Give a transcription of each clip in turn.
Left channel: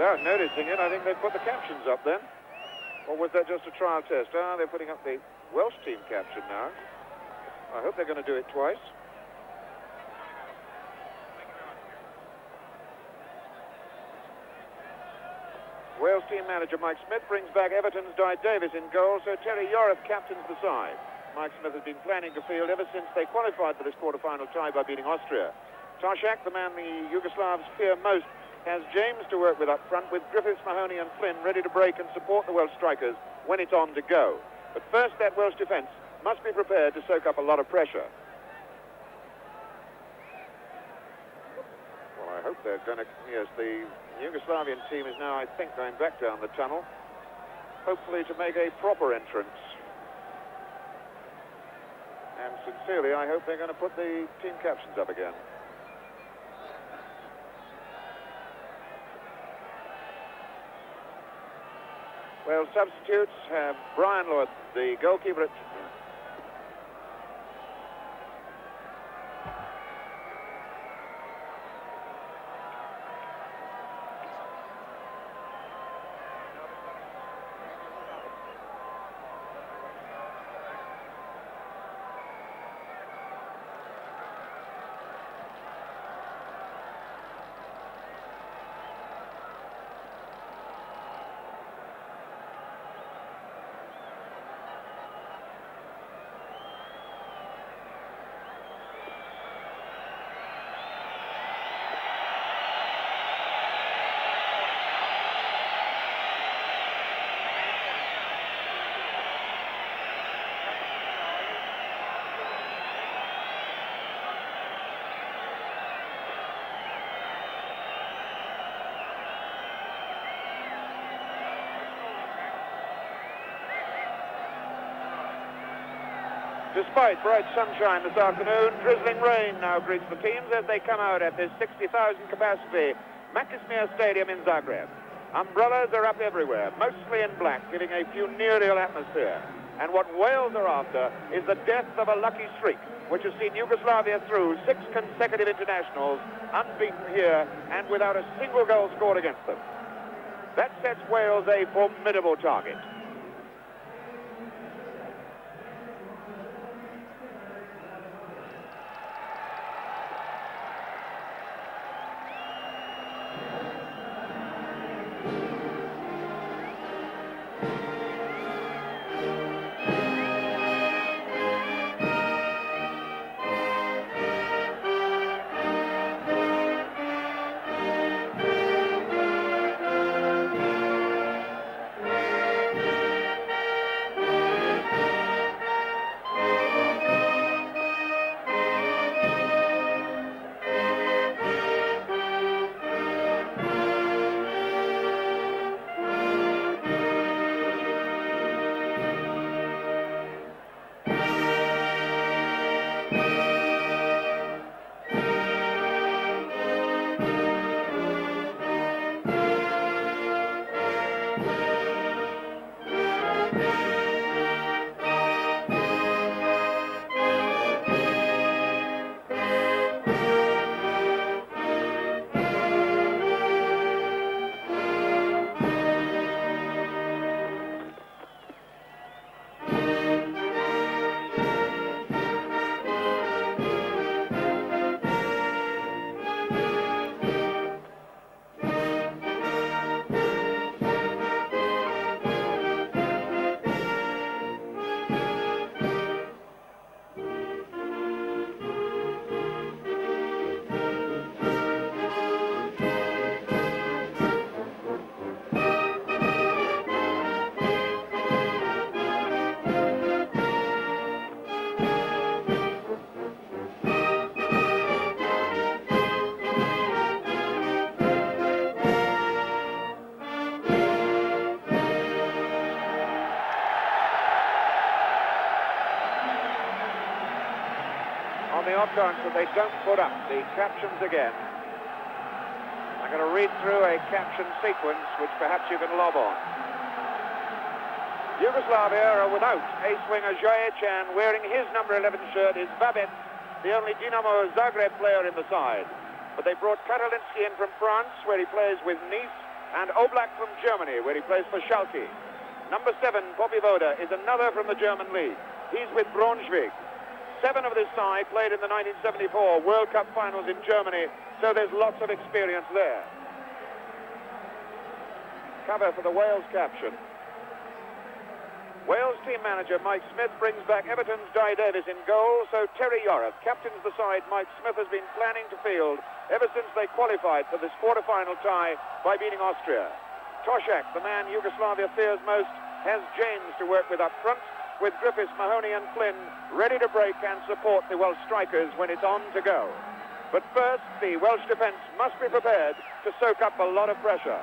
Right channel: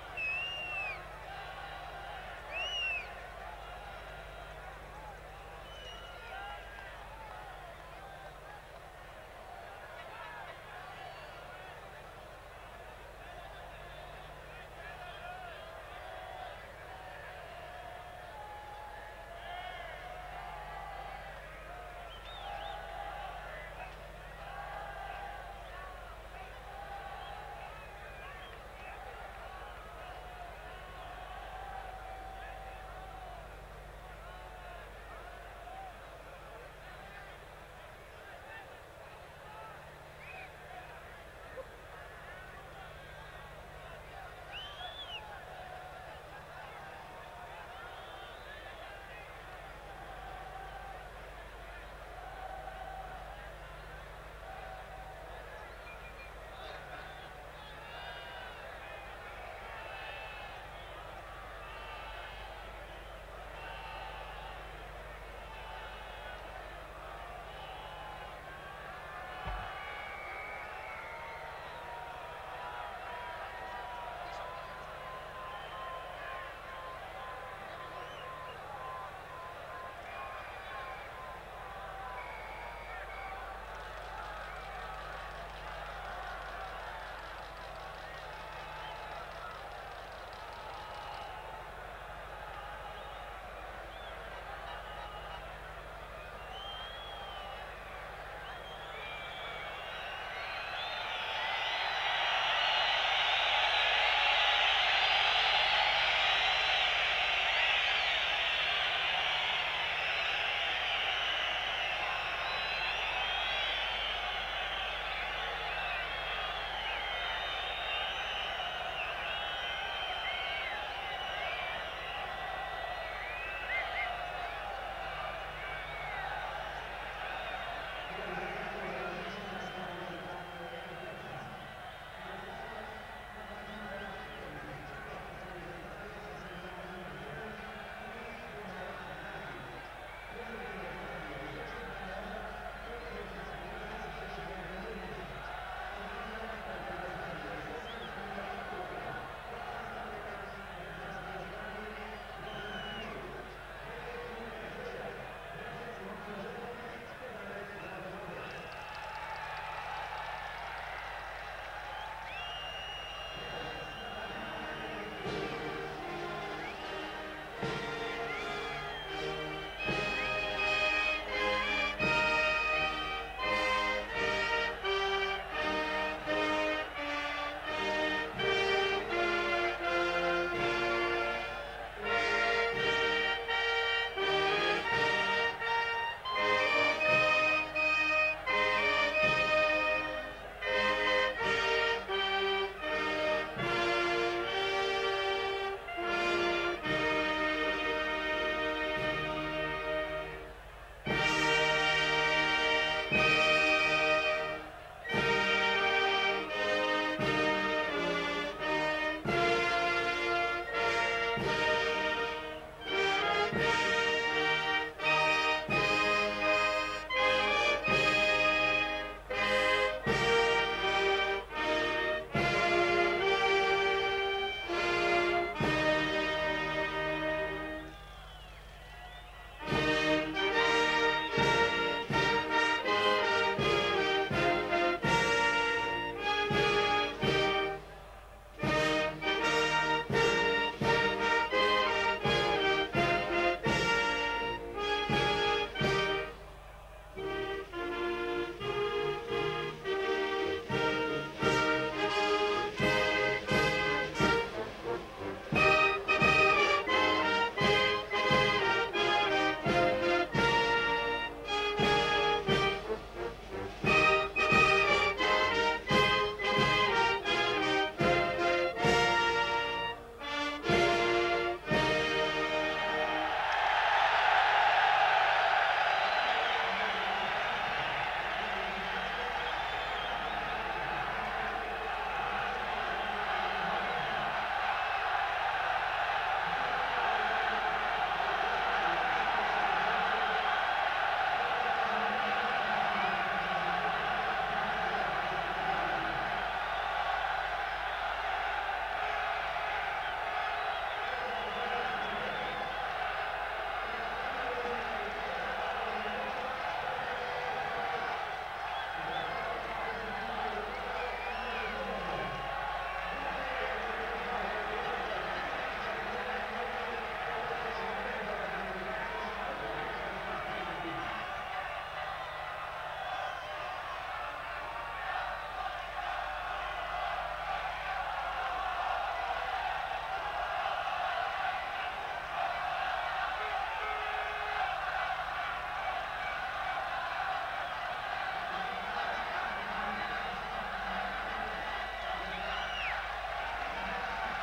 Without noticing it, I think they put the captions up then. Or was that just a trial test? Ah, they're putting up the Welsh team caption now. I hope they're going to do it twice. Wales team manager Mike Smith brings back Everton's Di Davis in goal, so Terry Yorath captains the side. Mike Smith has been planning to field ever since they qualified for this quarter-final tie by beating Austria. Toshak, the man the Yugoslavs fear most, has James to work with up front, with Griffiths, Mahoney and Flynn ready to break and support the Welsh strikers when it's on to go. But first, that Welsh defence must be prepared to soak up a lot of pressure. Well, I hope they're going to... Yes, the Yugoslavian team is now, I think, going back down the tunnel, hopefully to make a proper entrance. And sincerely, I hope they're going to put the team captions up again. Well, substitutes have Brian Lewis, the goalkeeper at... Despite bright sunshine this afternoon, drizzling rain now greets the teams as they come out at this 60,000 capacity Matismir Stadium in Zagreb. Umbrellas are up everywhere, mostly in black, giving a funereal atmosphere. And what Wales are after is the death of a lucky streak, which has seen Yugoslavia through 6 consecutive internationals, unbeaten here and without a single goal scored against them. That sets Wales a formidable target. That they don't put up the captions again. I'm going to read through a caption sequence which perhaps you can lob on. Yugoslavia are without ace winger Jojic, and wearing his number 11 shirt is Babin, the only Dinamo Zagreb player in the side. But they brought Karolinsky in from France, where he plays with Nice, and Oblak from Germany, where he plays for Schalke. Number 7, Bobby Voda, is another from the German league. He's with Braunschweig. 7 of his side played in the 1974 World Cup finals in Germany, so there's lots of experience there. Cover for the Wales captain. Wales team manager Mike Smith brings back Everton's Guy Davis in goal, so Terry Yorath captains the side Mike Smith has been planning to field ever since they qualified for this quarter-final tie by beating Austria. Toshak, the man Yugoslavia fears most, has James to work with up front, with Griffiths, Mahoney and Flynn ready to break and support the Welsh strikers when it's on to go. But first, the Welsh defence must be prepared to soak up a lot of pressure.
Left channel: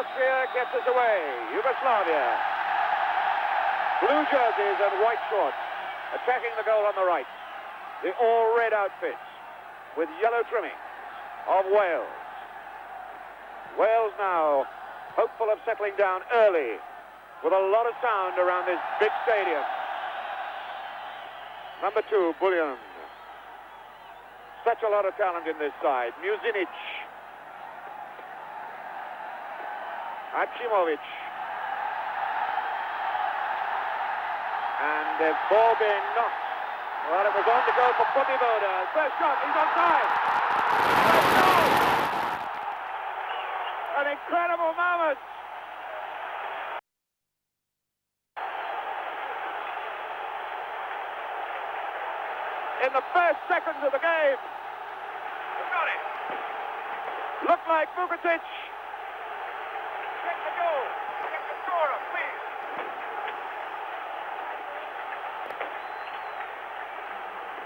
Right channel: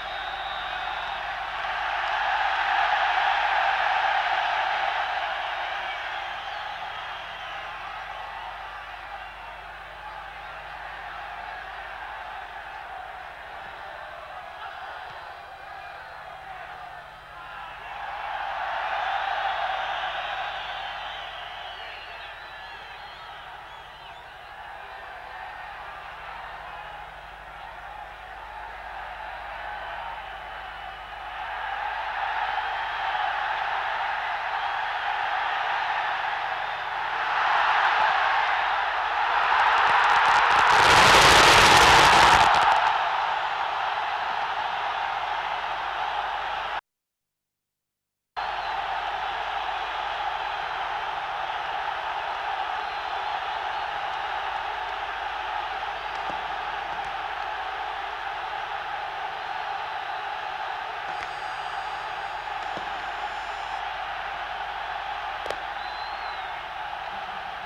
Austria gets us away. Yugoslavia. Blue jerseys and white shorts, attacking the goal on the right. The all-red outfit with yellow trimming of Wales. Wales now hopeful of settling down early with a lot of sound around this big stadium. Number 2, Bullion. Such a lot of talent in this side. Muzinic. Achimovic. And the ball being knocked. Well, it was on the goal for Bobby Voda. First shot, he went down. An incredible moment. In the first seconds of the game, he got it. Looked like Vukovic.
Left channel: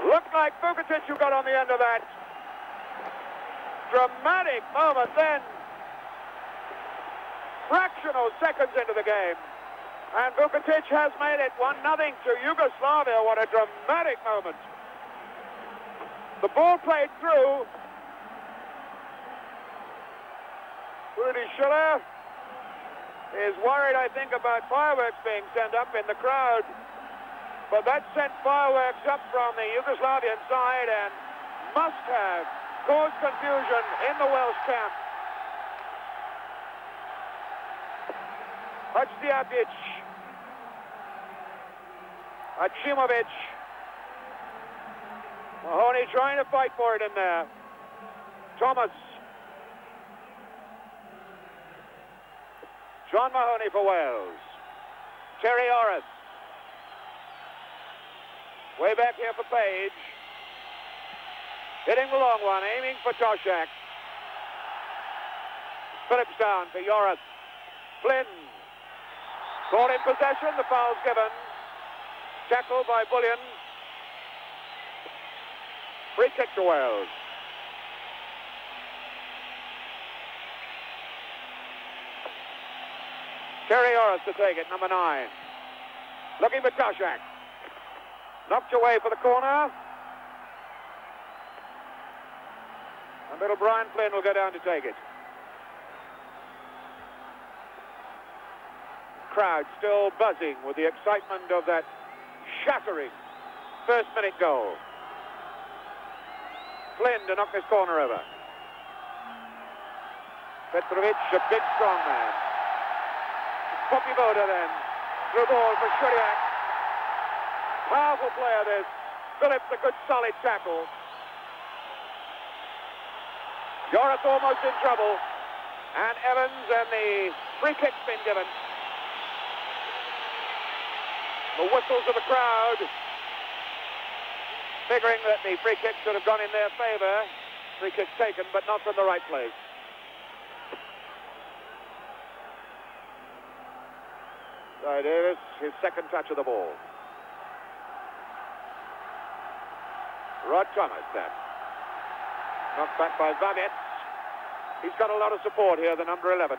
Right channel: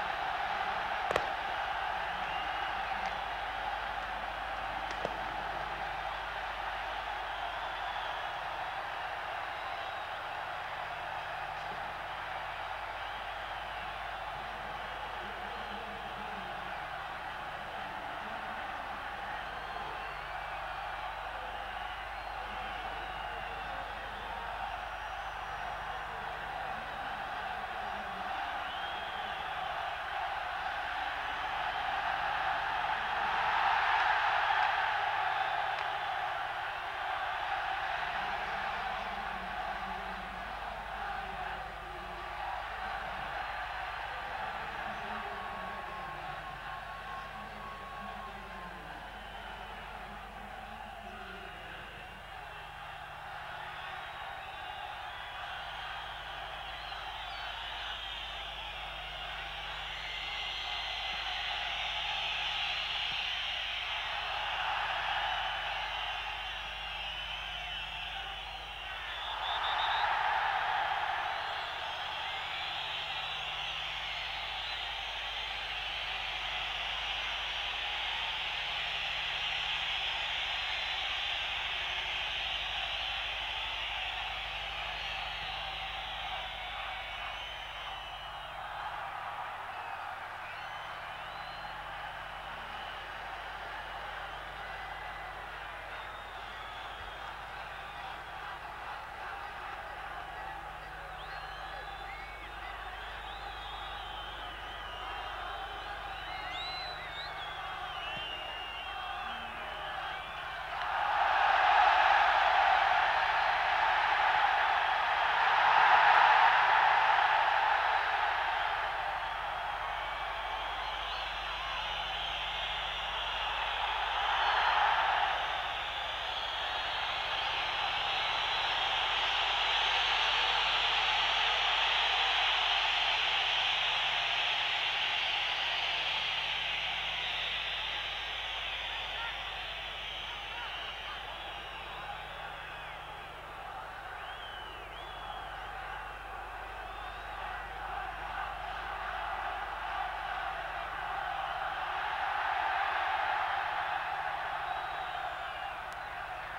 Looked like Vukovic who got on the end of that. Dramatic moment then. Fractional seconds into the game. And Vukovic has made it 1-0 to Yugoslavia. What a dramatic moment. The ball played through. Rudi Schiller is worried, I think, about fireworks being sent up in the crowd. But that sent fireworks up from the Yugoslavian side and must have caused confusion in the Welsh camp. Hadziatic, Achimovic, Mahoney trying to fight for it in there. Thomas. John Mahoney for Wales. Terry Orris. Way back here for Page. Hitting the long one, aiming for Toshak. Phillips down to Yorath. Flynn. Ball in possession, the foul's given. Tackle by Bullion. Free kick to Wales. Terry Orris to take it, number 9. Looking for Toshak. Knocked away for the corner. Little Brian Flynn will go down to take it. Crowd still buzzing with the excitement of that shattering first-minute goal. Flynn to knock this corner over. Petrovic, the big strong man. Popivoda then. Through ball for Shuriak. Powerful player this. Phillips, a good solid tackle. Joris almost in trouble. And Evans, and the free kick's been given. The whistles of the crowd, figuring that the free kick should have gone in their favour. Free kick taken, but not from the right place. Sorry, Davis, his second touch of the ball. Rod Thomas then. Knocked back by Zavic. He's got a lot of support here, the number 11.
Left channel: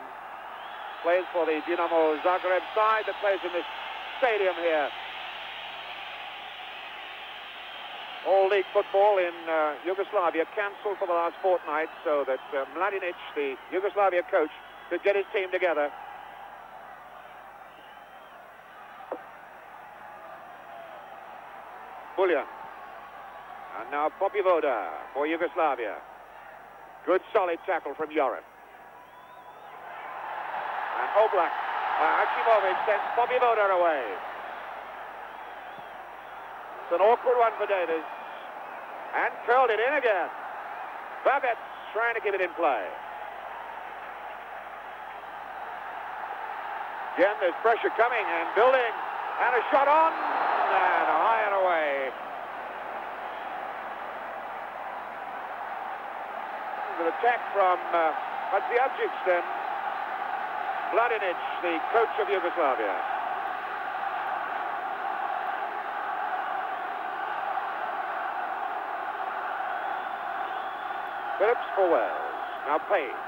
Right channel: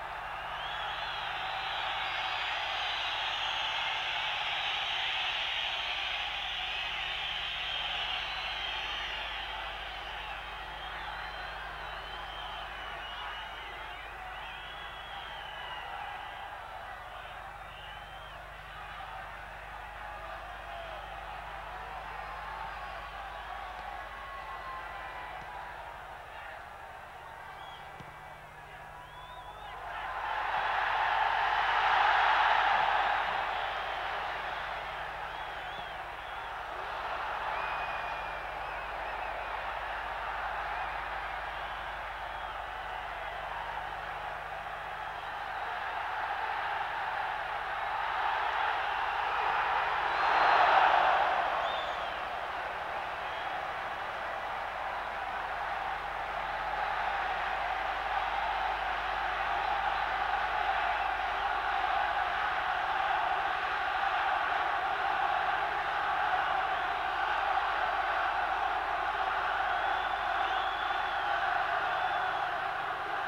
Plays for the Dinamo Zagreb side that plays in this stadium here. All league football in Yugoslavia cancelled for the last fortnight so that Mladinic, the Yugoslavia coach, could get his team together. Bulja. And now Popivoda for Yugoslavia. Good solid tackle from Joris. And Oblak. Hachimovic sends Popivoda away. It's an awkward one for Davis. And curled it in again. Babet trying to keep it in play. Again, there's pressure coming and building. And a shot on. And high and away. An attack from Hadziadzic and Mladinic, the coach of Yugoslavia. Phillips for Wales. Now Page.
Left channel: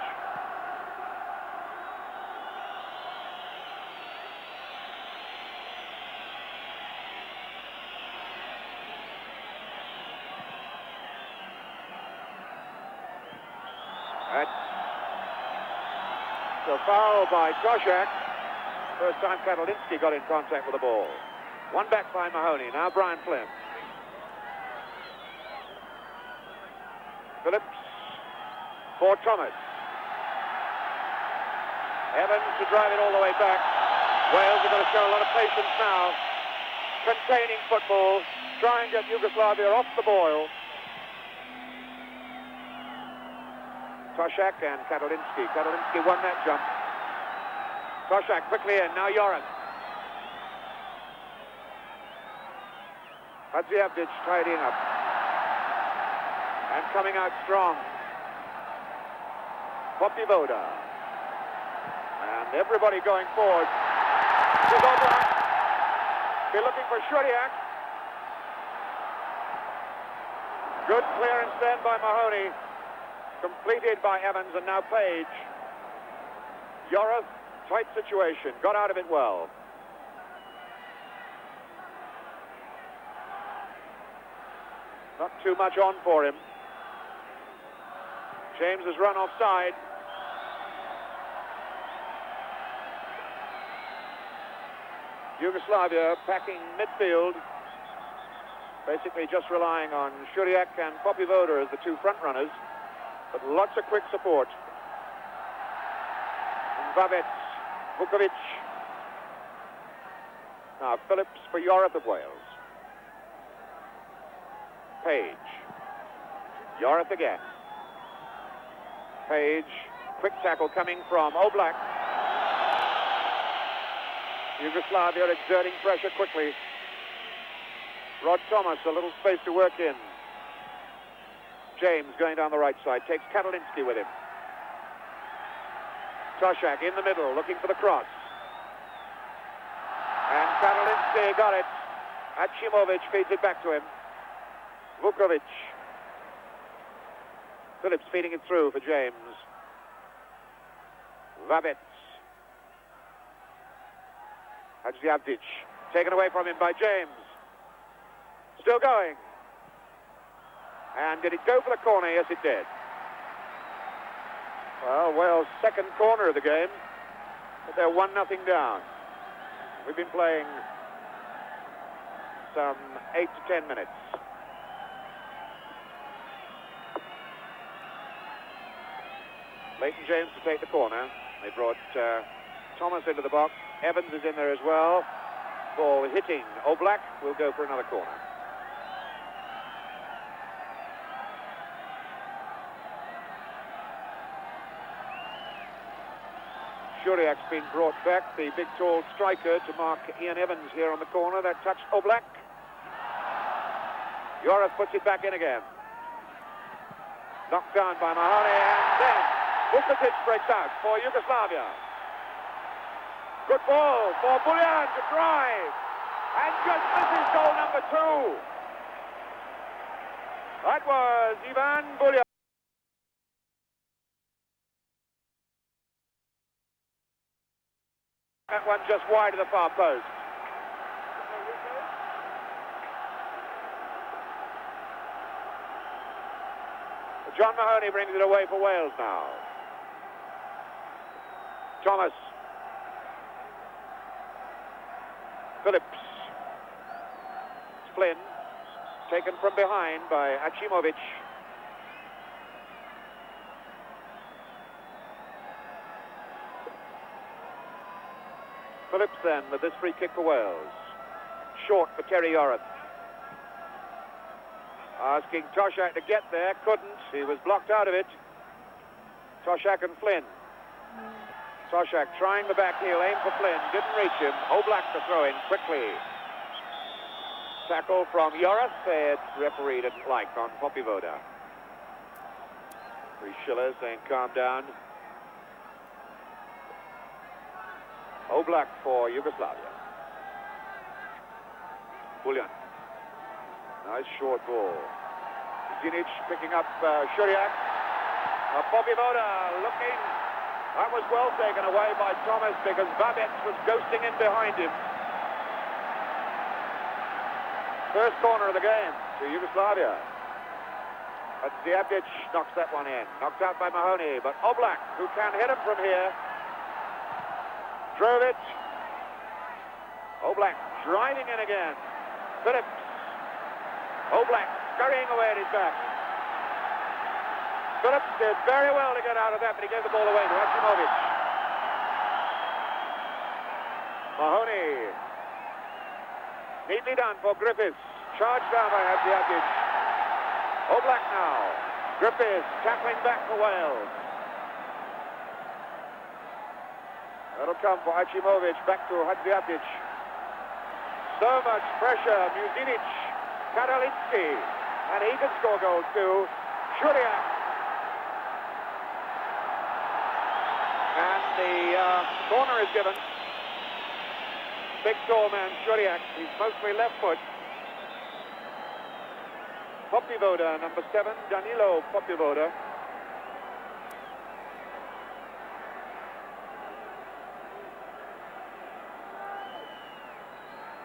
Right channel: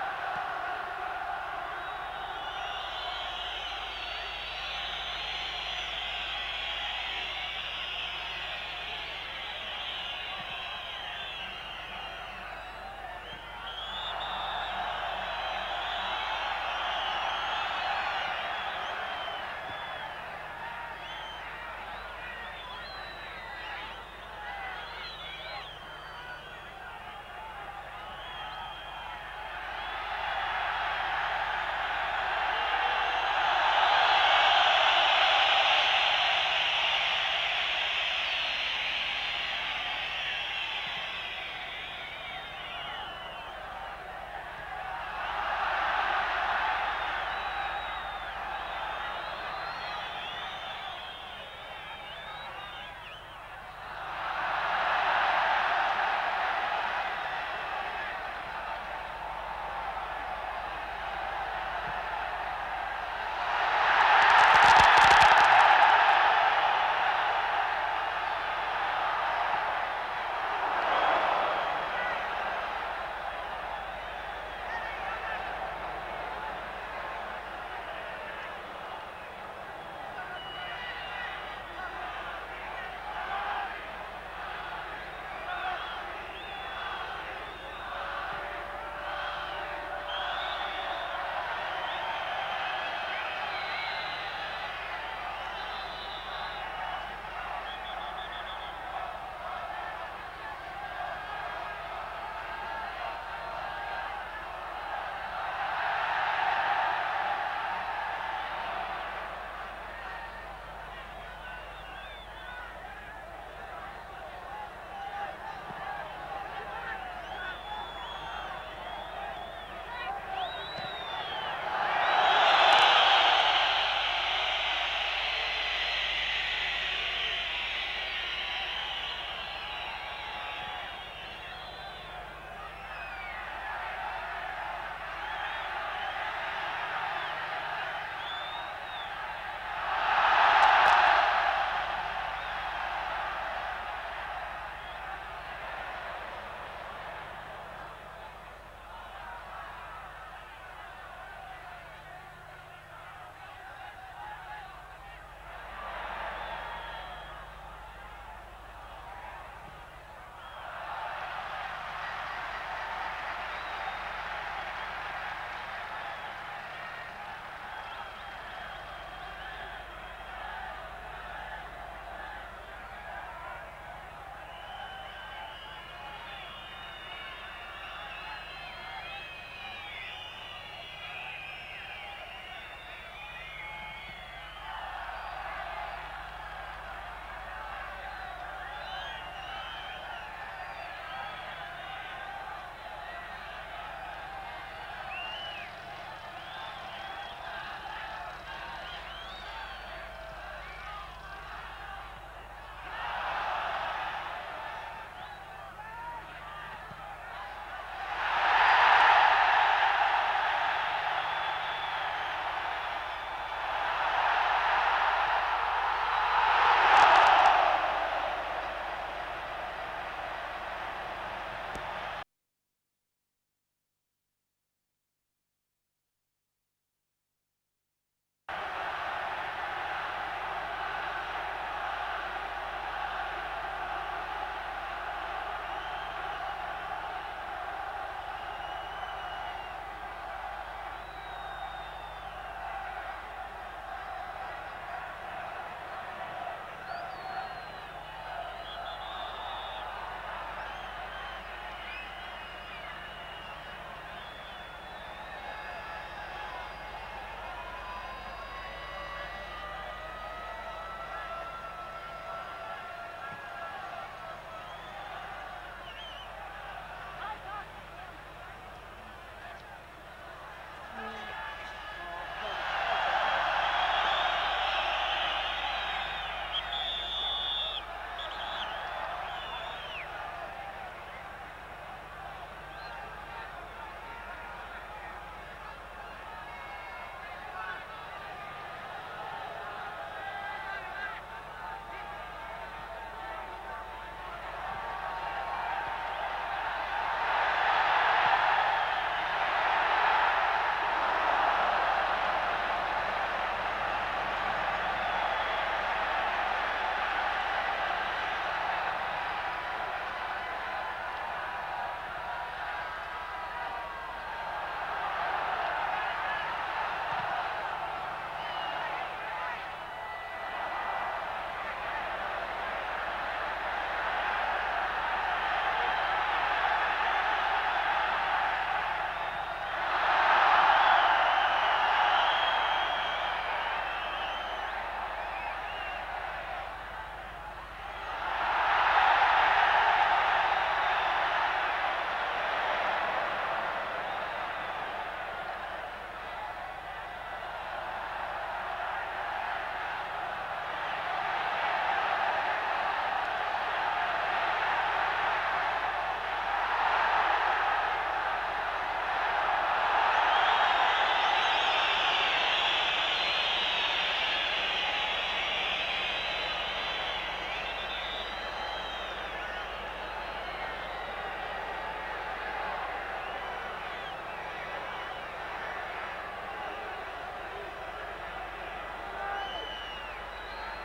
A foul by Koshak. First time Katalitsky got in contact with the ball. One back by Mahoney. Now Brian Flynn. Phillips for Thomas. Evans to drive it all the way back. Wales are going to show a lot of patience now. Containing football. Trying to get Yugoslavia off the boil. Koshak and Katalitsky. Katalitsky won that jump. Koshak quickly in. Now Joris. Hadziadzic tidying up. And coming out strong. Popivoda. And everybody going forward. They're looking for Shuriak. Good clearance then by Mahoney. Completed by Evans and now Page. Joris, tight situation. Got out of it well. Not too much on for him. James has run offside. Yugoslavia packing midfield. Basically just relying on Shuriak and Popivoda as the two front runners. But lots of quick support. Babet, Vukovic. Now Phillips for Europe of Wales. Page. Europe again. Page. Quick tackle coming from Oblak. Yugoslavia exerting pressure quickly. Rod Thomas, a little space to work in. James going down the right side, takes Katalitsky with him. Koshak in the middle, looking for the cross. And Katalitsky got it. Hachimovic feeds it back to him. Vukovic. Phillips feeding it through for James. Babet. Hadziadzic taken away from him by James. Still going. And did it go for the corner? Yes, it did. Well, Wales' second corner of the game, but they're 1-0 down. We've been playing some 8 to 10 minutes. Leighton James to take the corner. They brought Thomas into the box. Evans is in there as well. Ball hitting Oblak will go for another corner. Shuriak's been brought back, the big tall striker, to mark Ian Evans here on the corner. That touched Oblak. Joris puts it back in again. Knocked down by Mahoney. Vukovic breaks out for Yugoslavia. Good ball for Buljan to drive. And just goal number 2. That was Ivan Buljan. That one just wide of the far post. John Mahoney brings it away for Wales now. Thomas. Phillips. Flynn. Taken from behind by Achimovic. Phillips then with this free kick for Wales. Short for Terry Joris. Asking Toshak to get there, couldn't. He was blocked out of it. Toshak and Flynn. Toshak trying the back heel, aim for Flynn, didn't reach him. Oblak to throw in quickly. Tackle from Joris, the referee didn't like on Popivoda. Schiller saying calm down. Oblak for Yugoslavia. Buljan. Nice short ball. Ginic picking up Shuriak. Popivoda looking. That was well taken away by Thomas because Babek was ghosting in behind him. First corner of the game for Yugoslavia. And Diakic knocks that one in. Knocked out by Mahoney, but Oblak, who can hit him from here, drove it. Oblak driving in again. Phillips. Oblak scurrying away at his back. Phillips did very well to get out of that, but he gave the ball away. Mahoney. Neatly done for Griffiths. Charged down by Hadjiakic. Oblak now. Griffiths tackling back to Wales. That'll come for Achimovic. Back to Hadjiakic. So much pressure. Muzinic. Karolinski. And he can score goals too. Julian. And the corner is given. Big tall man, Julian. He's mostly left foot. Popivoda, number 7, Danilo Popivoda.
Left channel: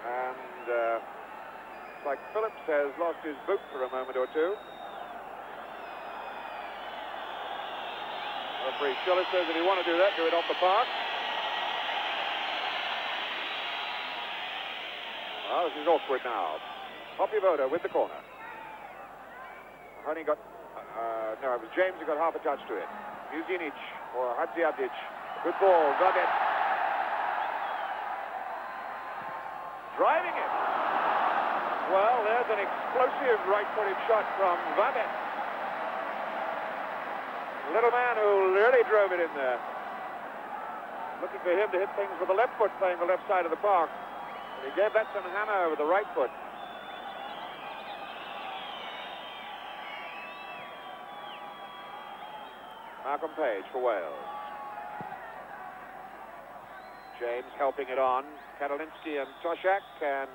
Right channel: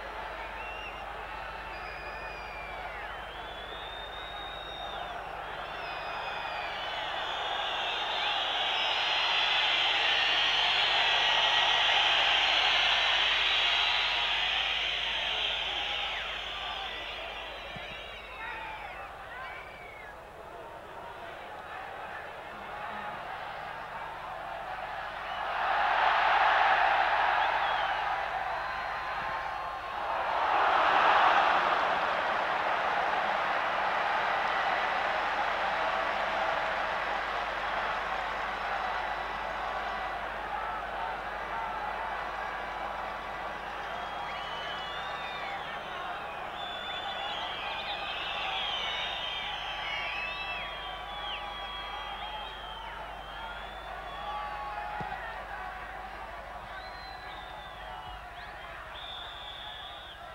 And like Phillips has lost his boot for a moment or two. Referee Schiller says if you want to do that, do it off the park. Oh, this is awkward now. Popivoda with the corner. Only got, no, James got half a touch to it. Muzinic or Hadjiakic. Good ball, got it. Driving it. Well, there's an explosive right-footed shot from Babek. Little man who really drove it in there. Looking for him to hit things with the left foot, playing the left side of the park. He gave that to Nana with the right foot. Malcolm Page for Wales. James helping it on. Karolinski and Toshak, and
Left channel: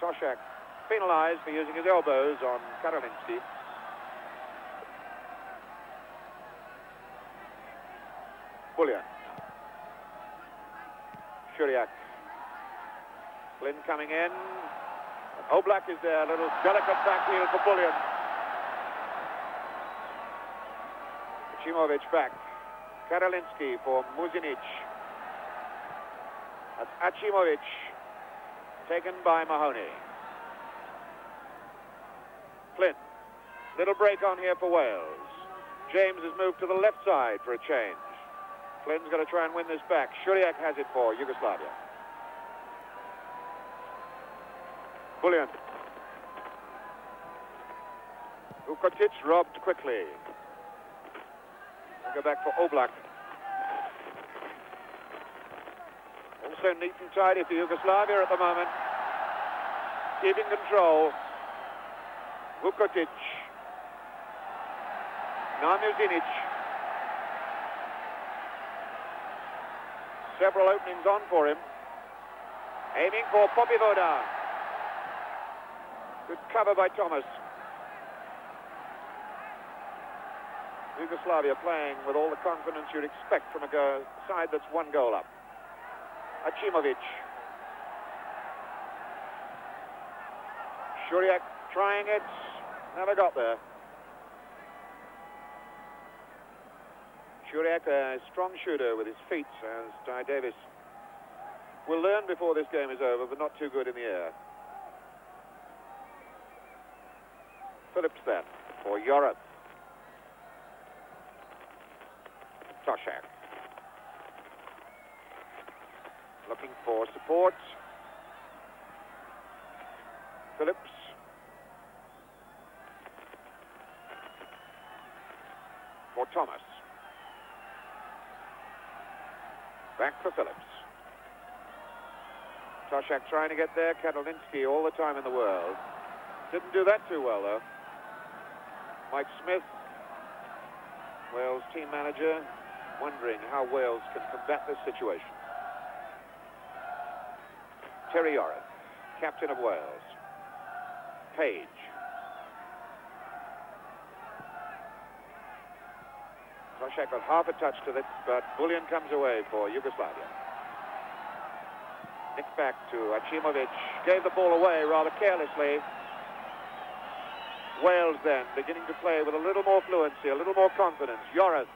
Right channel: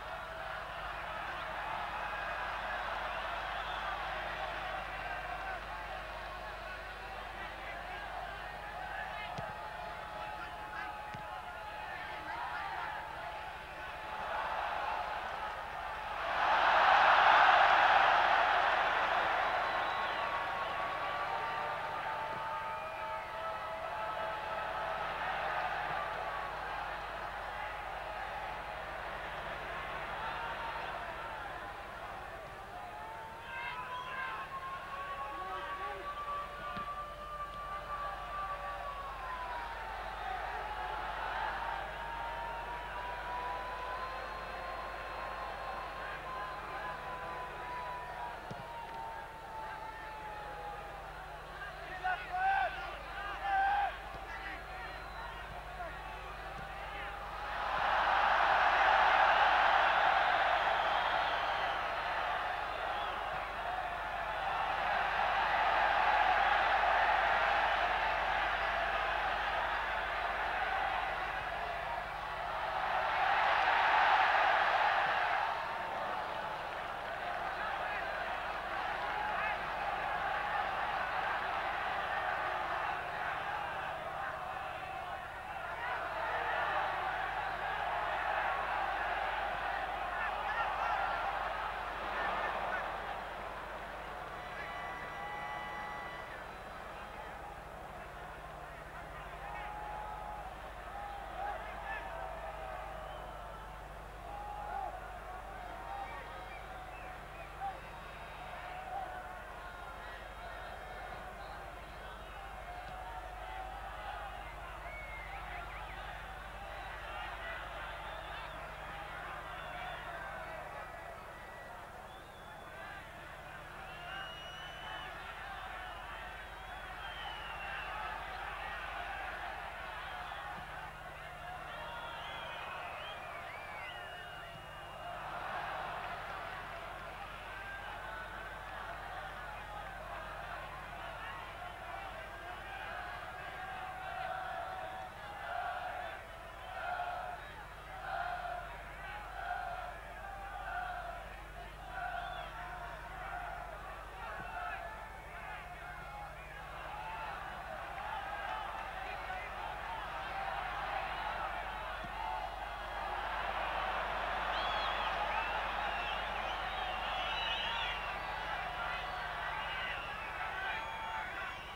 Toshak penalized for using his elbows on Karolinski. Buljan. Shuriak. Flynn coming in. Oblak is there. A little delicate back heel for Buljan. Achimovic back. Karolinsky for Muzinic. Achimovic, taken by Mahoney. Flint, little break on here for Wales. James has moved to the left side for a change. Flint's going to try and win this back. Shuriak has it for Yugoslavia. Bullion. Vukotic robbed quickly. Go back for Oblak. And so neat and tidy for Yugoslavia at the moment. Keeping control. Vukotic. Now Muzinic. Several openings on for him. Aiming for Popivoda. Good cover by Thomas. Yugoslavia playing with all the confidence you'd expect from a side that's one goal up. Achimovic. Shuriak trying it. Never got there. Shuriak, a strong shooter with his feet, as Di Davis will learn before this game is over, but not too good in the air. Phillips there for Joras. Toshak. Looking for support. Phillips. For Thomas. Back for Phillips. Toshak trying to get there. Karolinsky all the time in the world. Didn't do that too well, though. Mike Smith, Wales team manager, wondering how Wales can combat this situation. Terry Joras, captain of Wales. Page. Toshak got half a touch to this, but Bullion comes away for Yugoslavia. Nicked back to Achimovic. Gave the ball away rather carelessly. Wales then beginning to play with a little more fluency, a little more confidence. Joras,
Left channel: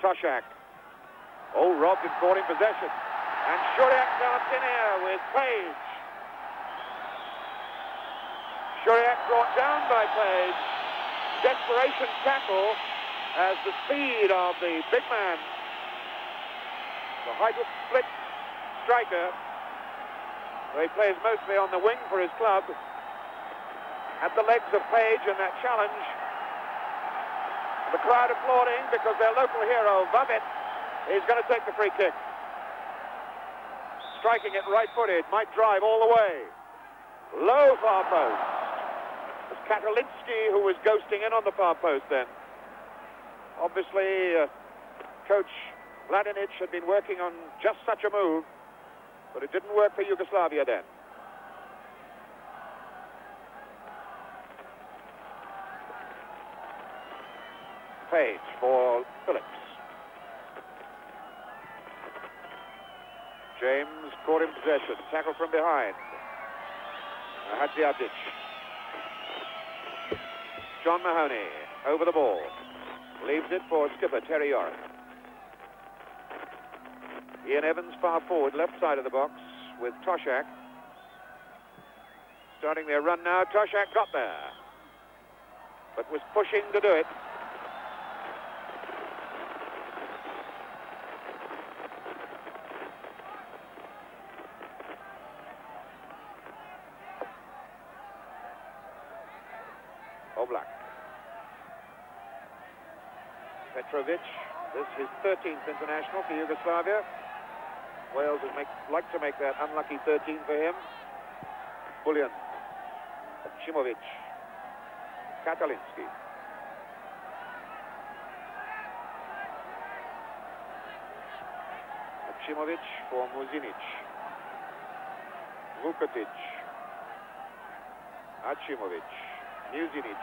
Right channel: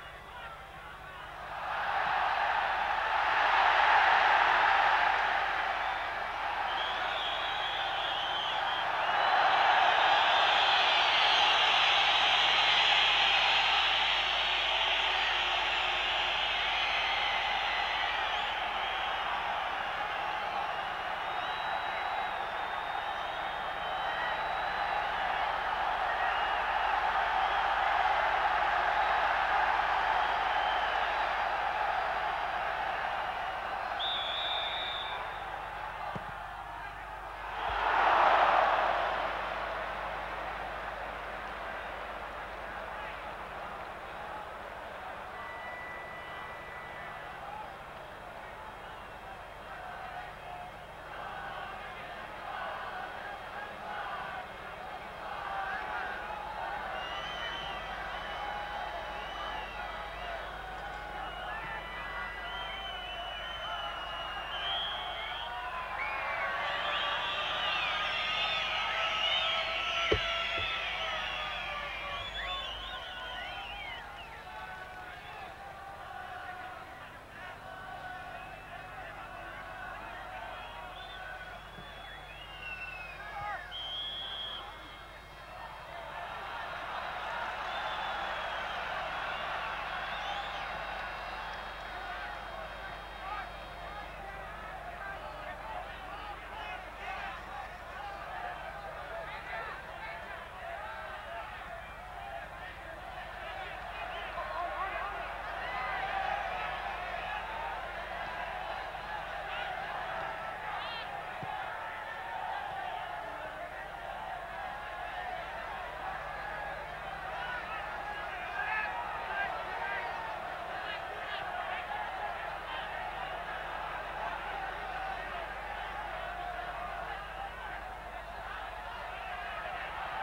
Toshak. Oh, robbed and ball in possession. And Shuriak drops in here with Page. Shuriak brought down by Page. Desperation tackle as the speed of the big man. The height split striker. He plays mostly on the wing for his club. At the legs of Page in that challenge. The crowd applauding because their local hero, Babet, is going to take the free kick. Striking it right-footed, might drive all the way. Low far post. Karolinsky, who was ghosting in on the far post then. Obviously, Coach Mladenic had been working on just such a move, but it didn't work for Yugoslavia then. Page for Phillips. James caught in possession. Tackle from behind. Hadjiadjic. John Mahoney over the ball. Leaves it for skipper Terry Joras. Ian Evans far forward, left side of the box with Toshak. Starting their run now. Toshak got there, but was pushing to do it. Oblak. Petrovic, this is his 13th international for Yugoslavia. Wales would like to make that unlucky 13 for him. Bullion. Achimovic. Karolinsky. Achimovic for Muzinic. Vukotic. Achimovic. Muzinic.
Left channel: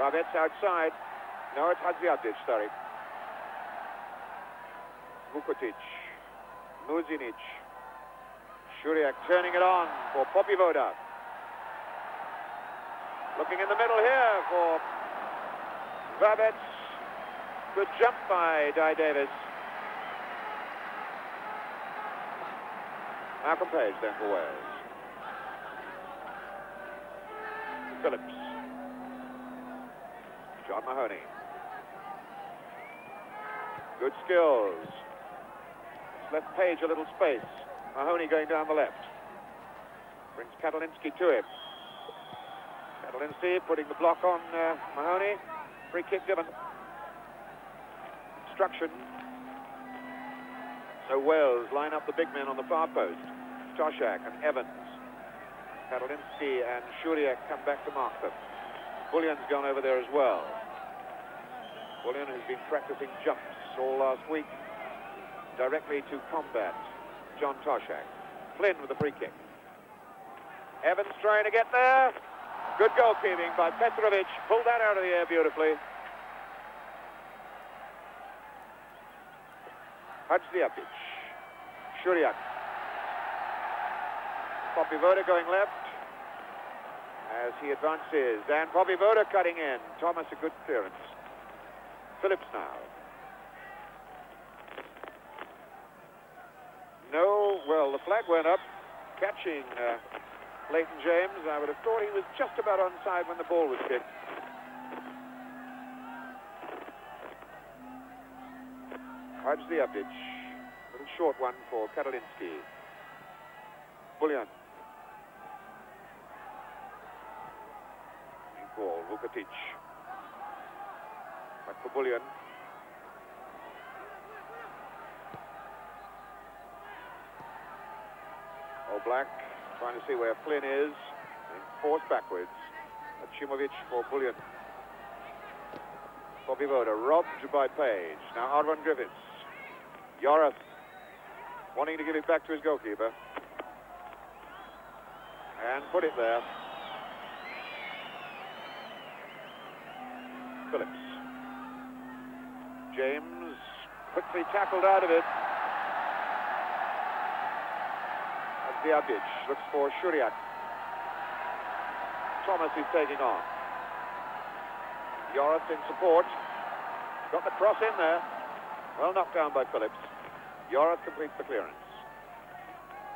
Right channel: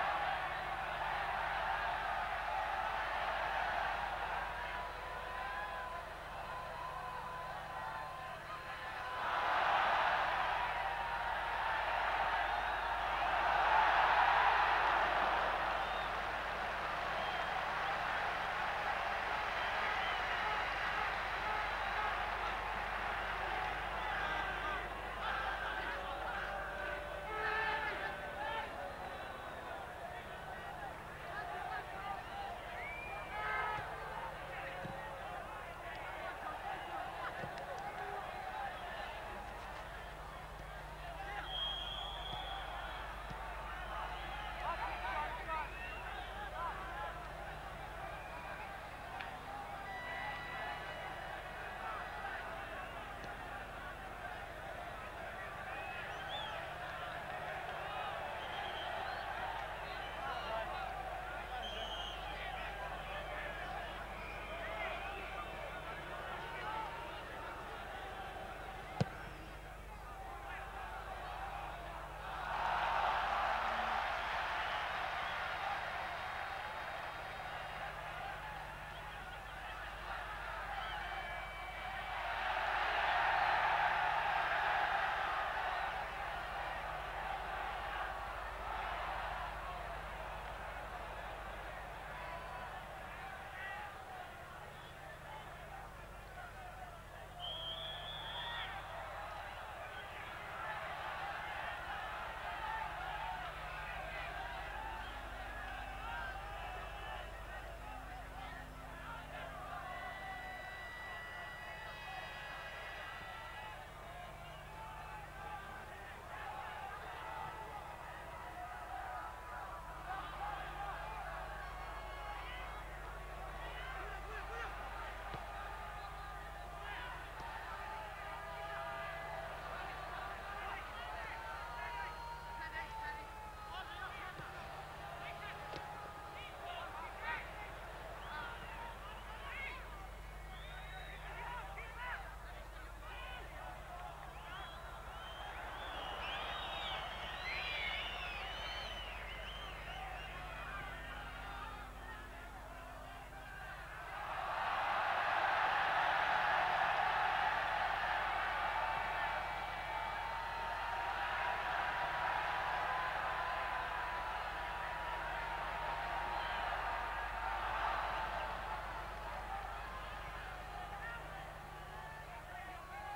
Babet outside. Now it's Hadjiadjic, sorry. Vukotic. Muzinic. Shuriak turning it on for Popivoda. Looking in the middle here for Babet. Good jump by Di Davis. Malcolm Page going for Wales. Phillips. John Mahoney. Good skills. Left Page a little space. Mahoney going down the left. Brings Katalinsky to him. Katalinsky putting the block on Mahoney. Free kick given. Instruction. So Wales line up the big men on the far post. Toshak and Evans. Katalinsky and Shuriak come back to mark them. Bullion's gone over there as well. Bullion has been practicing jumps all last week directly to combat John Toshak. Flynn with the free kick. Evans trying to get there. Good goalkeeping by Petrovic. Pulled that out of the air beautifully. Hadziapic. Shuriak. Poppy Voda going left as he advances. And Poppy Voda cutting in. Thomas a good clearance. Phillips now. No, well, the flag went up, catching Leighton James. I would have thought he was just about onside when the ball was kicked. Hadziapic. A little short one for Katalinsky. Bullion. For Vukatic. Up for Bullion. Black trying to see where Flynn is. And forced backwards. Chimovic for Bullion. Poppy Voda robbed by Page. Now Arvon Griffiths. Yoris wanting to give it back to his goalkeeper. And put it there. Phillips. James quickly tackled out of it. Hadziapic looks for Shuriak. Thomas is taking on. Yoris in support. Got the cross in there. Well knocked down by Phillips. Yoris completes the clearance.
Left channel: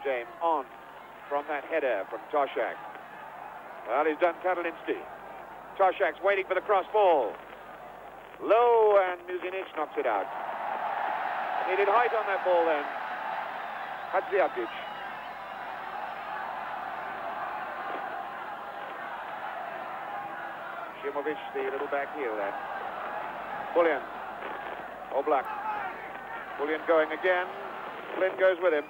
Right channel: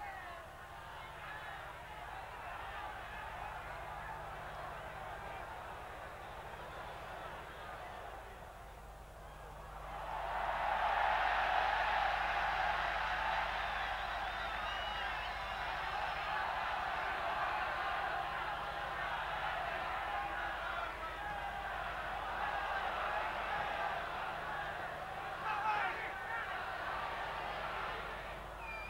James on from that header from Toshak. Well, he's done Katalinsky. Toshak's waiting for the cross ball. Low, and Muzinic knocks it out. Needed height on that ball then. Hadziapic. Chimovic, the little back heel there. Bullion. Black. Bullion going again. Flynn goes with him.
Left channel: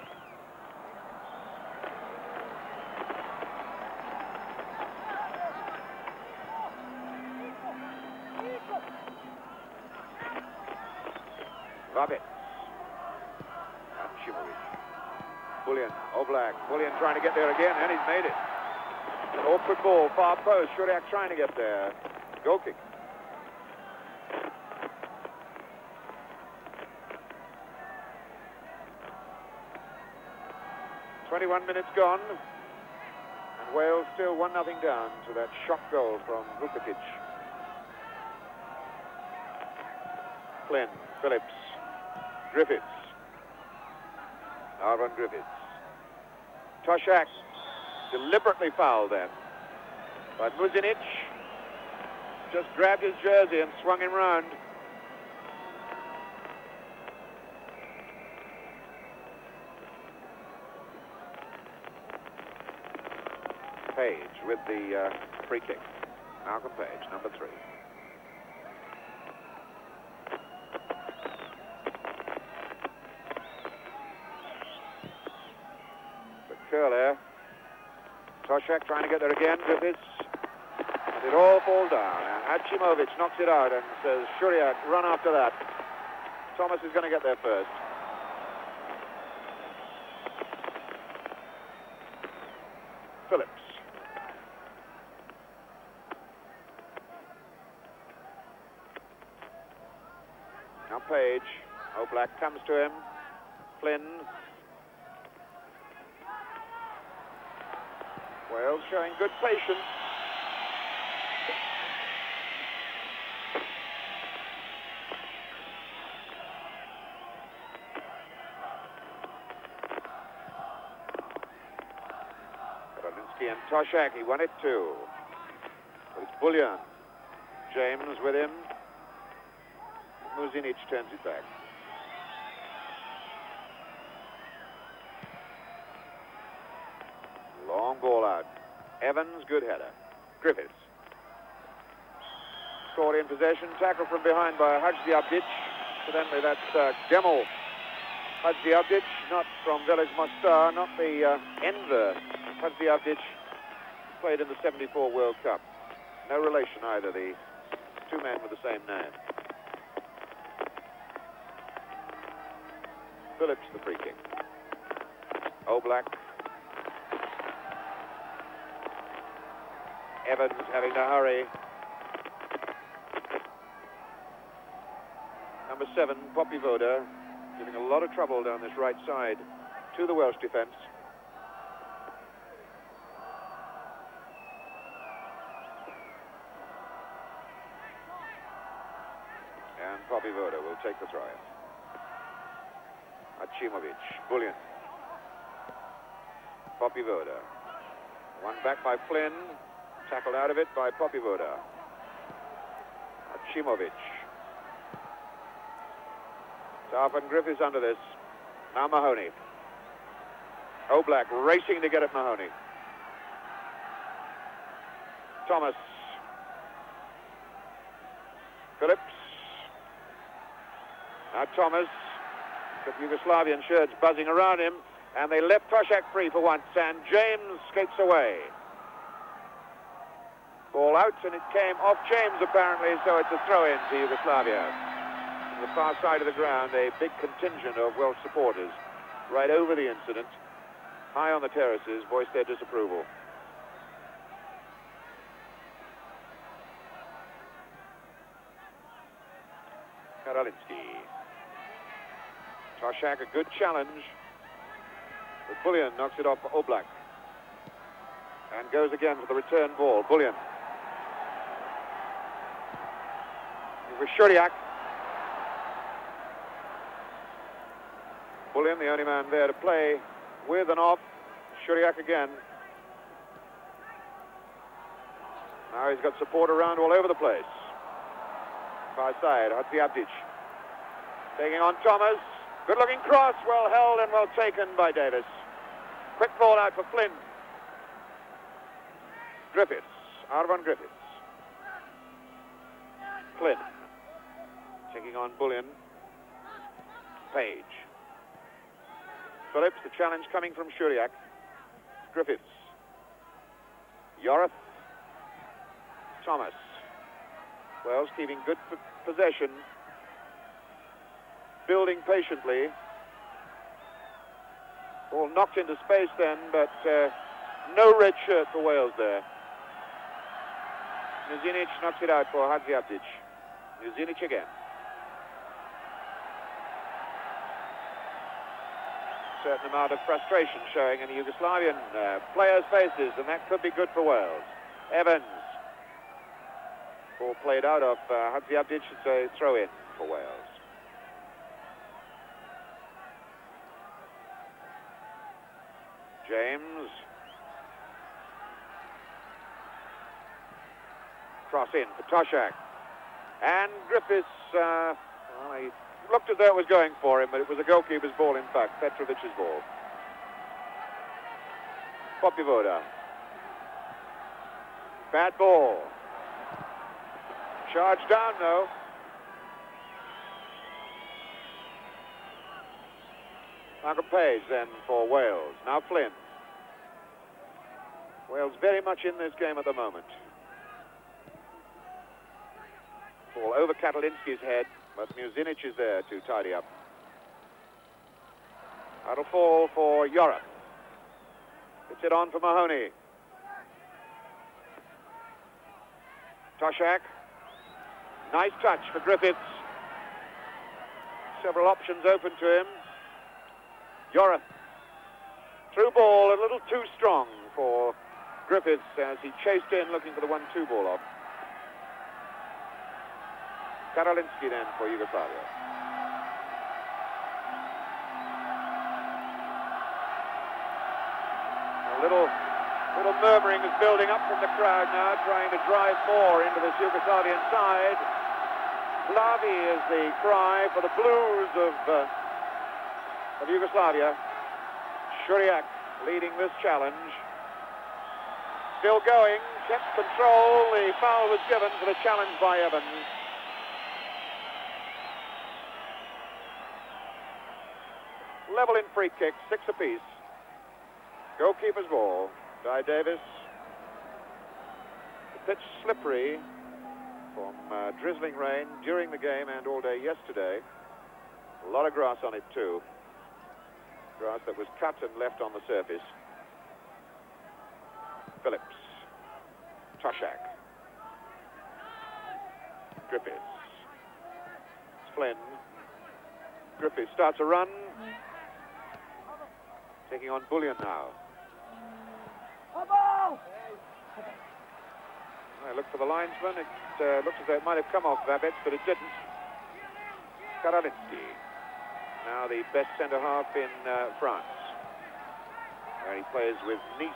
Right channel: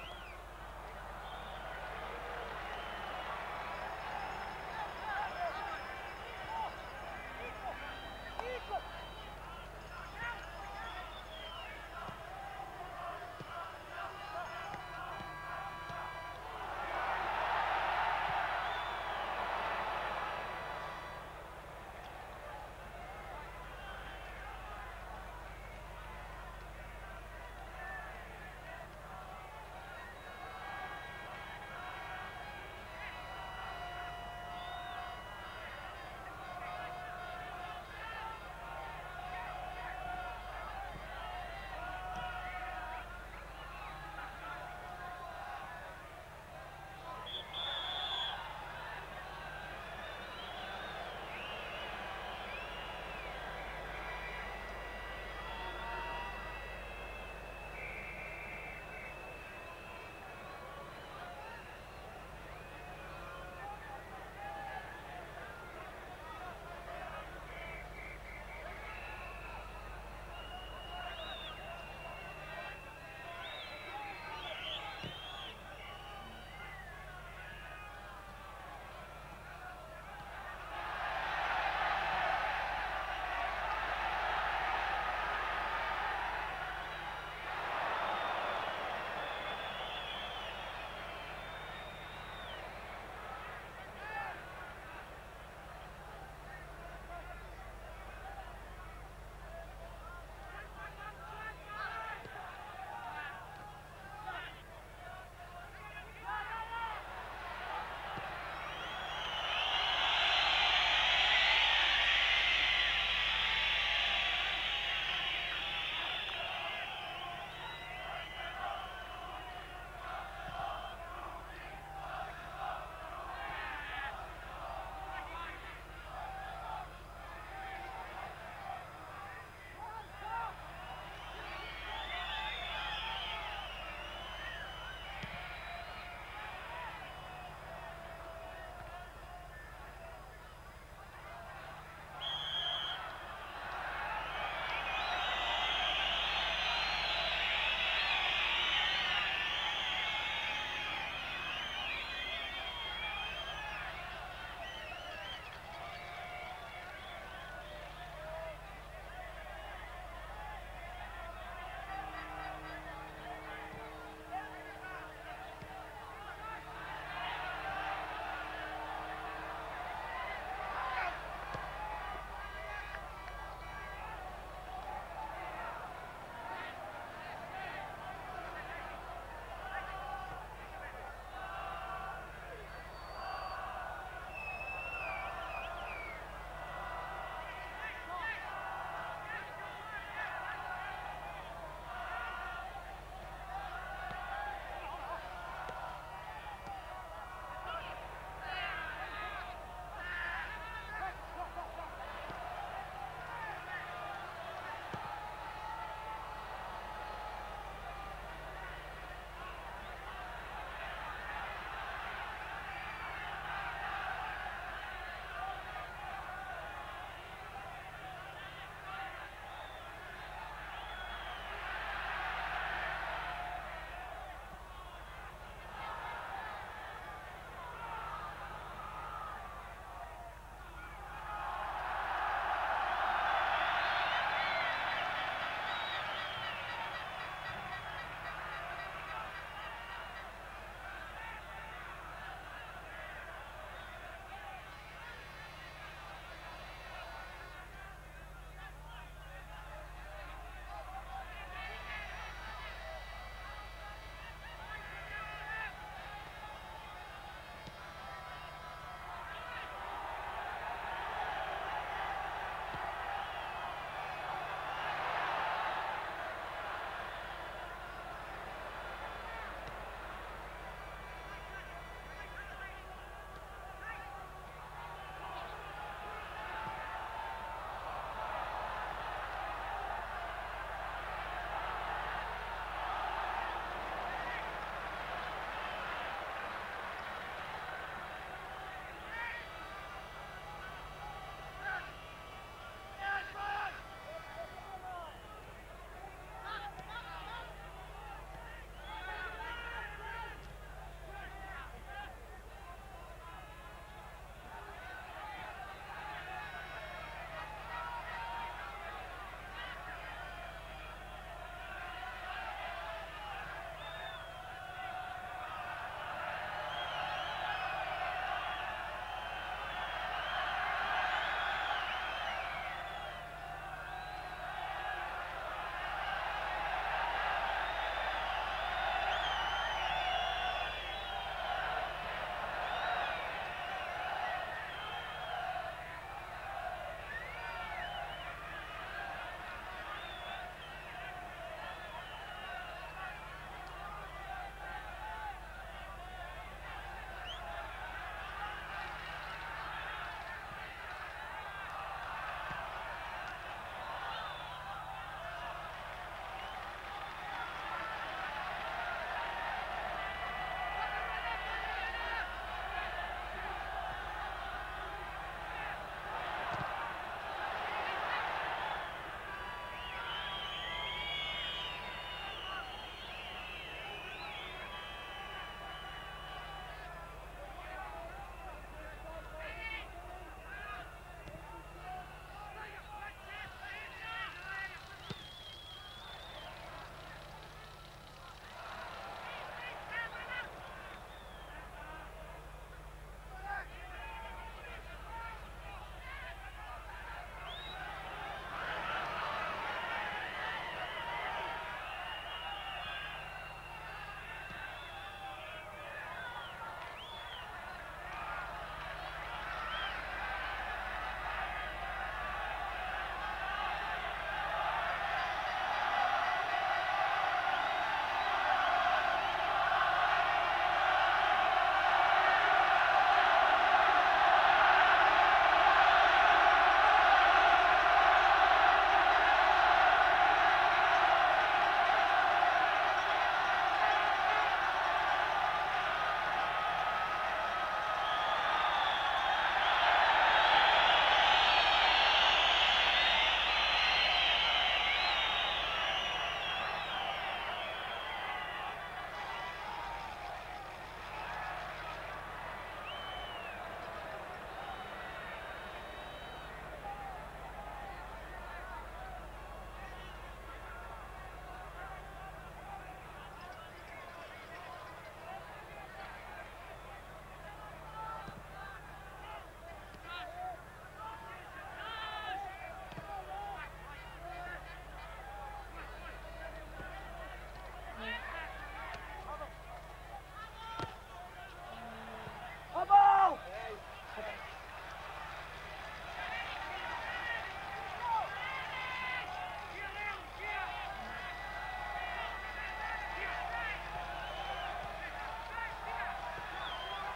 Rabbit. Bullion. Black. Bullion trying to get there again, and he's made it. Awkward ball, far post. Shuriak trying to get there. Goal kick. "21 minutes gone. Wales still 1-0 down to that shock goal from Vukatic. Flynn, Phillips, Griffiths. Arvon Griffiths. Toshak deliberately fouled then. But Muzinic just grabbed his jersey and swung him round. Page with the free kick. Malcolm Page, number 3. The curl there. Toshak trying to get there again. Griffiths. And it all falls down. Hachimovic knocks it out and says, Shuriak, run after that. Thomas is going to get there first. Phillips. Now Page. Black comes to him. Flynn. Well, showing good patience. Toshak, he won it too. It's Bullion. James with him. Muzinic turns it back. Long ball out. Evans, good header. Griffiths. Caught in possession. Tackle from behind by Hadziabdic. Evidently that's Gemel Hadziabdic, not from Village Mostar, not the Enver Hadziabdic, played in the '74 World Cup. No relation either, the two men with the same name. Phillips the free kick. Oblak. Evans having to hurry. Number 7, Poppy Voda, giving a lot of trouble down this right side to the Welsh defence. And Poppy Voda will take the try. Achimovic, Bullion. Poppy Voda. One back by Flynn. Tackled out of it by Poppy Voda. Achimovic. Darwin Griffiths under this. Now Mahoney. Oblak racing to get at Mahoney. Thomas. Phillips. Now Thomas. The Yugoslavian shirts buzzing around him, and they left Toshak free for once, and James skates away. Ball out, and it came off James apparently, so it's a throw-in to Yugoslavia. On the far side of the ground, a big contingent of Welsh supporters right over the incident, high on the terraces, voiced their disapproval. Karalinsky. Toshak, a good challenge. But Bullion knocks it off for Oblak. And goes again for the return ball. Bullion. With Shuriak. Bullion, the only man there to play with and off. Shuriak again. Now he's got support around all over the place. Far side, Hadziabdic. Taking on Thomas. Good-looking cross, well held and well taken by Davis. Quick ball out for Flynn. Griffiths, Arvon Griffiths. Flynn. Taking on Bullion. Page. Phillips, the challenge coming from Shuriak. Griffiths. Yorath. Thomas. Wells keeping good possession. Building patiently. Ball knocked into space then, but no red shirt for Wales there. Muzinic knocks it out for Hadziabdic. Muzinic again. Certain amount of frustration showing in the Yugoslavian players' faces, and that could be good for Wales. Evans. Ball played out of Hadziabdic, so throw in for Wales. James. Cross in for Toshak. And Griffiths, he looked as though it was going for him, but it was a goalkeeper's ball in fact, Petrovic's ball. Poppy Voda. Bad ball. Charge down though. Uncle Page then for Wales. Now Flynn. Wales very much in this game at the moment. Ball over Katalinsky's head, but Muzinic is there to tidy up. That'll fall for Yorath. Puts it on for Mahoney. Toshak. Nice touch for Griffiths. Several options open to him. Yorath. Through ball, a little too strong for Griffiths as he chased in looking for the 1-2 ball off. Karalinsky then for Yugoslavia. A little murmuring is building up from the crowd now, trying to drive more into the Yugoslavian side. Slavi is the cry for the Blues of Yugoslavia. Shuriak leading this challenge. Still going, gets control, the foul was given for the challenge by Evans. Level in free kick, 6 apiece. Goalkeeper's ball. Guy Davis. The pitch slippery from drizzling rain during the game and all day yesterday. A lot of grass on it too. Grass that was cut and left on the surface. Phillips. Toshak. Griffiths. Flynn. Griffiths starts a run. Taking on Bullion now. I look for the linesman. It looks as though it might have come off Babbitt, but it didn't. Karavinsky. Now the best centre-half in France. He plays with Nice.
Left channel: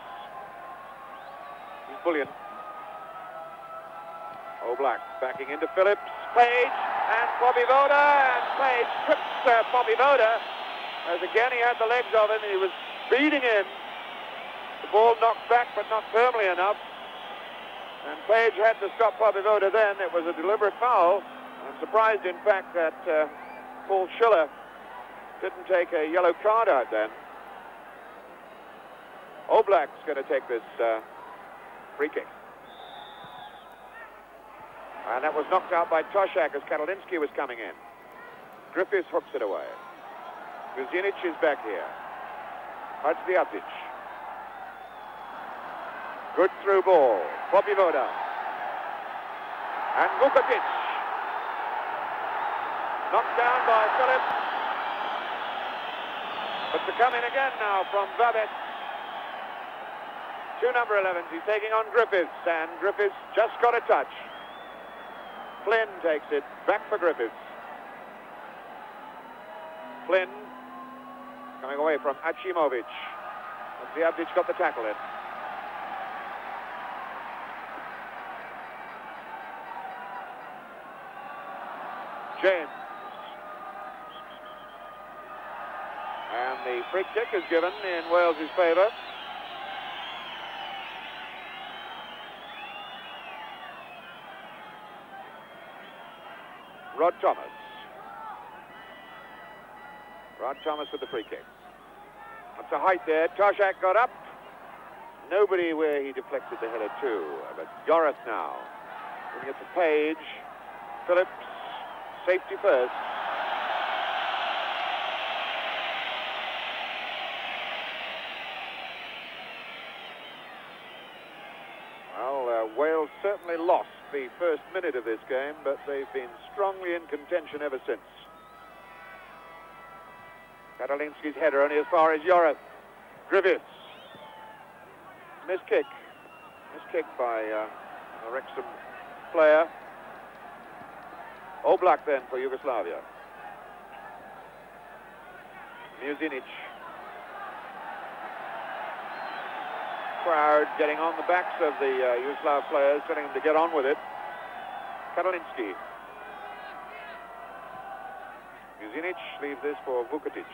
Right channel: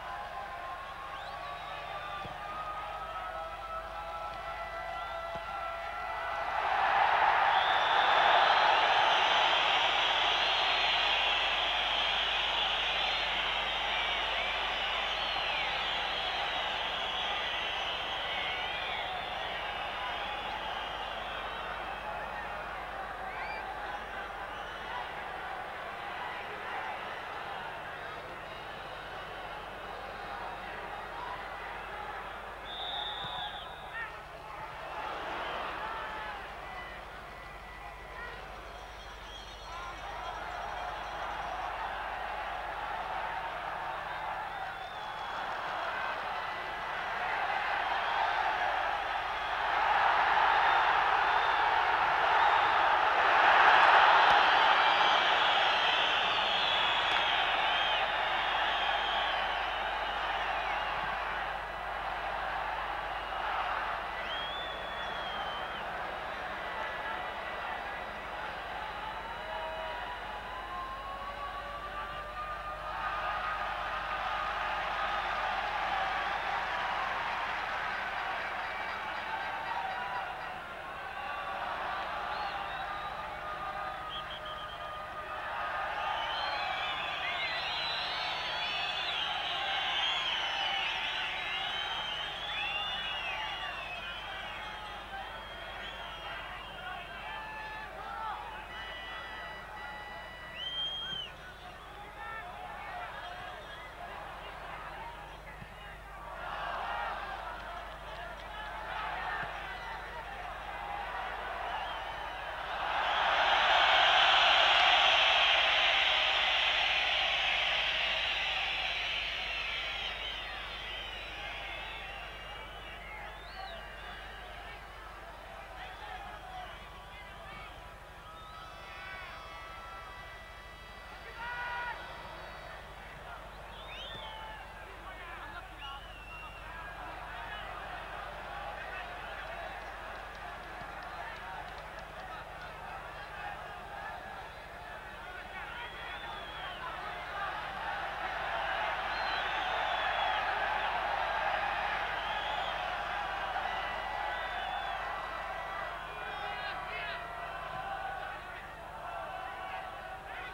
Bullion. Oblak backing into Phillips. Page and Bobby Voda. Page trips Bobby Voda. As again he had the legs of him. He was beating him. The ball knocked back but not firmly enough. And Page had to stop Bobby Voda then. It was a deliberate foul. I'm surprised in fact that Paul Schiller didn't take a yellow card out then. Oblak's going to take this free kick. And that was knocked out by Toshak as Karolinsky was coming in. Griffiths hooks it away. Kuzinic is back here. Hadziadzic. Good through ball. Bobby Voda. And Vukovic. Knocked down by Phillips. But they're coming again now from Babbitt. To number 11, he's taking on Griffiths, and Griffiths just got a touch. Flynn takes it back for Griffiths. Flynn coming away from Achimovic. Hadziadzic got the tackle in. James. And the free kick is given in Wales' favour. Rod Thomas. Rod Thomas with the free kick. Up to height there. Toshak got up. Nobody where he deflected the header to. But Joris now. Giving it to Page. Phillips. Safety first. Well, Wales certainly lost the first minute of this game, but they've been strongly in contention ever since. Karolinsky's header only as far as Joris. Griffiths. Missed kick. Missed kick by a Wrexham player. Oblak then for Yugoslavia. Muzinic. Crowd getting on the backs of the Yugoslav players, telling them to get on with it. Karolinsky. Muzinic leaves this for Vukovic.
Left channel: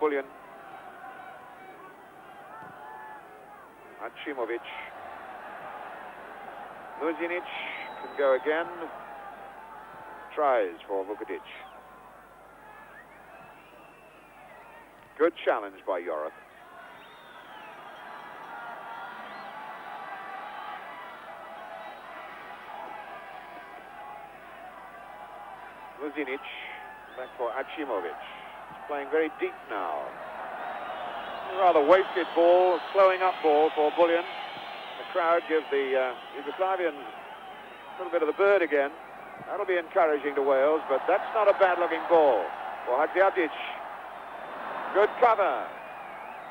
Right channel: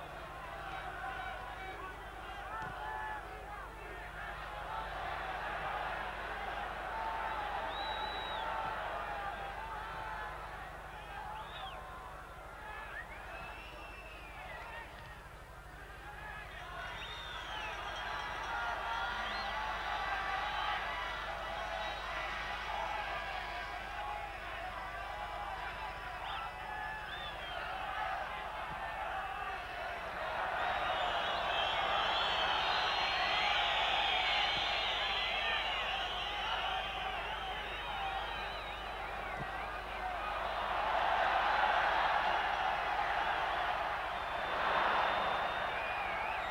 Bullion. Achimovic. Muzinic will go again. Tries for Vukovic. Good challenge by Joris. Muzinic, back for Achimovic. Playing very deep now. A rather wasted ball, slowing up ball for Bullion. The crowd gives the Yugoslavian a little bit of the bird again. That'll be encouraging to Wales, but that's not a bad-looking ball for Hadziadzic. Good cover.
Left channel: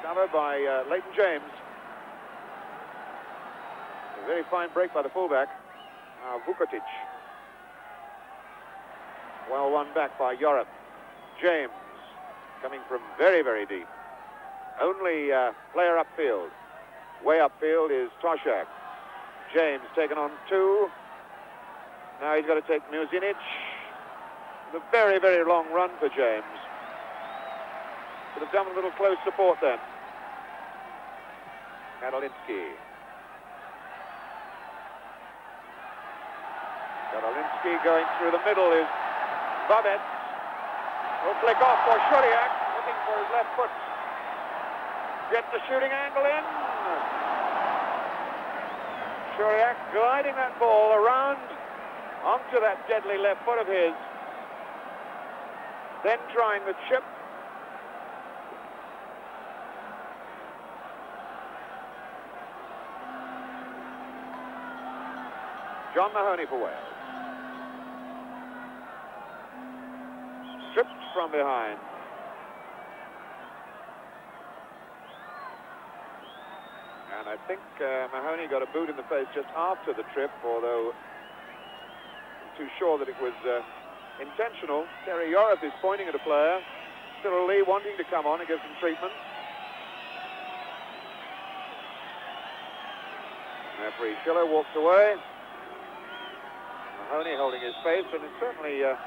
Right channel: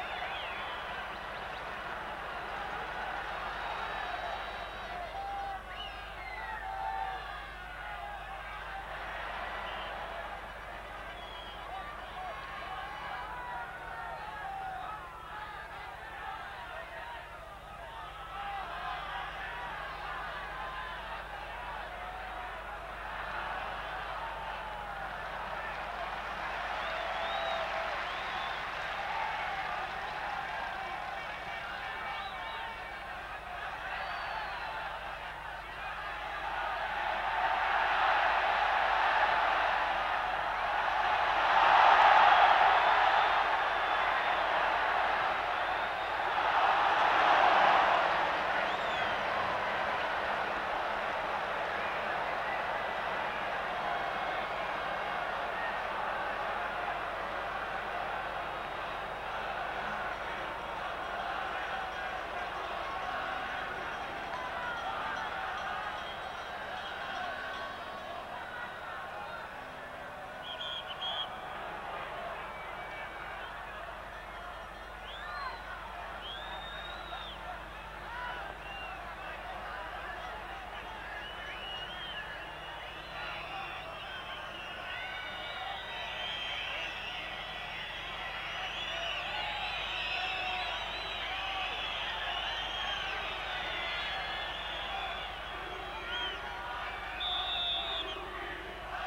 Covered by Leighton James. A very fine break by the fullback. Now Vukovic. Well won back by Joris. James coming from very, very deep. only player upfield. Way upfield is Toshak. James taken on 2. Now he's got to take Muzinic. It's a very, very long run for James. Could have done a little close support then. Madolinsky. Madolinsky going through the middle is Babet. He'll flick off for Shuriak. His left foot gets the shooting angle in. Shuriak gliding that ball around onto that deadly left foot of his. Then trying the chip. John Mahoney for West. Tripped from behind. And I think Mahoney got a boot in the face just after the trip, although too sure that it was intentional. Terry Yorath is pointing at a player. Cyril Lee wanting to come on and give some treatment. Referee Schiller walks away. Mahoney holding his face, and it's certainly a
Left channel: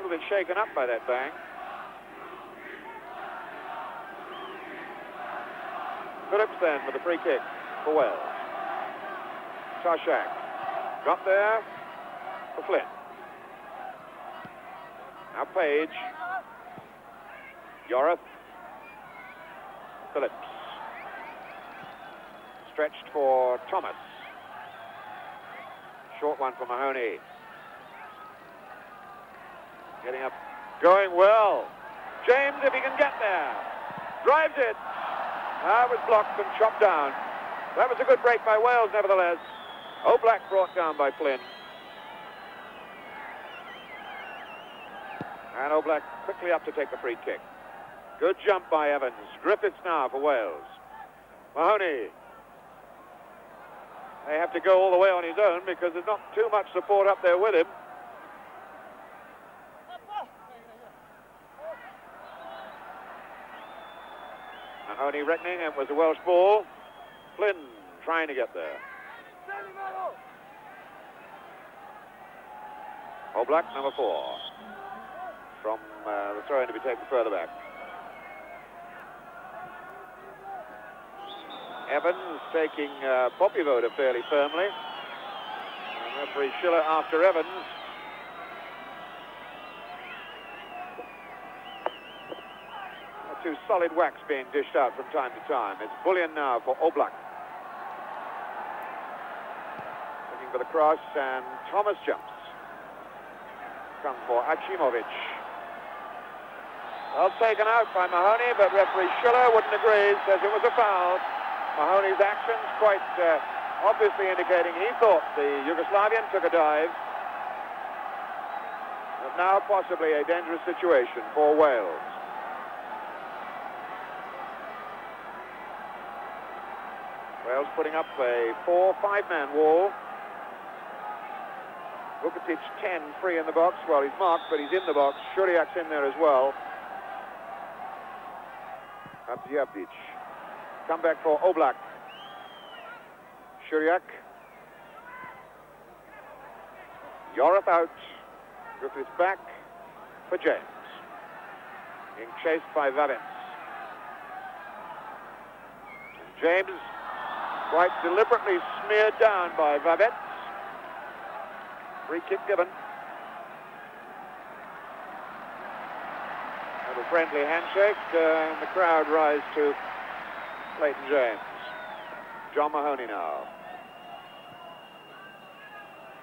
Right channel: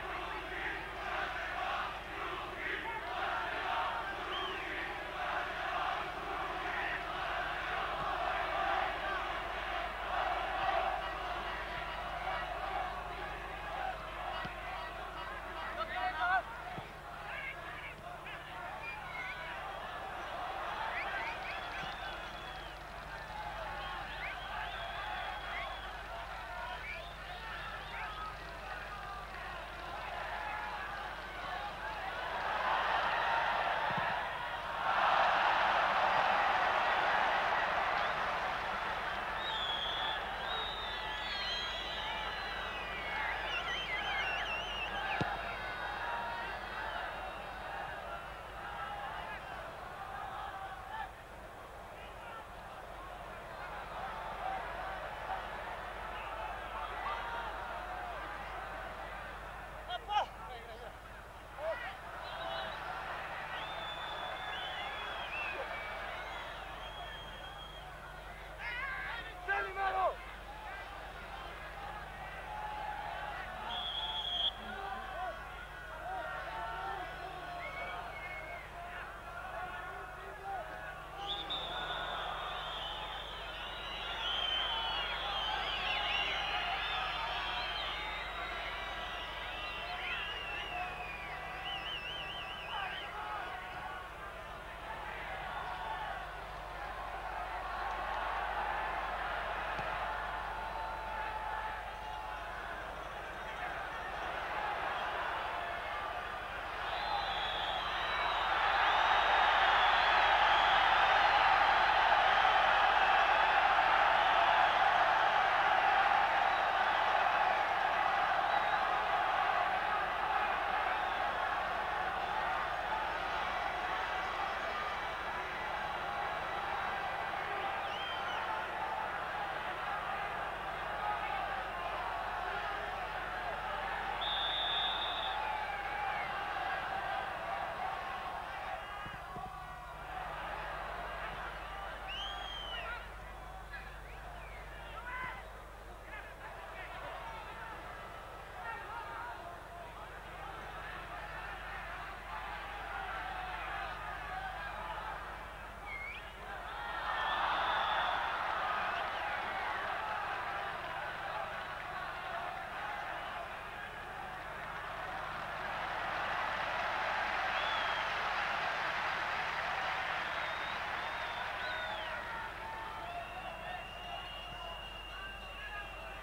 little bit shaken up by that bang. Phillips then with a free kick for Wales. Toshak got there for Flynn. Now Page. Yorath. Phillips. Stretched for Thomas. Short one for Mahoney. Getting up, going well. James, if he can get there. Drives it. That was blocked and chopped down. That was a good break by Wales, nevertheless. Oblak brought down by Flynn. And Oblak quickly up to take the free kick. Good jump by Evans. Griffiths now for Wales. Mahoney. They have to go all the way on his own because there's not too much support up there with him. Mahoney reckoning it was a Welsh ball. Flynn trying to get there. Oblak, number 4. From the throw-in to be taken further back. Evans taking Poppy Voda fairly firmly. Referee Schiller after Evans. A 2 solid whacks being dished out from time to time. It's Bullion now for Oblak. Looking for the cross, and Thomas jumps. Comes for Achimovic. Well taken out by Mahoney, but referee Schiller wouldn't agree, says it was a foul. Mahoney's action quite obviously indicating he thought the Yugoslavian took a dive. And now possibly a dangerous situation for Wales. Wales putting up a 4-5-man wall. Vukovic 10 free in the box. Well, he's marked, but he's in the box. Shuriak's in there as well. Abdiavdic. Come back for Oblak. Shuriak. Yorath out. Griffiths back for James. Being chased by Vaden. James quite deliberately smeared down by Vaden. Free kick given. And a friendly handshake, and the crowd rise to Clayton James. John Mahoney now.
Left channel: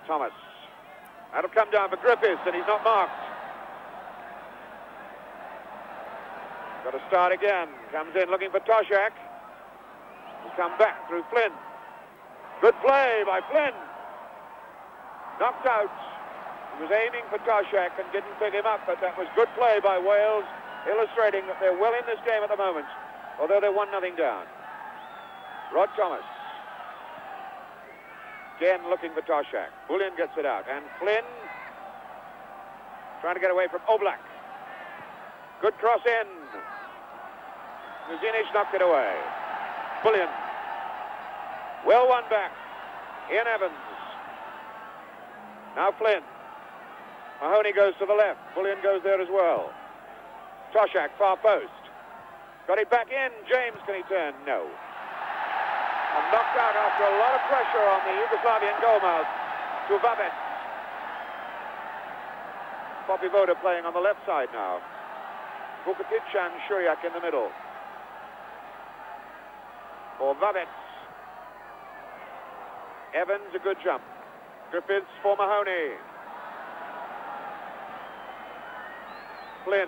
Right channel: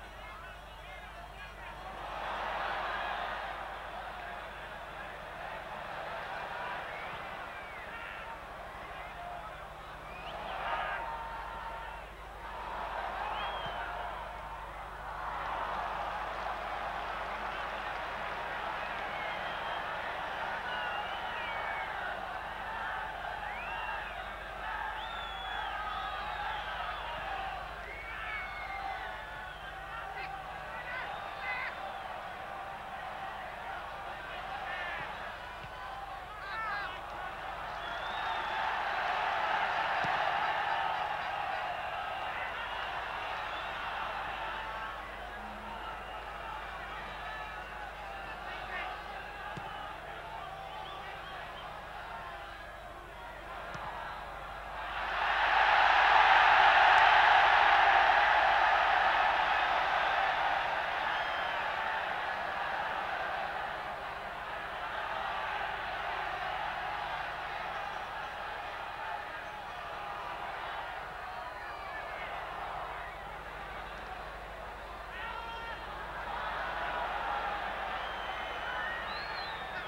Thomas. That'll come down for Griffiths, and he's not marked. Got to start again. Comes in looking for Toshak. Come back through Flynn. Good play by Flynn. Knocked out. He was aiming for Toshak and didn't pick him up, but that was good play by Wales, illustrating that they're well in this game at the moment, although they're 1-0 down. Rod Thomas. Again looking for Toshak. Bullion gets it out. And Flynn trying to get away from Oblak. Good cross in. Muzinic knocked it away. Bullion. Well won back. Ian Evans. Now Flynn. Mahoney goes to the left. Bullion goes there as well. Toshak, far post. Got it back in. James, can he turn? No. And knocked out after a lot of pressure on the Yugoslavian goalmouth. Duvabec. Poppy Voda playing on the left side now. Vukotic and Shuriak in the middle. For Vavec. Evans, a good jump. Griffiths for Mahoney. Flynn.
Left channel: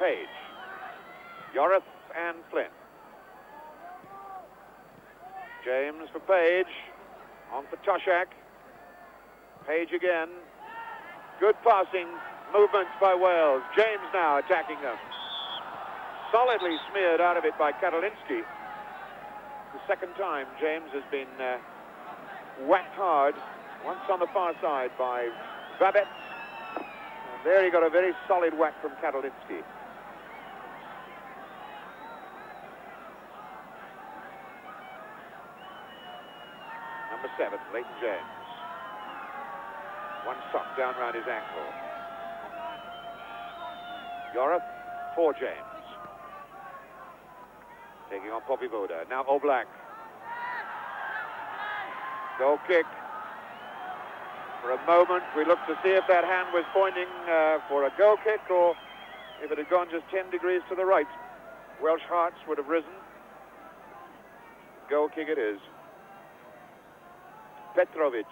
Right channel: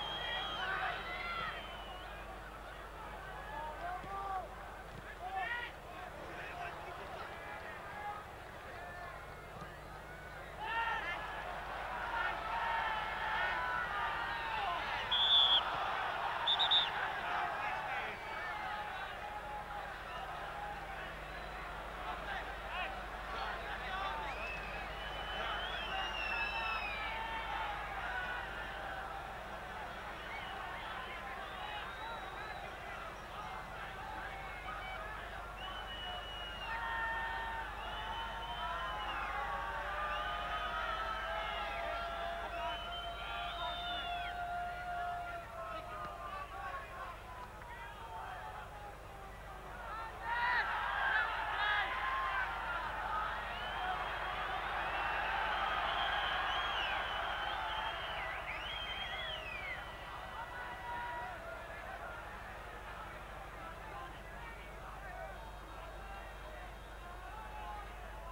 Page. Yorith and Flynn. James for Page. On for Toshak. Page again. Good passing movements by Wales. James now attacking them. Solidly smeared out of it by Karoliński. The second time James has been whacked hard. Once on the far side by Babet. There he got a very solid whack from Karoliński. Number 7, Leighton James. One shot down round his ankle. Yorith for James. Taking on Poppy Voda. Now Oblak. Goal kick. For a moment, we looked to see if that hand was pointing for a goal kick or if it had gone just 10 degrees to the right. Welsh hearts would have risen. Goal kick it is. Petrovic.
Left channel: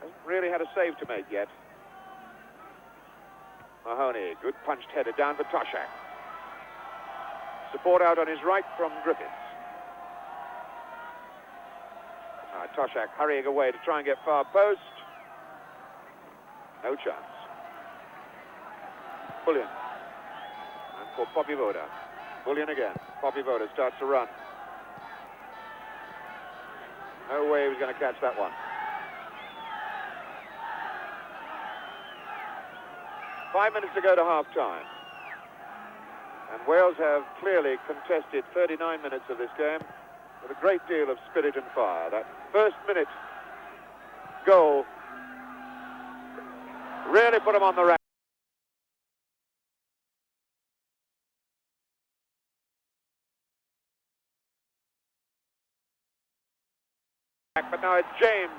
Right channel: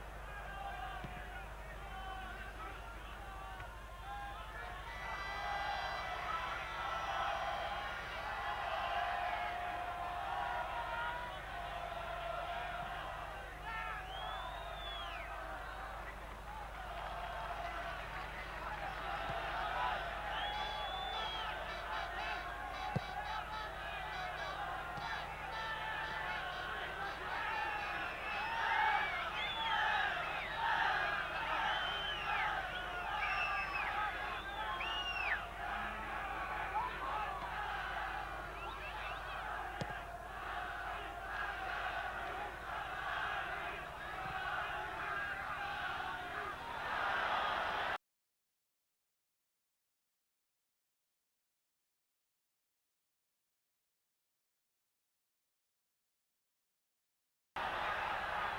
Hasn't really had a save to make yet. Mahoney, good punched header down for Toshak. Support out on his right from Griffiths. Toshak hurrying away to try and get far post. No chance. Bullion. And for Poppy Voda. Bullion again. Poppy Voda starts to run. No way he was going to catch that one. 5 minutes to go to half-time. And Wales have clearly contested 39 minutes of this game with a great deal of spirit and fire. That first minute goal really put them on the rack. But now it's James.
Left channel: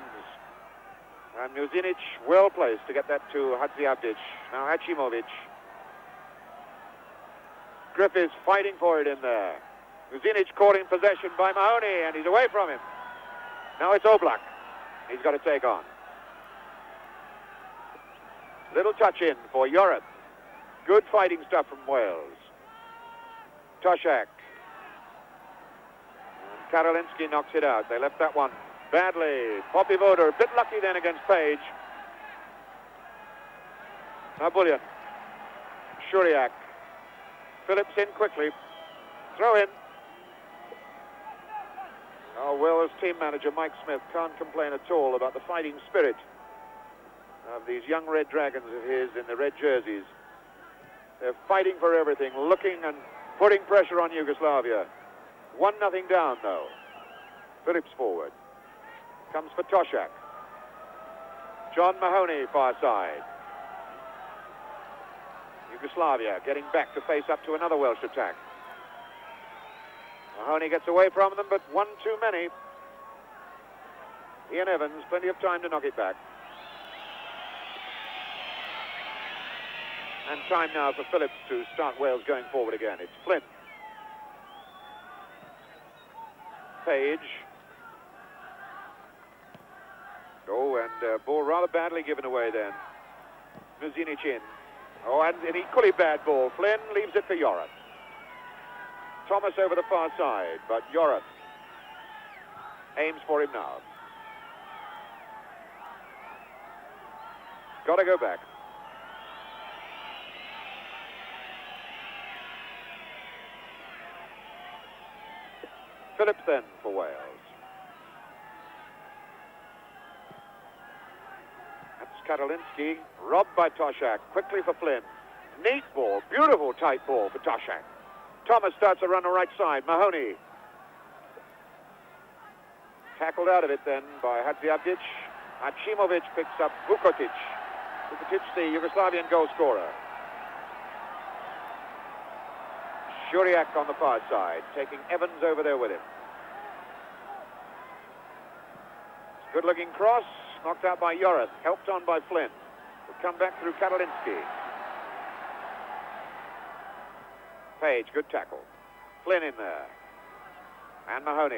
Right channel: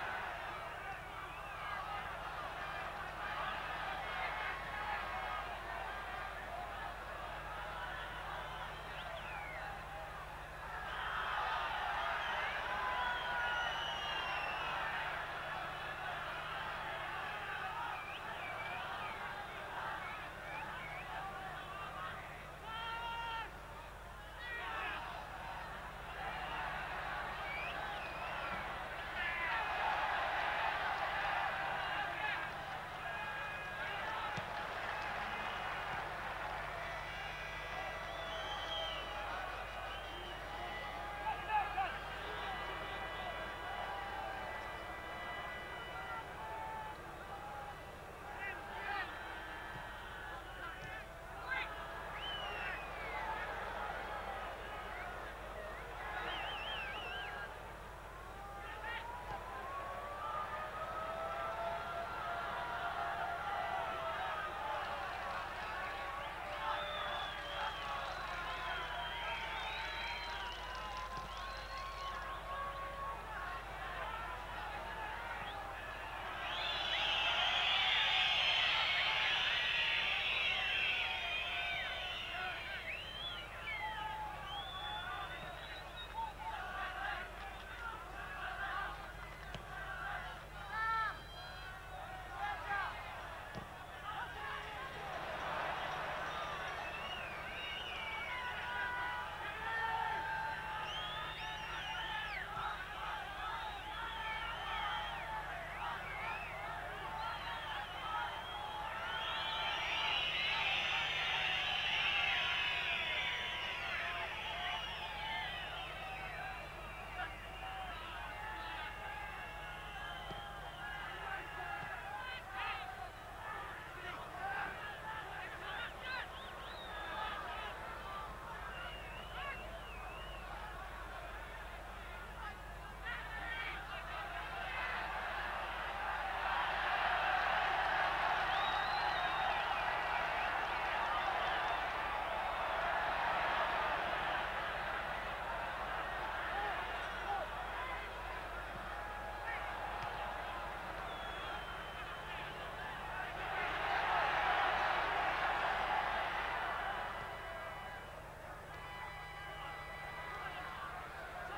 And Muzinic well placed to get that to Hadziadzic. Now Hachimovic. Griffiths fighting for it in there. Muzinic caught in possession by Mahoney, and he's away from him. Now it's Oblak. He's got to take on. Little touch in for Yorith. Good fighting stuff from Wales. Toshak. Karoliński knocks it out. They left that one badly. Poppy Voda a bit lucky then against Page. Now Bullion. Shuriak. Phillips in quickly. Throw in. Oh, Wales team manager Mike Smith can't complain at all about the fighting spirit of these young Red Dragons of his in the red jerseys. They're fighting for everything, looking and putting pressure on Yugoslavia. 1-0 down, though. Phillips forward. Comes for Toshak. John Mahoney, far side. Yugoslavia getting back to face up to another Welsh attack. Mahoney gets away from them, but one too many. Ian Evans, plenty of time to knock it back. And time now for Phillips to start Wales going forward again. It's Flynn. Page. Oh, and ball rather badly given away then. Muzinic in. Oh, and an equally bad ball. Flynn leaves it for Yorith. Thomas over the far side, but Yorith aims for him now. Got to go back. Phillips then for Wales. That's Karoliński, robbed by Toshak. Quickly for Flynn. Neat ball, beautiful tight ball for Toshak. Thomas starts to run the right side. Mahoney. Tackled out of it then by Hadziabdic. Achimovic picks up Vukotic. Vukotic, the Yugoslavian goal scorer. Juriak on the far side, taking Evans over there with him. Good-looking cross, knocked out by Yorath, helped on by Flynn. Come back through Karolinski. Page, good tackle. Flynn in there. And Mahoney.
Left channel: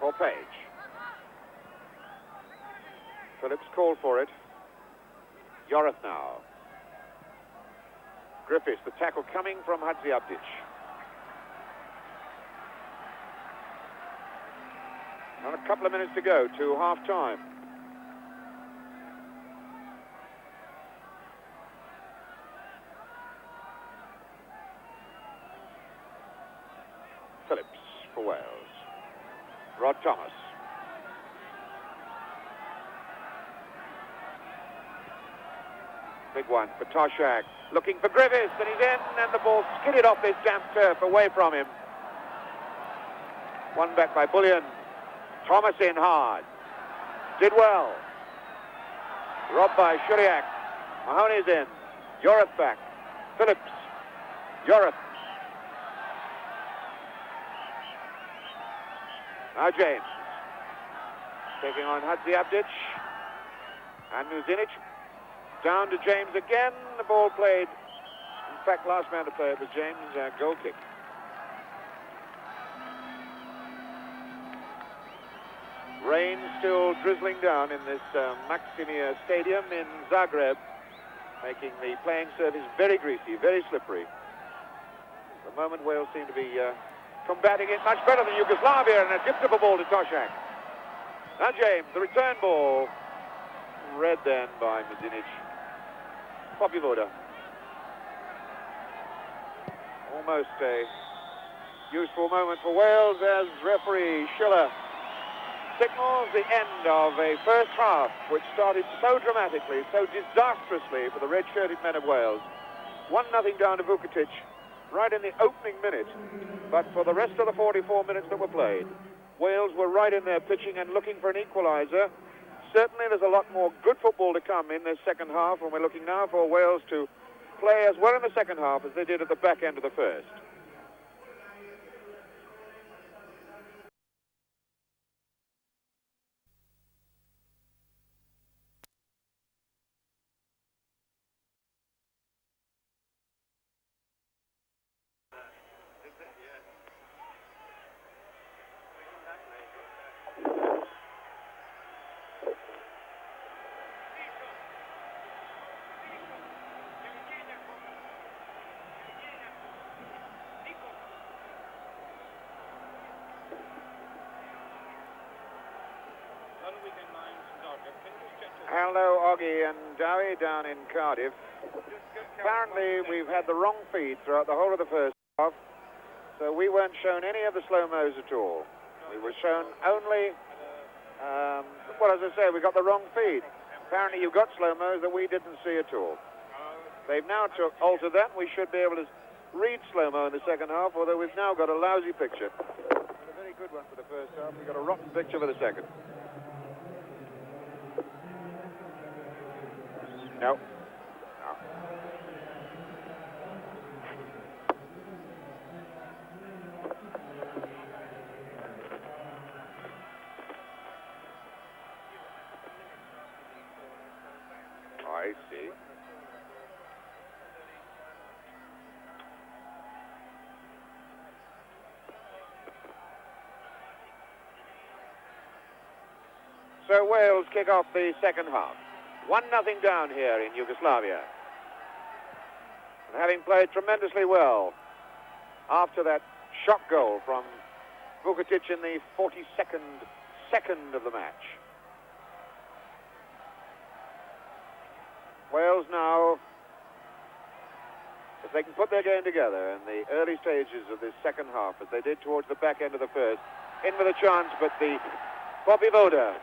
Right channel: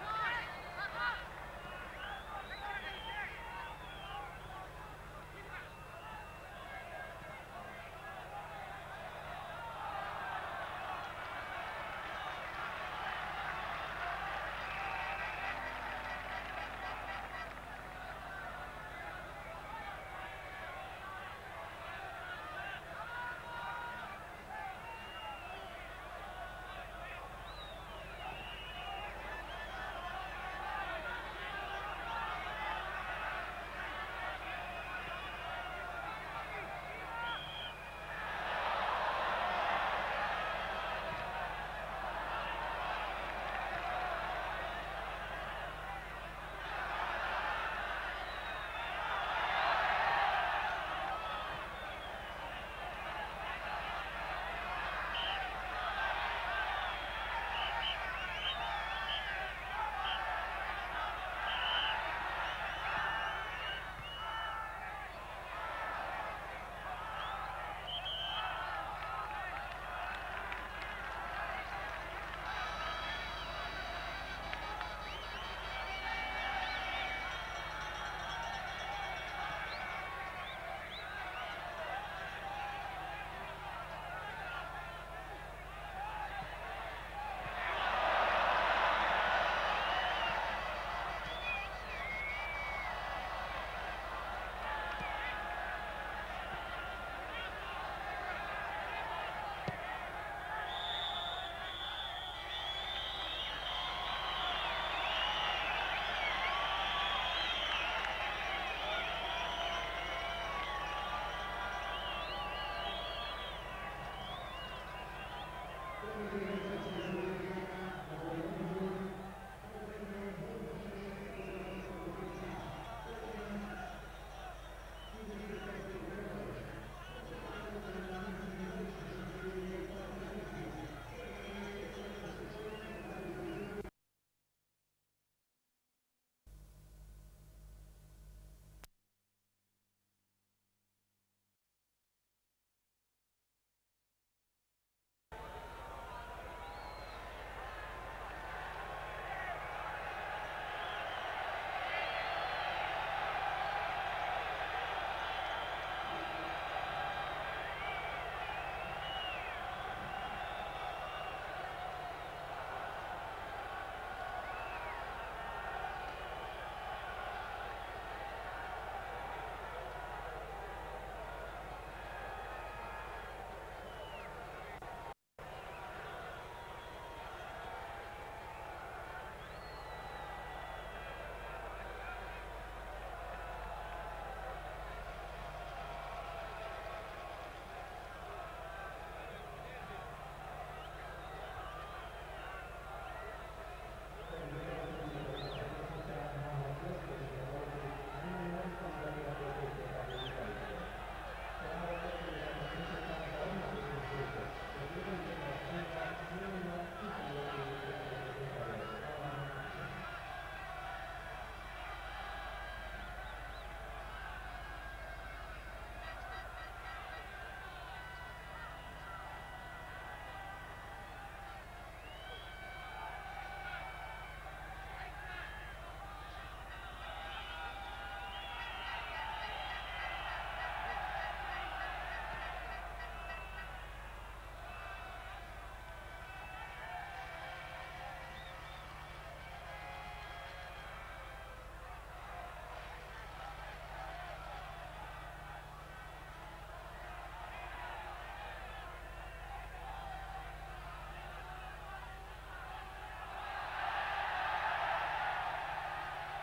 For Page. Phillips called for it. Yorath now. Griffiths, the tackle coming from Hadziabdic. And a couple of minutes to go to half-time. Phillips for Wales. Rod Thomas. Big one for Toshak. Looking for Griffiths, and he's in, and the ball skidded off this damp turf away from him. One back by Bullion. Thomas in hard. Did well. Robbed by Juriak. Mahoney's in. Yorath back. Phillips. Yorath. Now James. Taking on Hadziabdic. And Muzinic. Down to James again. The ball played. In fact, last man to play it was James. Goal kick. Rain still drizzling down in this Maximir Stadium in Zagreb, making the playing surface very greasy, very slippery. At the moment, Wales seem to be combating it much better than Yugoslavia, and a gift of a ball to Toshak. Now James, the return ball, read then by Muzinic. Popivoda. Almost a useful moment for Wales as referee Schiller signals the end of a first half which started so dramatically, so disastrously for the red-shirted men of Wales. 1-0 down to Vukotic right in the opening minute, but for the rest of the 44 minutes that were played, Wales were right in there pitching and looking for an equaliser. Certainly there's a lot more good football to come in this second half, and we're looking now for Wales to play as well in the second half as they did at the back end of the first. Hello, Oggy and Dowie down in Cardiff. Apparently, we've had the wrong feed throughout the whole of the first half, so we weren't shown any of the slow-mos at all. We were shown only, well, as I say, we got the wrong feed. Apparently, you've got slow-mos that we didn't see at all. They've now altered that. We should be able to read slow-mo in the second half, although we've now got a lousy picture. A very good one for the first half. We've got a rotten picture for the second. No. I see. So Wales kick off the second half. 1-0 down here in Yugoslavia. Having played tremendously well after that shock goal from Vukotic in the 42nd second of the match. Wales now, if they can put their game together in the early stages of this second half, as they did towards the back end of the first, in with a chance, but the Popivoda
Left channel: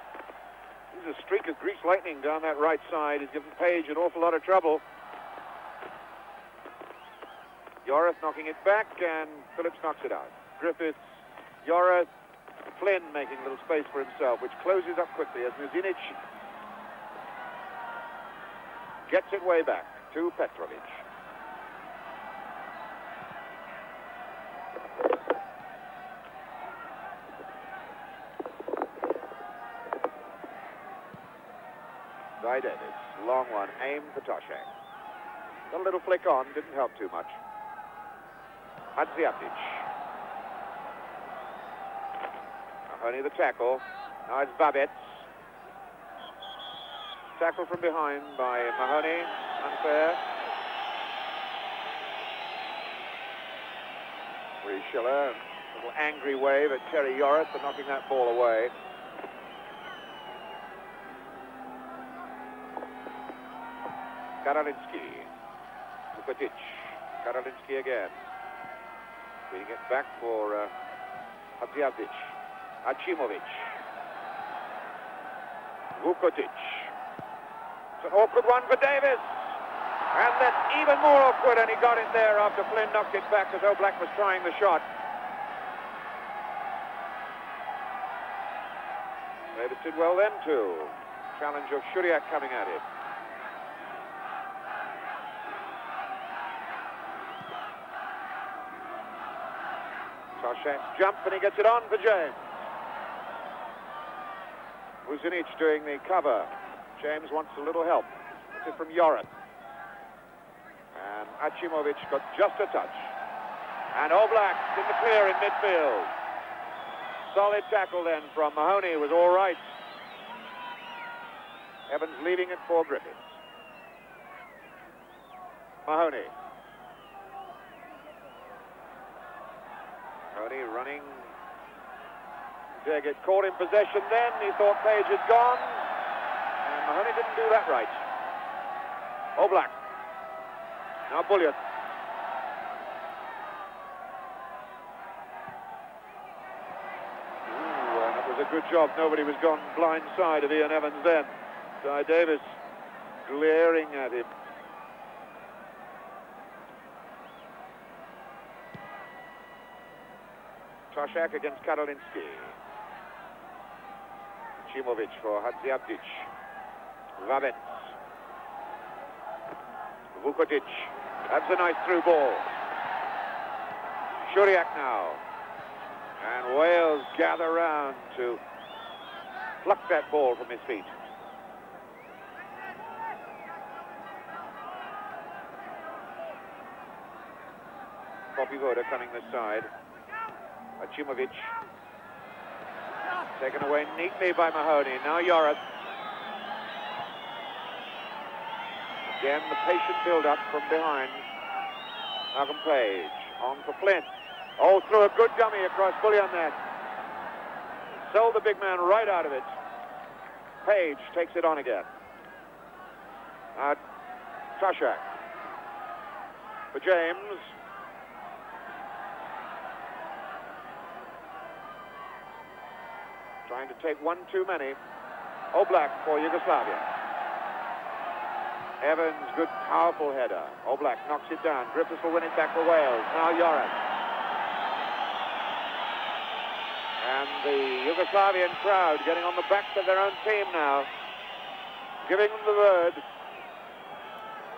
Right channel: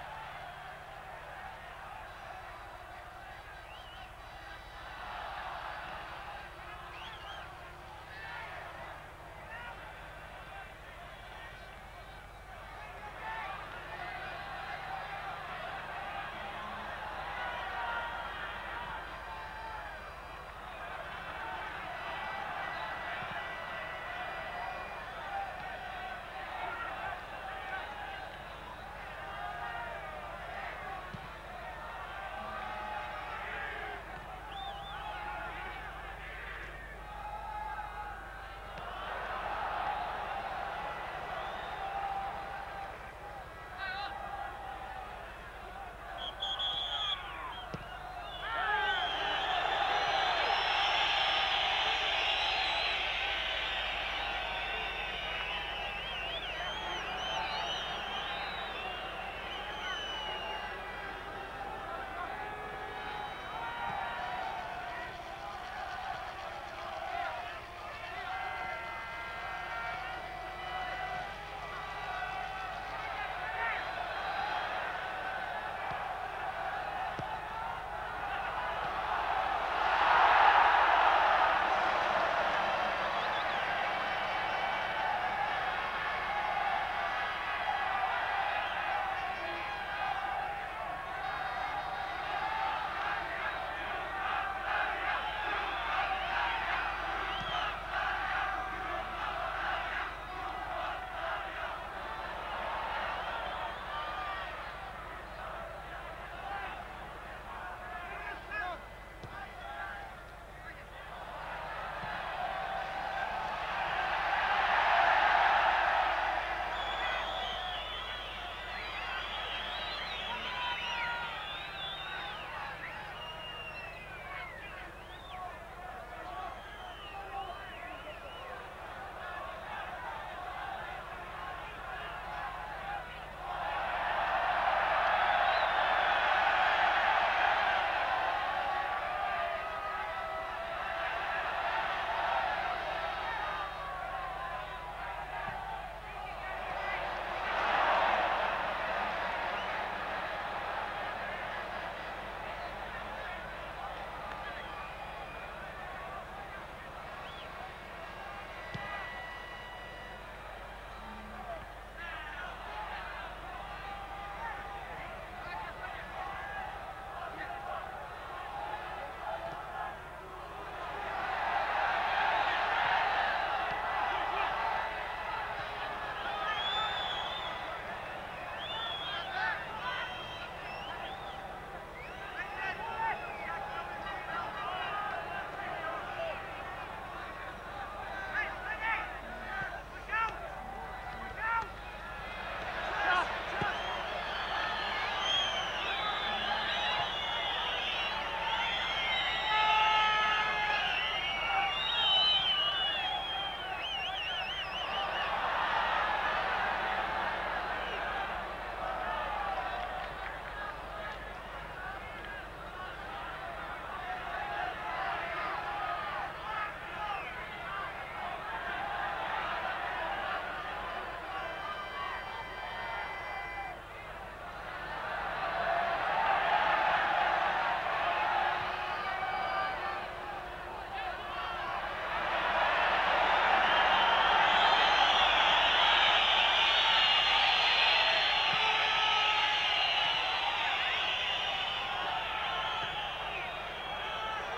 This is a streak of greased lightning down that right side. Has given Page an awful lot of trouble. Joris knocking it back, and Phillips knocks it out. Griffiths, Joris, Flynn making a little space for himself, which closes up quickly as Muzinic gets it way back to Petrovic. By Davis, long one, aimed for Toshak. Got a little flick on, didn't help too much. Hadziatic. Only the tackle. Now it's Babbitt. Tackle from behind by Mahoney. Unfair. Schiller. A little angry wave at Terry Joris for knocking that ball away. Karolinsky. Vukotic. Karolinsky again. Bringing it back for Hadziatic. Achimovic. Vukotic. An awkward one for Davis. And then even more awkward, and he got it there after Flynn knocked it back as O'Black was trying the shot. Davis did well then too. Challenge of Shuriak coming at it. Toshak jumps and he gets it on for James. Muzinic doing the cover. James wants a little help. This is from Joris. And Achimovic got just a touch. And O'Black in the clear in midfield. Solid tackle then from Mahoney. Was all right. Evans leading it for Griffiths. Mahoney. Mahoney running. They get caught in possession then. He thought Page had gone. Mahoney didn't do that right. O'Black. Now Bullion. It was a good job. Nobody was gone blind side of Ian Evans then. Guy Davis glaring at it. Toshak against Karolinsky. Chimovic for Hadziatic. Babbitt. Vukotic. That's a nice through ball. Shuriak now. And Wales gather round to pluck that ball from his feet. Bobby Woda coming this side. Achimovic. Taken away neatly by Mahoney. Now Joris. Again, the patient build-up from behind. Malcolm Page. On for Flynn. Oh, threw a good dummy across Bullion there. Sold the big man right out of it. Page takes it on again. Sasha. For James. Take one too many. O'Black for Yugoslavia. Evans, good powerful header. O'Black knocks it down. Griffiths will win it back for Wales. Now Joris. And the Yugoslavian crowd getting on the backs of their own team now. Giving them the word.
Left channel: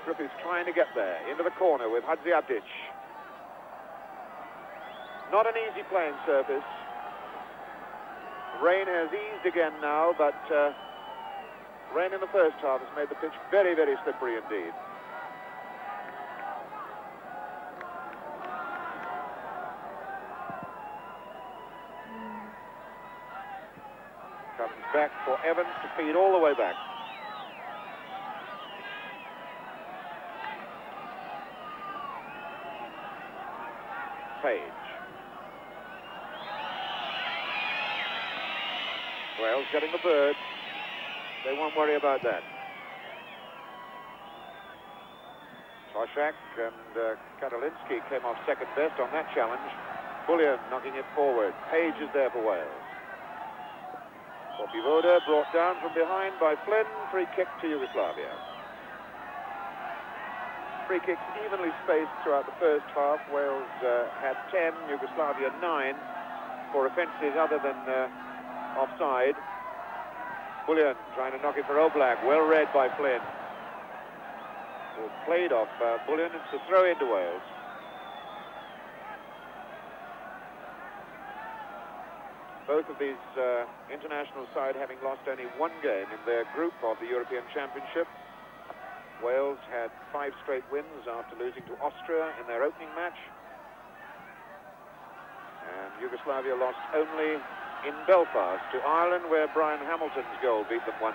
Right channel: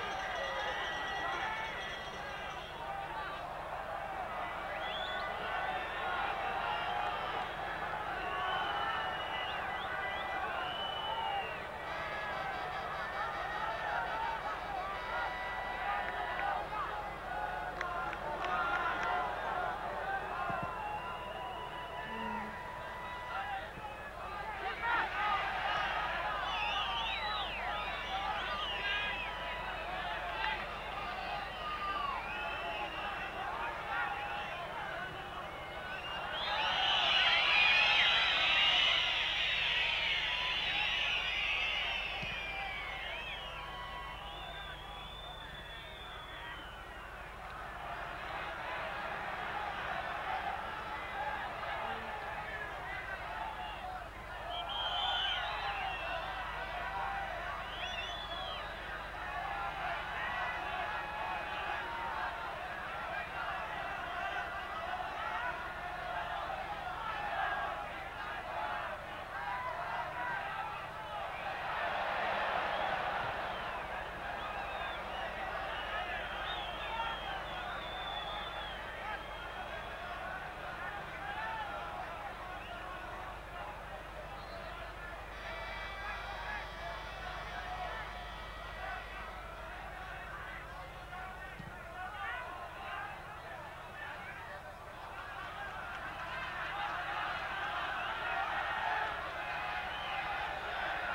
Griffiths trying to get there. Into the corner with Hadziatic. Not an easy playing surface. Rain has eased again now, but rain in the first half has made the pitch very, very slippery indeed. Comes back for Evans to feed all the way back. Page. Wales getting the bird. They won't worry about that. Toshak and Karolinsky came off second best on that challenge. Bullion knocking it forward. Page is there for Wales. Voda brought down from behind by Flynn. Free kick to Yugoslavia. Free kicks evenly spaced throughout the first half. Wales had 10, Yugoslavia 9 for offences other than offside. Bullion trying to knock it for Oblak. Well read by Flynn. It was played off Bullion to throw into Wales. Both of these international side having lost only one game in their group of the European Championship. Wales had 5 straight wins after losing to Austria in their opening match. And Yugoslavia lost only in Belfast to Ireland, where Brian Hamilton's goal beat them 1-0.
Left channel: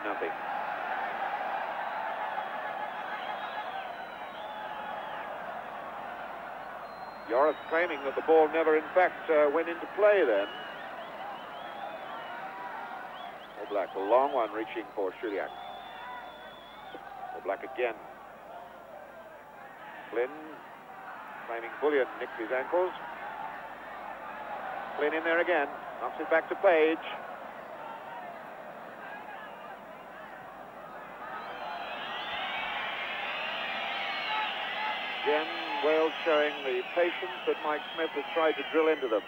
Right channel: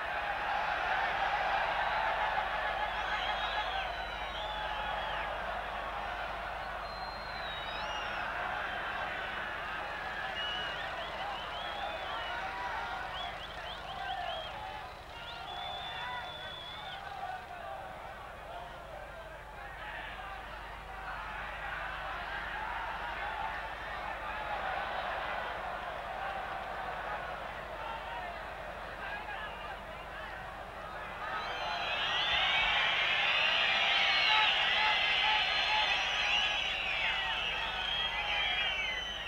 Joris claiming that the ball never in fact went into play then. Black, a long one reaching for Shuliak. Black again. Flynn training Bullion, nicks his ankles. Flynn in there again. Knocks it back to Page. Again, Wales showing the patience that Mike Smith has tried to drill into them.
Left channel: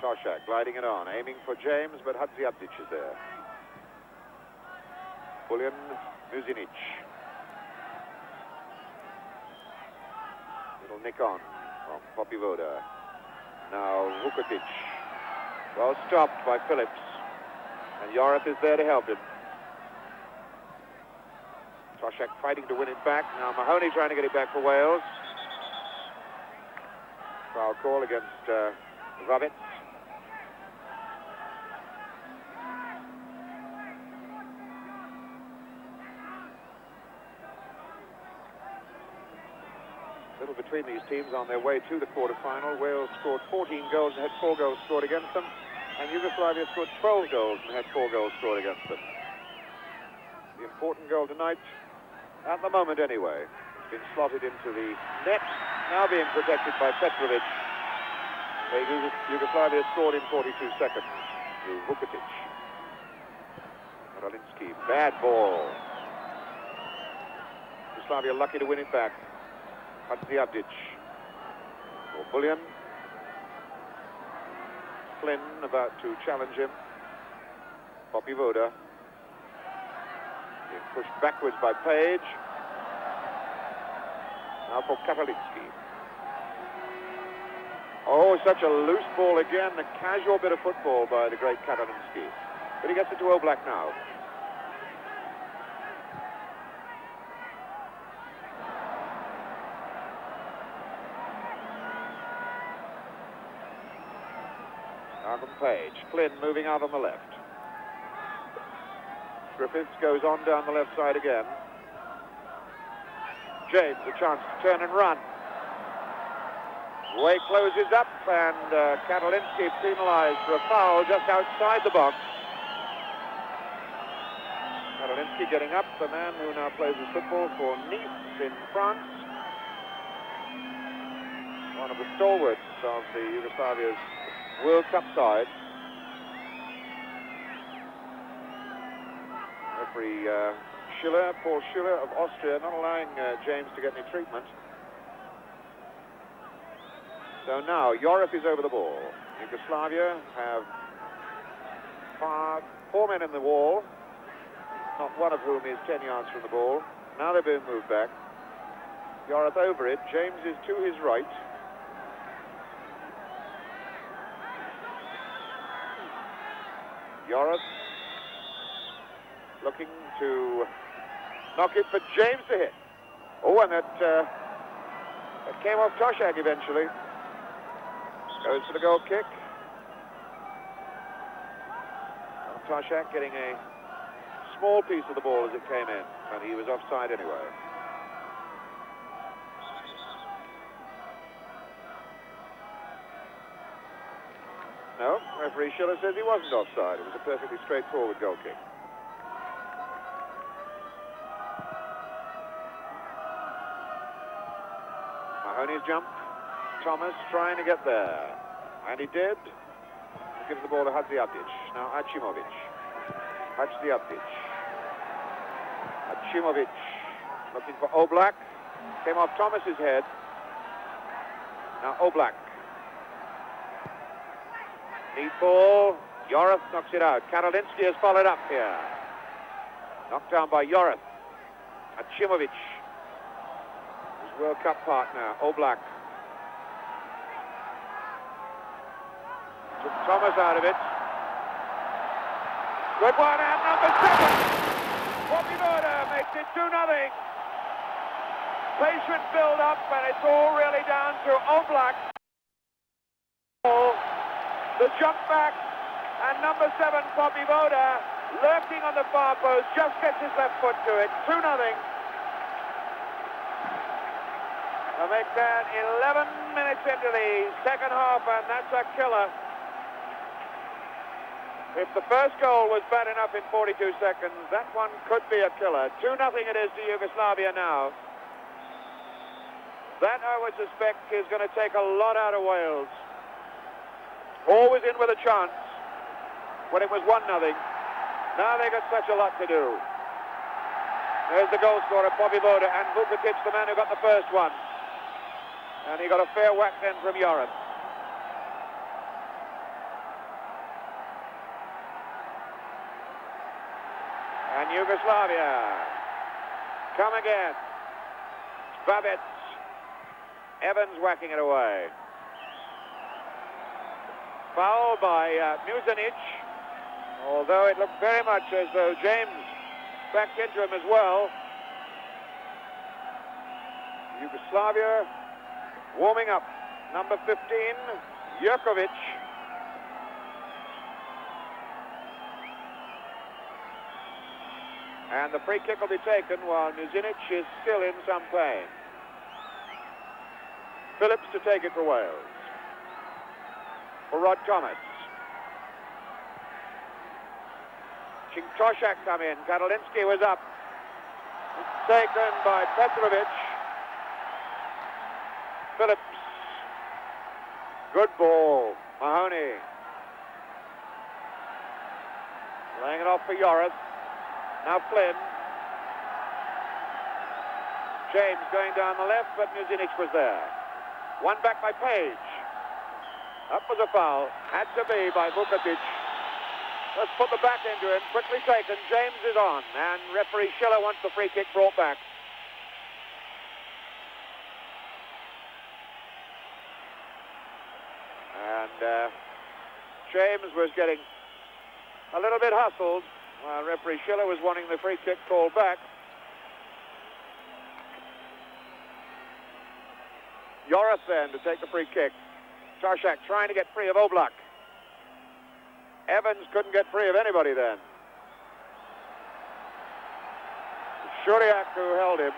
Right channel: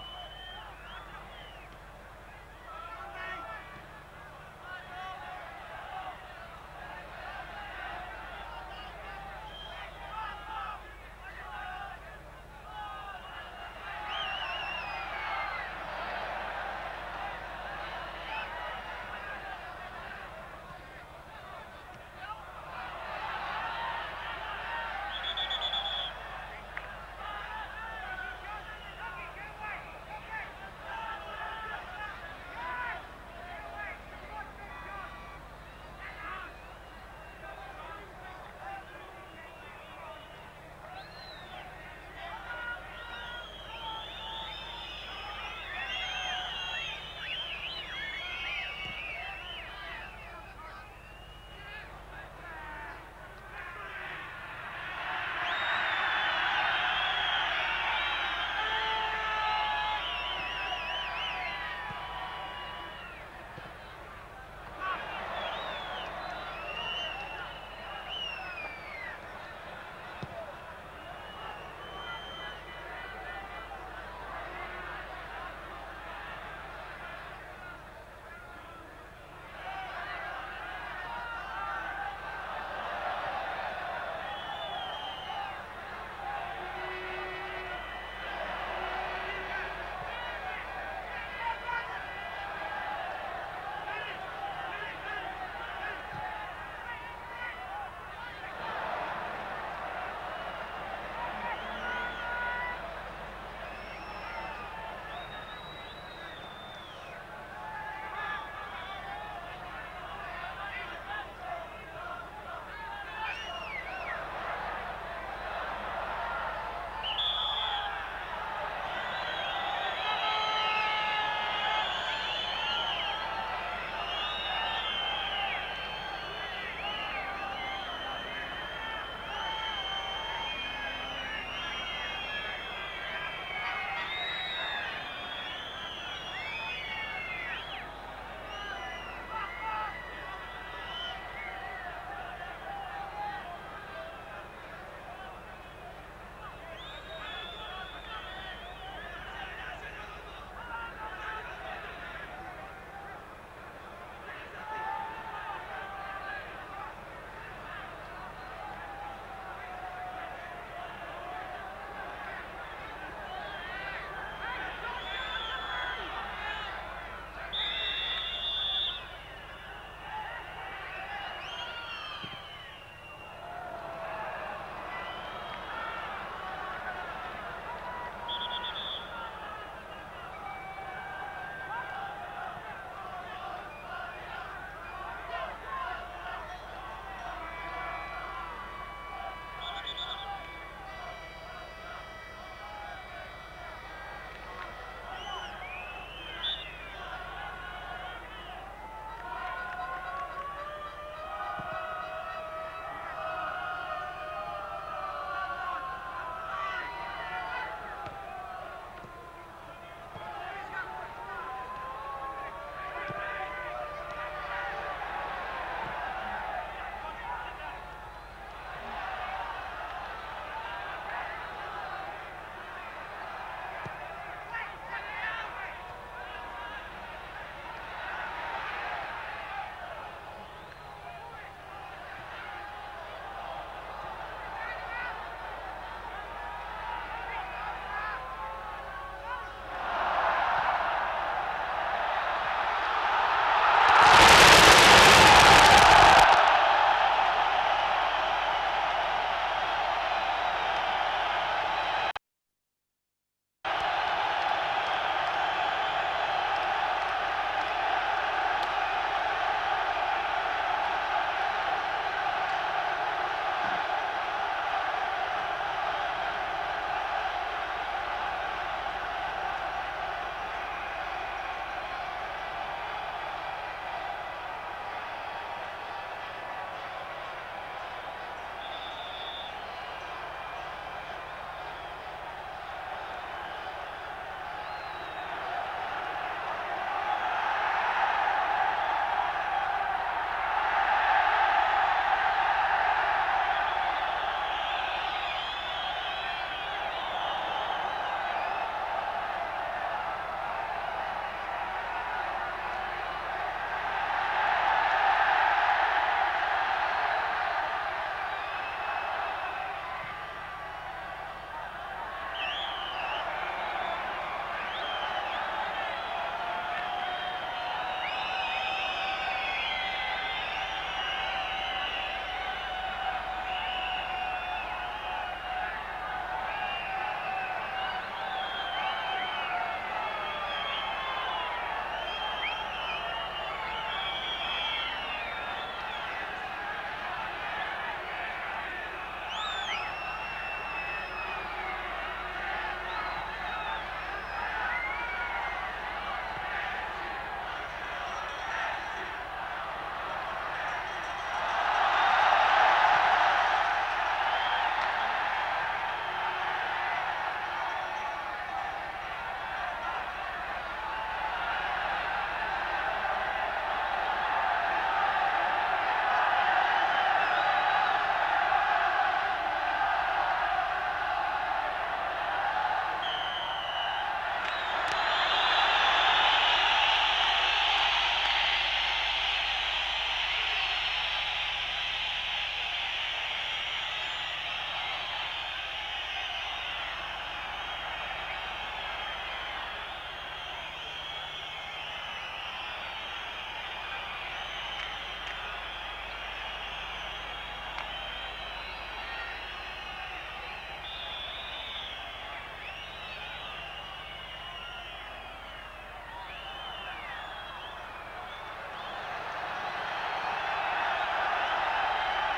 Toshak gliding it on, aiming for James, but Hadziabdic is there. Bullion, Muzinic. Little nick on Voda. Now Vukotic. Well stopped by Phillips. And Joris is there to help him. Toshak fighting to win it back. Now Mahoney trying to get it back for Wales. Foul call against Rabbit. Between these teams on their way to the quarter-final. Wales scored 14 goals and had 4 goals scored against them, and Yugoslavia scored 12 goals and had 4 goals scored against them. The important goal tonight, at the moment anyway, is slotted into the net, now being protected by Petrovic. Yugoslavia scored in 42 seconds to Vukotic. Rolinski, bad ball. Yugoslavia lucky to win it back. Hadziabdic. Bullion. Flynn about to challenge him. Voda. Pushed backwards by Page. Now for Kapelinsky. Oh, such a loose ball again. A casual bit of football by the great Kapelinsky. But he gets it to Oblak now. Page. Flynn moving out on the left. Griffiths goes on down the left side again. James, a chance to turn and run. Way closes up, and Kapelinsky penalized for a foul just outside the box. Kapelinsky getting up, the man who now plays the football for Nice in France. One of the stalwarts of the Yugoslavia's World Cup side. Referee Paul Schiller of Austria, not allowing James to get any treatment. So now Joris is over the ball. Yugoslavia have 4 men in the wall, not one of whom is 10 yards from the ball. Now they're being moved back. Joris over it. James is to his right. Joris looking to knock it for James to hit. Oh, and that came off Toshak eventually. Goes for the goal kick. Toshak getting a small piece of the ball as it came in, and he was offside anyway. No, referee Schiller says he wasn't offside. It was a perfectly straightforward goal kick. Mahoney's jump. Thomas trying to get there. And he did. Gives the ball to Hadziadzic. Now Achimovic. Hadziadzic. Achimovic looking for Oblak. Came off Thomas's head. Now Oblak. Deep ball. Joris knocks it out. Karolinsky has followed up here. Knocked down by Joris. Achimovic. World Cup partner, Oblak. With Thomas out of it. Good one out. 2-0. Patient build up, and it's all really down to Oblak. The jump back, and number 7, Bobby Voda, lurking on the far post, just gets his left foot to it. 2-0. They stand 11 minutes into the second half, and that's a killer. If the first goal was bad enough in 42 seconds, that one could be a killer. 2-0 it is to Yugoslavia now. That, I would suspect, is going to take a lot out of Wales. Always in with a chance when it was 1-0. Now they've got such a lot to do. There's the goal scorer, Bobby Voda, and Vukovic, the man who got the first one. And he got a fair whack in from Joris. And Yugoslavia come again. Babbitt. Evans whacking it away. Foul by Muzinic. Although it looks very much as though James backed into him as well. Yugoslavia warming up. Number 15, Jerkovic. And the free kick will be taken while Muzinic is still in some pain. Phillips to take it for Wales. For Rod Thomas. Koshak come in. Karolinsky was up. Taken by Petrovic. Phillips. Good ball. Mahoney. Laying it off for Joris. Now Flynn. James going down the left, but Muzinic was there. One back by Page. Up was a foul. Had to be by Vukovic. Let's put the back into it. Quickly taken. James is on. And referee Schiller wants the free kick brought back. And James was getting a little bit hustled. Referee Schiller was wanting the free kick ball back. Joris then to take the free kick. Koshak trying to get free of Oblak. Evans couldn't get free of anybody then. Shuriak who held it.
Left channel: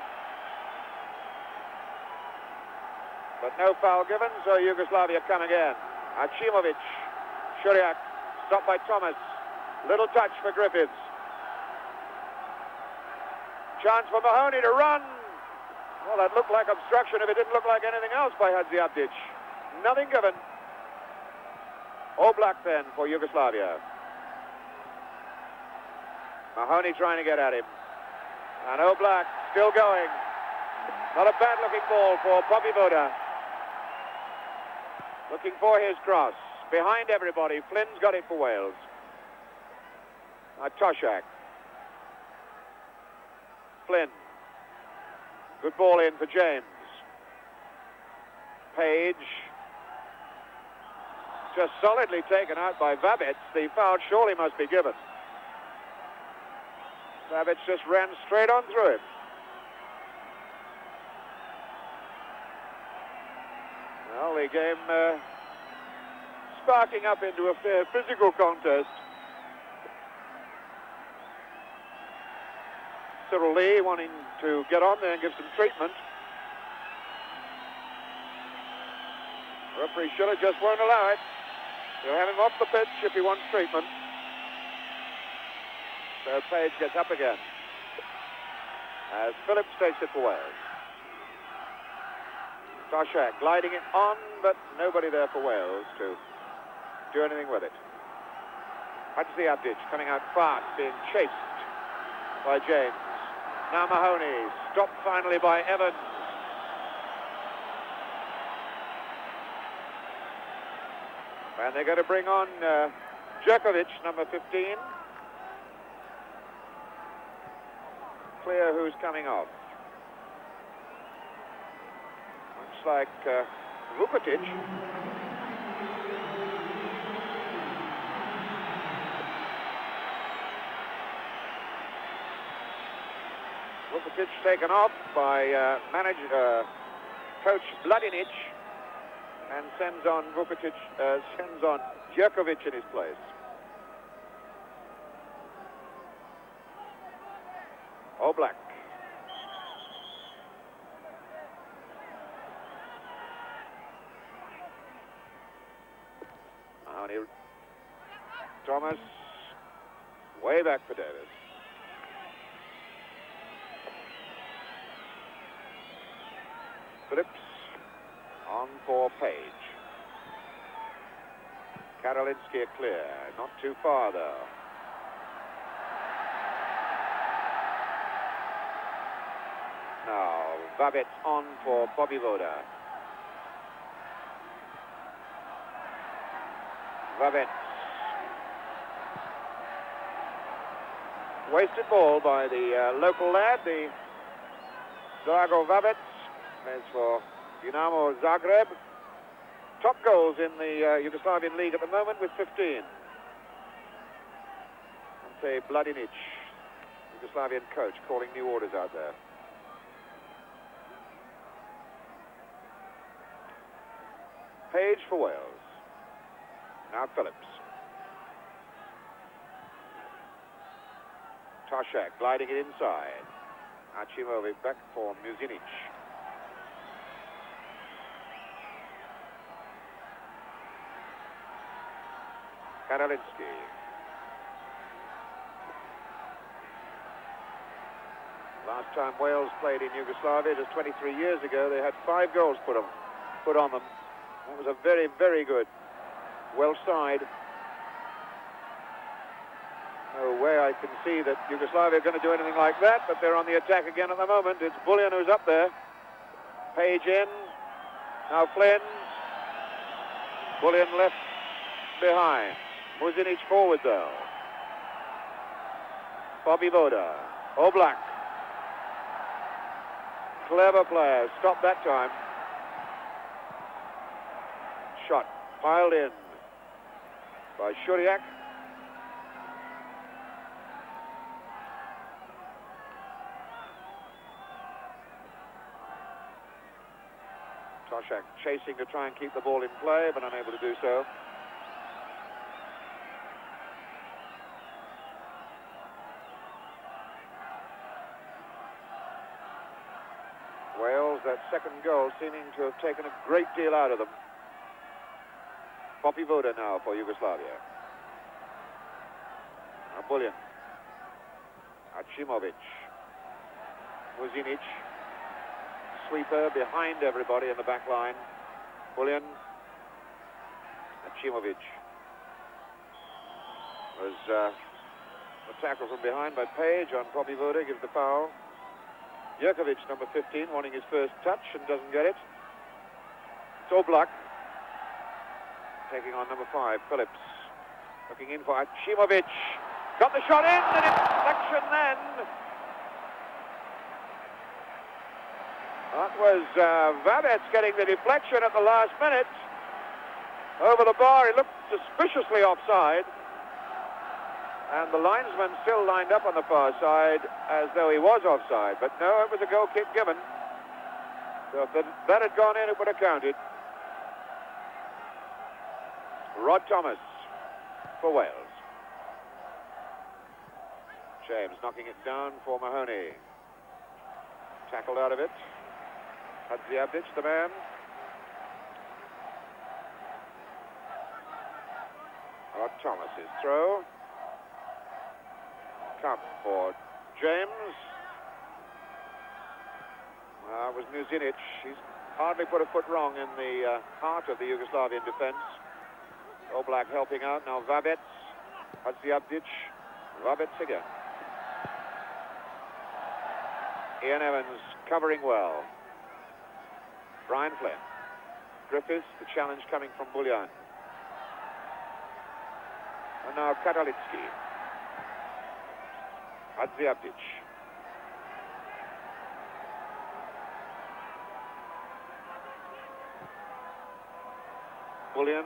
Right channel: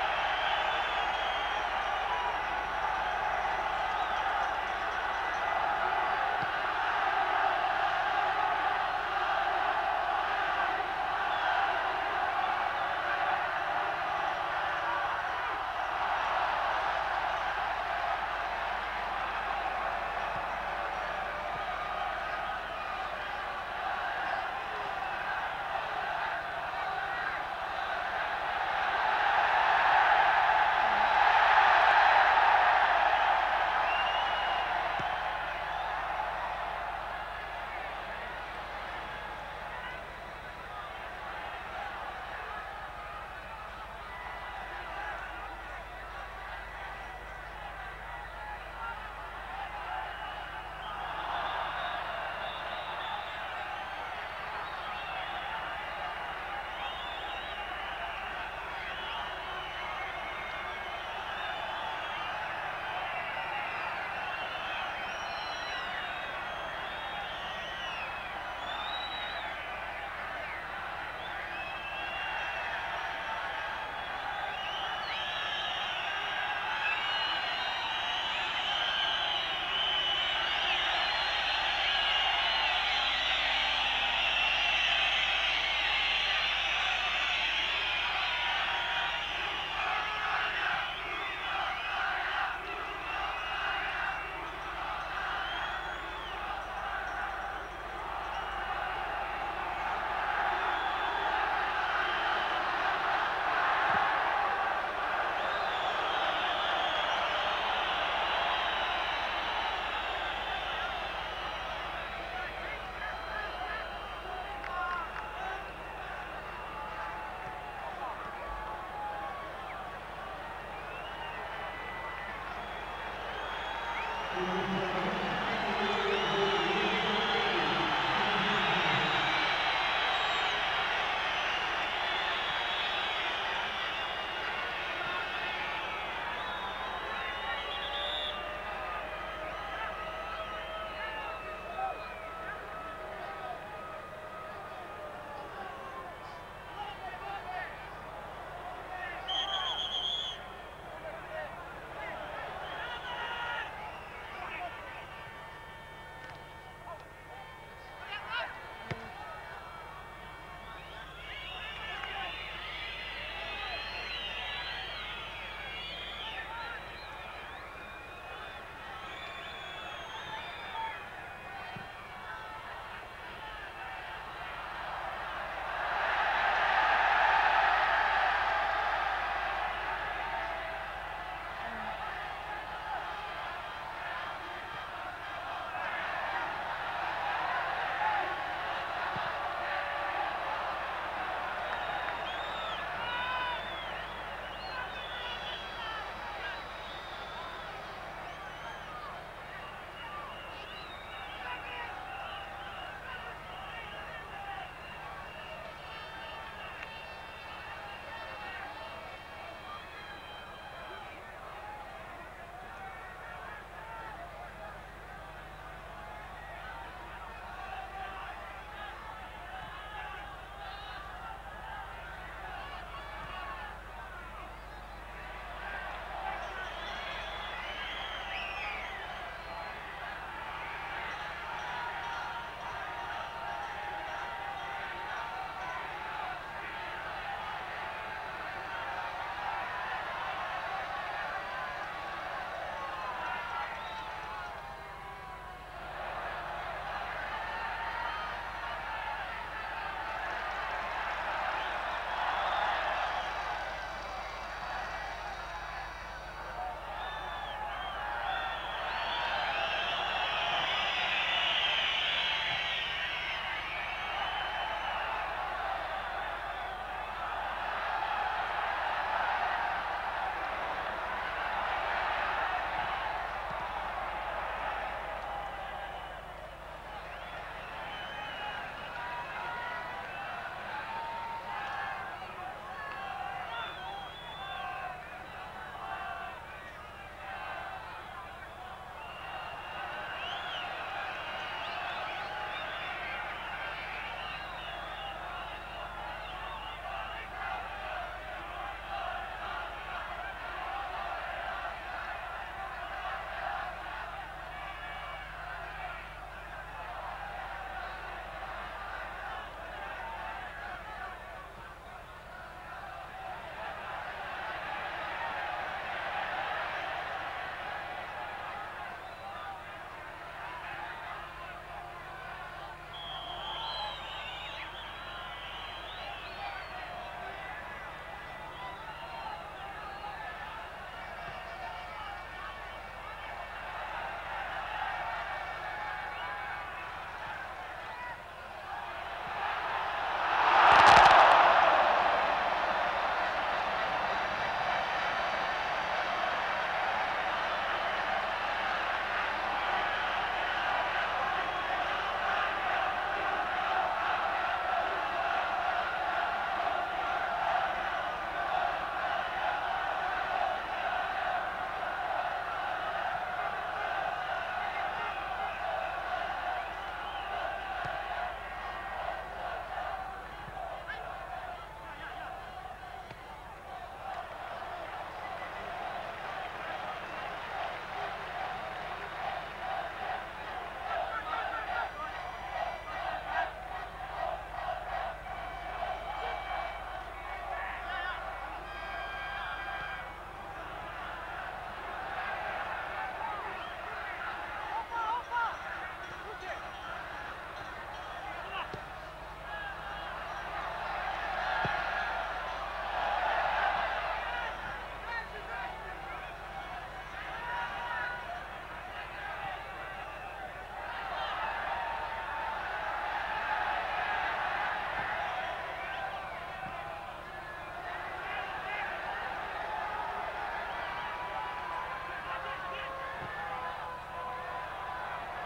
But no foul given, so Yugoslavia come again. Achimovic. Shuriak. Stopped by Thomas. Little touch for Griffith. Chance for Mahoney to run. Well, that looked like obstruction if it didn't look like anything else by Hadziadzic. Nothing given. Oblak then for Yugoslavia. Mahoney trying to get at it. And Oblak still going. Not a bad looking ball for Bobby Voda. Looking for his cross. Behind everybody, Flynn got it for Wales. Now Koshak. Flynn. Good ball in for James. Page. Just solidly taken out by Babbitt. The foul surely must be given. Babbitt just ran straight on through it. Well, the game starting up into a fair physical contest. Cyril Lee wanting to get on there and give some treatment. Referee Schiller just won't allow it. They're having off the pitch if he wants treatment. So Page gets up again. As Phillips takes it away. Koshak gliding it on, but nobody there for Wales to do anything with it. Hadziadzic coming out fast, being chased by James. Now Mahoney, stopped finally by Evans. And they're going to bring on Djokovic, number 15. Clear who's coming off. Looks like Vukovic. Vukovic taken off by coach Vladinic, and sends on Djokovic in his place. Oblak. Thomas, way back to Davis. Phillips on for Page. Karolinsky clear, not too far though. Now Babbitt on for Bobby Voda. Babbitt. Wasted ball by the local lad, the Drago Babbitt. Plays for Dinamo Zagreb. Top goals in the Yugoslavian league at the moment with 15. Say Vladinic, Yugoslavian coach, calling new orders out there. Page for Wales. Now Phillips. Toshak gliding it inside. Achimovic back for Muzinic. Karolinsky. Last time Wales played in Yugoslavia was 23 years ago. They had 5 goals put on them. It was a very, very good Welsh side. No way I can see that Yugoslavia are going to do anything like that, but they're on the attack again at the moment. It's Bullion who's up there. Page in. Now Flynn. Bullion left behind. Muzinic forward though. Bobby Voda. Oblak. Clever player. Stop that time. Shot. Piled in by Shuriak. Toshak chasing to try and keep the ball in play, but unable to do so. Wales, that second goal seeming to have taken a great deal out of them. Bobby Voda now for Yugoslavia. Bullion. Achimovic. Muzinic. Sweeper behind everybody in the back line. Bullion. Achimovic. Was a tackle from behind by Page on Bobby Voda, gives the foul. Djokovic, number 15, wanting his first touch and doesn't get it. Oblak. Taking on number 5, Phillips. Looking in for Achimovic. Got the shot in! That was Vadet getting the deflection at the last minute. Over the bar, he looked suspiciously offside. And the linesman still lined up on the far side as though he was offside. But no, it was a goal kick given. So if that had gone in, it would have counted. Rod Thomas for Wales. James knocking it down for Mahoney. Tackled out of it. Hadziadzic, the man. Rod Thomas is throw. Tough for James. Now with Muzinic. He hardly put a foot wrong in the heart of the Yugoslavian defense. Oblak helping out. Now Vabet. Hadziabdic. Vabet again. Ian Evans covering well. Brian Flynn. Griffiths, the challenge coming from Bullion. And now Katalitsky. Hadziabdic. Bullion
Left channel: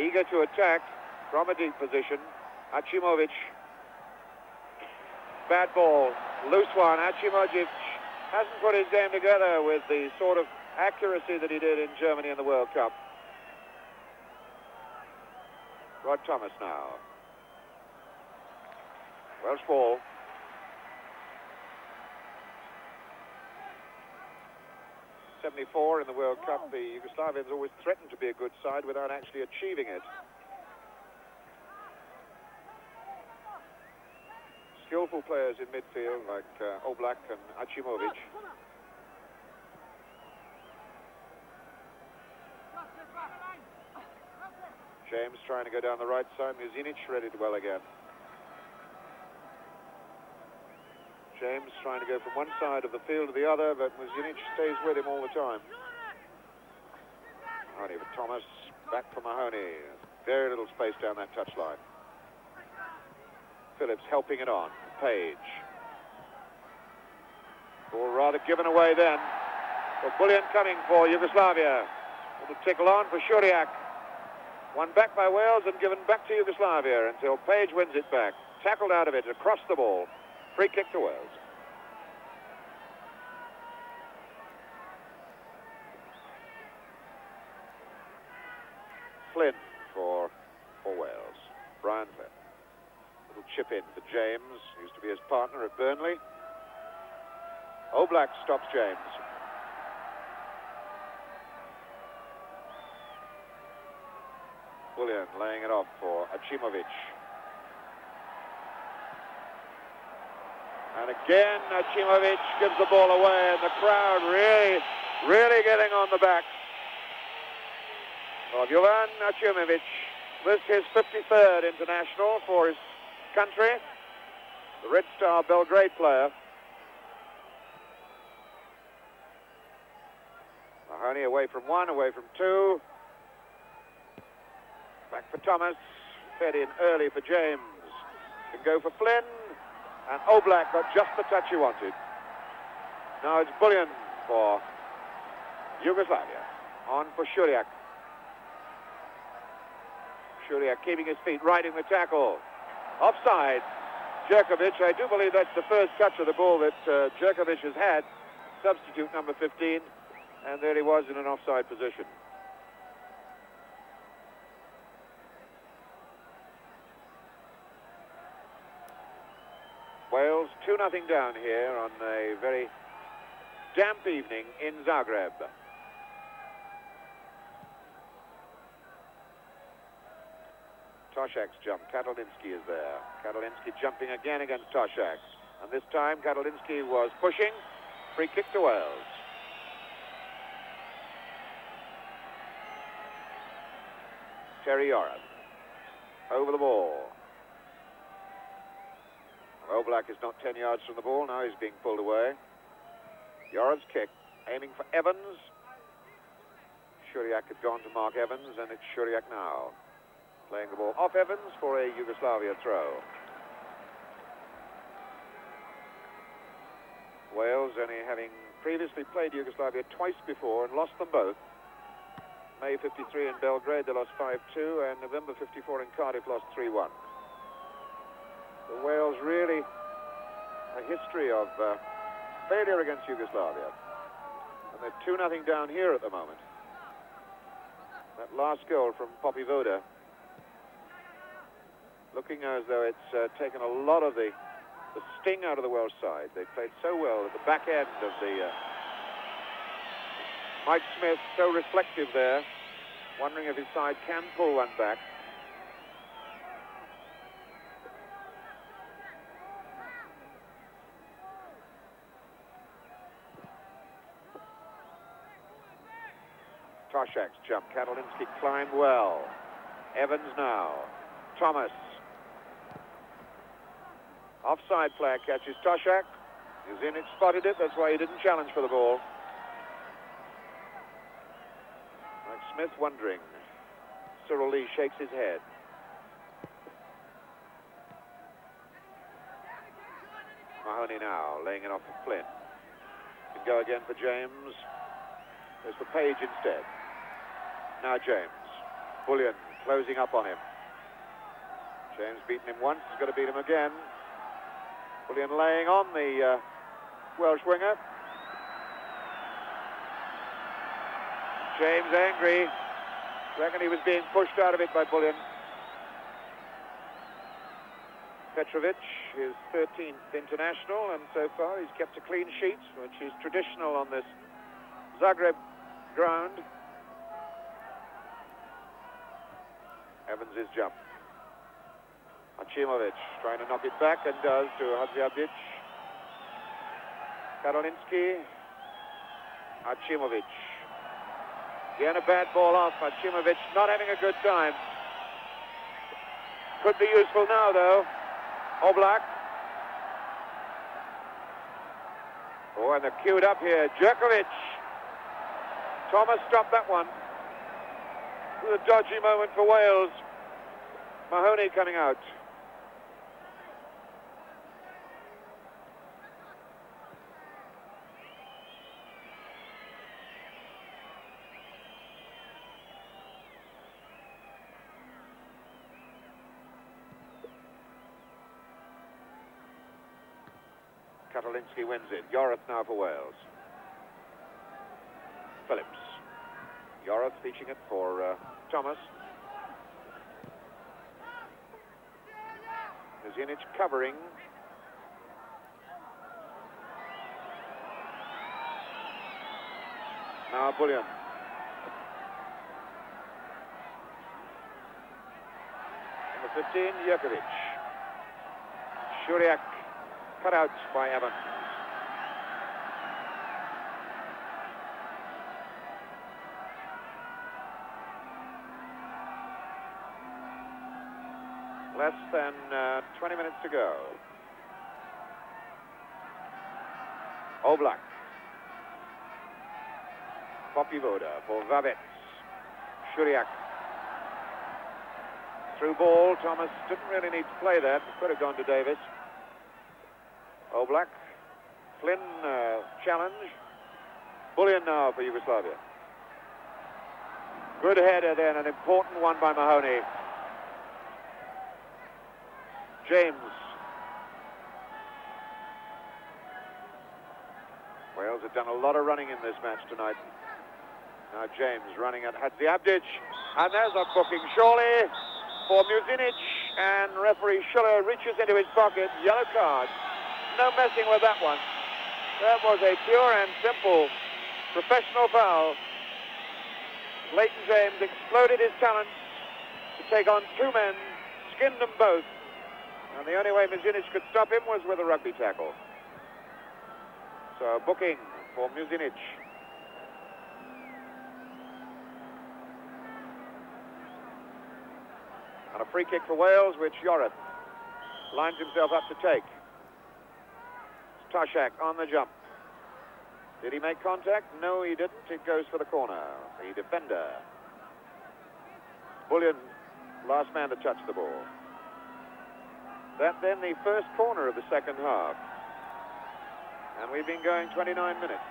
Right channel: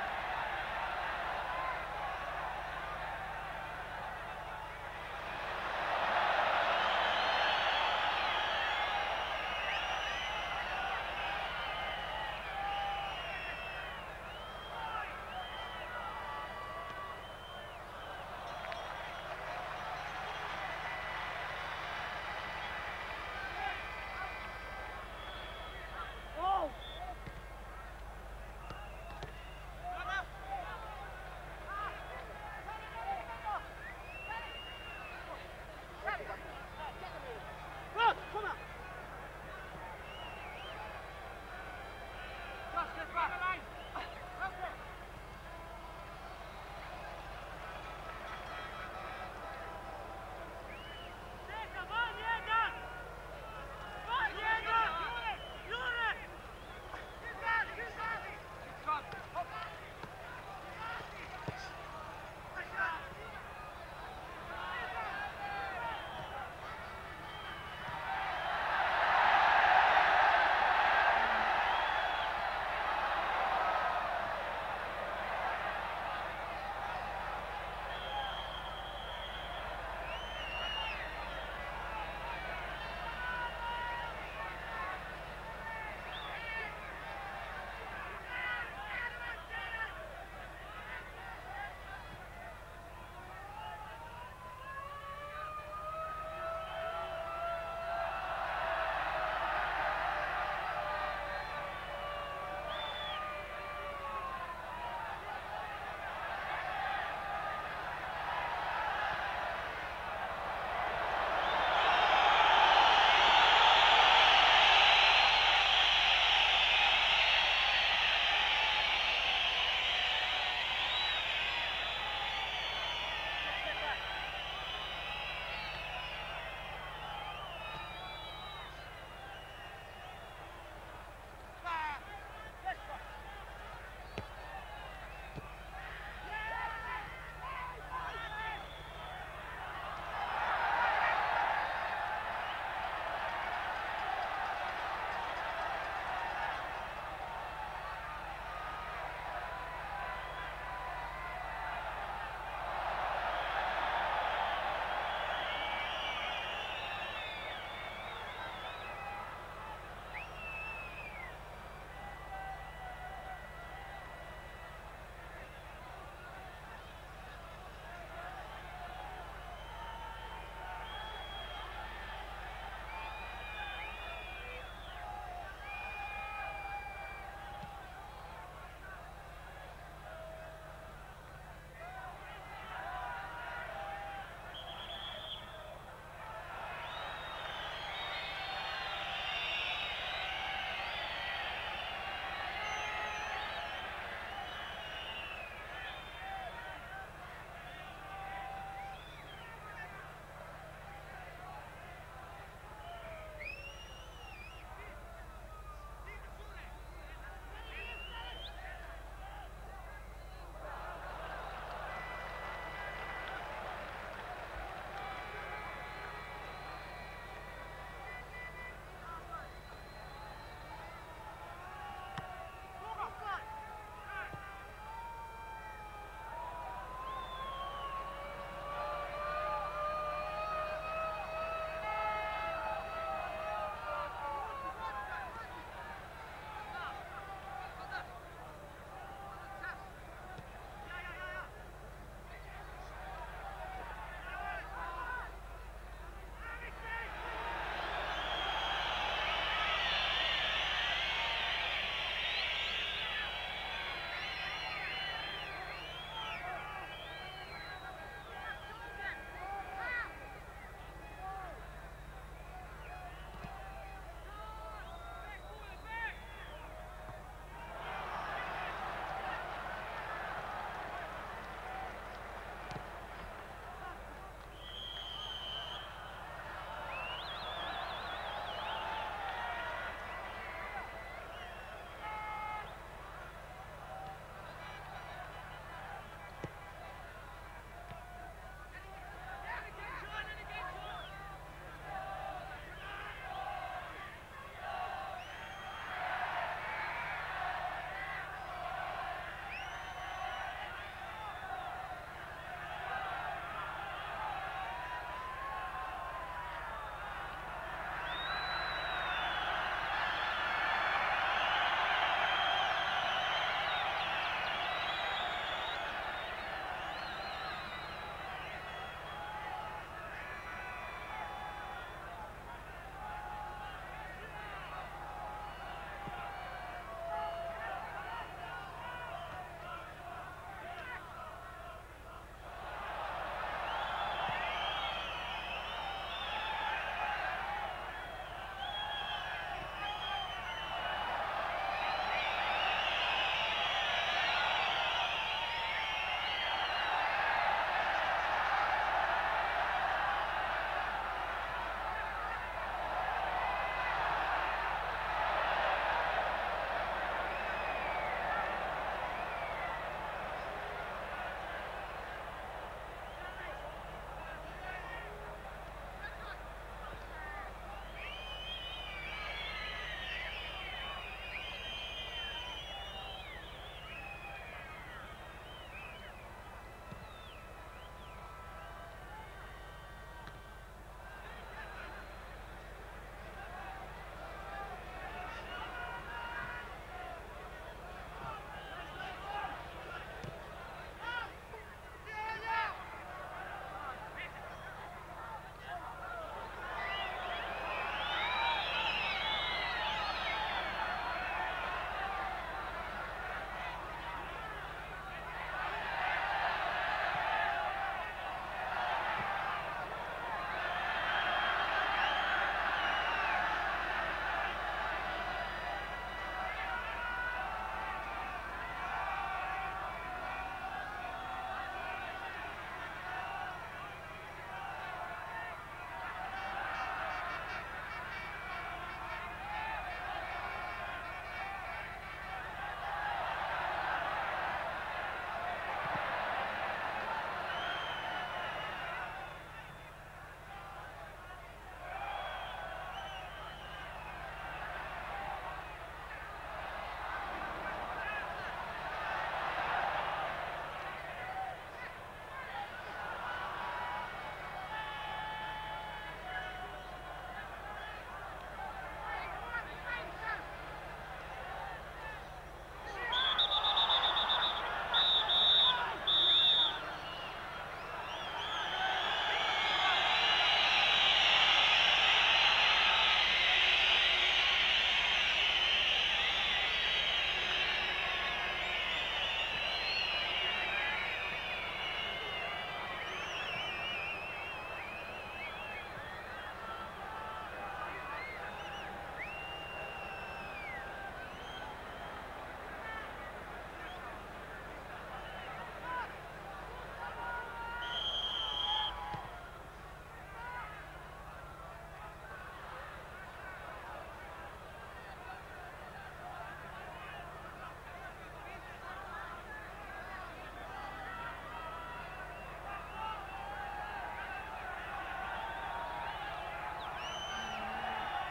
eager to attack from a deep position. Achimovic. Bad ball. Loose one. Achimovic hasn't put his game together with the sort of accuracy that he did in Germany in the World Cup. Rod Thomas now. Welsh ball. '74 in the World Cup, the Yugoslavians always threatened to be a good side without actually achieving it. Skillful players in midfield like Oblak and Achimovic. James trying to go down the right side. Muzinic ready to well again. James trying to go from one side of the field to the other, but Muzinic stays with him all the time. Mahoney with Thomas, back for Mahoney. Very little space down that touchline. Phillips helping it on. Page. Ball rather given away then. The Bullion coming for Yugoslavia. The tickle on for Shuriak. Won back by Wales and given back to Yugoslavia until Page wins it back. Tackled out of it across the ball. Free kick to Wales. Flynn for Wales. Brian Flynn. Little chip in to James. Used to be his partner at Burnley. Oblak stops James. Bullion laying it off for Achimovic. And again, Achimovic gives the ball away, and the crowd really getting on the back of Jovan Achimovic. This is his 53rd international for his country, the Red Star Belgrade player. Mahoney away from one, away from two. Back for Thomas, fed in early for James. To go for Flynn, and Oblak got just the touch he wanted. Now it's Bullion for Yugoslavia. On for Shuriak. Shuriak keeping his feet right in the tackle. Offside. Jerkovic, I do believe that's the first touch of the ball that Jerkovic has had. Substitute number 15, and there he was in an offside position. Wales 2-0 down here on a very damp evening in Zagreb. Toshak's jump. Katalitsky is there. Katalitsky jumping again against Toshak. And this time Katalitsky was pushing. Free kick to Wales. Terry Yoram. Over the ball. Oblak is not 10 yards from the ball. Now he's being pulled away. Yoram's kick. Aiming for Evans. Shuriak has gone to mark Evans, and it's Shuriak now. Playing the ball off Evans for a Yugoslavia throw. Wales only having previously played Yugoslavia twice before and lost them both. May 53 in Belgrade, they lost 5-2, and November 54 in Cardiff, lost 3-1. So Wales really a history of failure against Yugoslavia. And they're 2-0 down here at the moment. That last goal from Poppy Voda, looking as though it's taken a lot of the sting out of the Welsh side. They played so well at the back end of the... Mike Smith so reflective there, wondering if his side can pull one back. Toshak's jump. Katalitsky climbed well. Evans now. Thomas. Offside flag catches Toshak. Zinic spotted it, that's why he didn't challenge for the ball. And Smith wondering. Cyril Lee shakes his head. Mahoney now, laying it off to Flynn. Go again for James. There's the Page instead. Now James. Bullion closing up on him. James beaten him once, he's got to beat him again. Bullion laying on the Welsh winger. James angry. Reckon he was being pushed out of it by Bullion. Petrovic, his 13th international, and so far he's kept a clean sheet, which is traditional on this Zagreb ground. Evans' jump. Achimovic trying to knock it back, and does to Hadjiadzic. Karolinski. Achimovic. Again a bad ball off. Achimovic not having a good time. Could be useful now though. Oblak. Oh, and they're queued up here. Djokovic. Thomas dropped that one. It was a dodgy moment for Wales. Mahoney coming out. Karolinski wins it. Yorath now for Wales. Phillips. Yorath teaching it for Thomas. Zinic covering. Now Bullion. The 15, Djokovic. Shuriak cut out by Evans. Less than 20 minutes to go. Oblak. Popivoda for Vavek. Shuriak. Through ball. Thomas didn't really need to play that. Could have gone to Davis. Oblak. Flynn challenge. Bullion now for Yugoslavia. Good header then, an important one by Mahoney. James. Wales have done a lot of running in this match tonight. Now James running at Hadjiadzic. And there's a booking surely for Muzinic. And referee Schiller reaches into his pocket. Yellow card. No messing with that one. That was a pure and simple professional foul. Leighton James exploded his talent to take on two men, skinned them both. And the only way Muzinic could stop him was with a rugby tackle. So booking for Muzinic. And a free kick for Wales, which Yorath lines himself up to take. Toshak on the jump. Did he make contact? No, he didn't. It goes for the corner. The defender. Bullion, last man to touch the ball. That's then the first corner of the second half. And we've been going 29 minutes.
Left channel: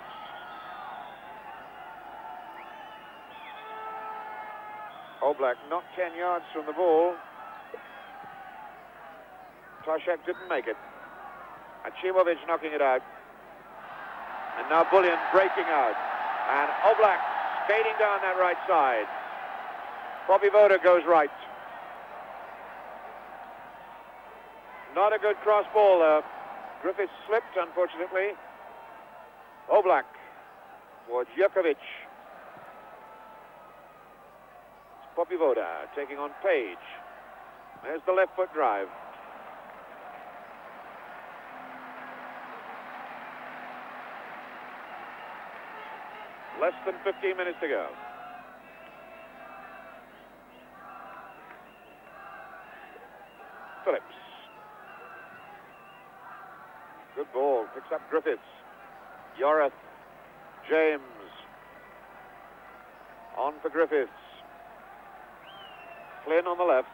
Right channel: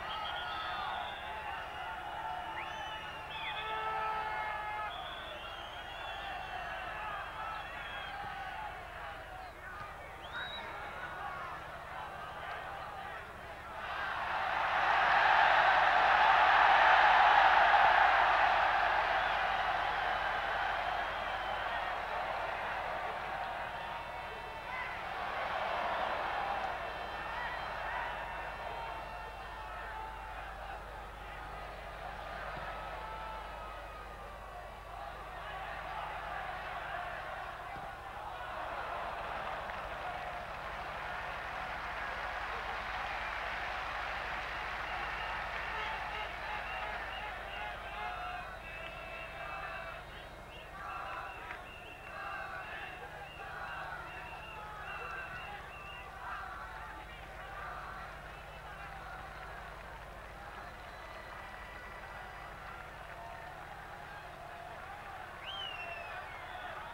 Oblak not 10 yards from the ball. Toshak didn't make it. Achimovic knocking it out. And now Bullion breaking out. And Oblak fading down that right side. Popivoda goes right. Not a good cross ball though. Griffiths slips, unfortunately. Oblak for Djokovic. Popivoda taking on Page. There's the left foot drive. Less than 15 minutes to go. Good ball. Picks up Griffiths. Yorath. James. On for Griffiths. Flynn on the left.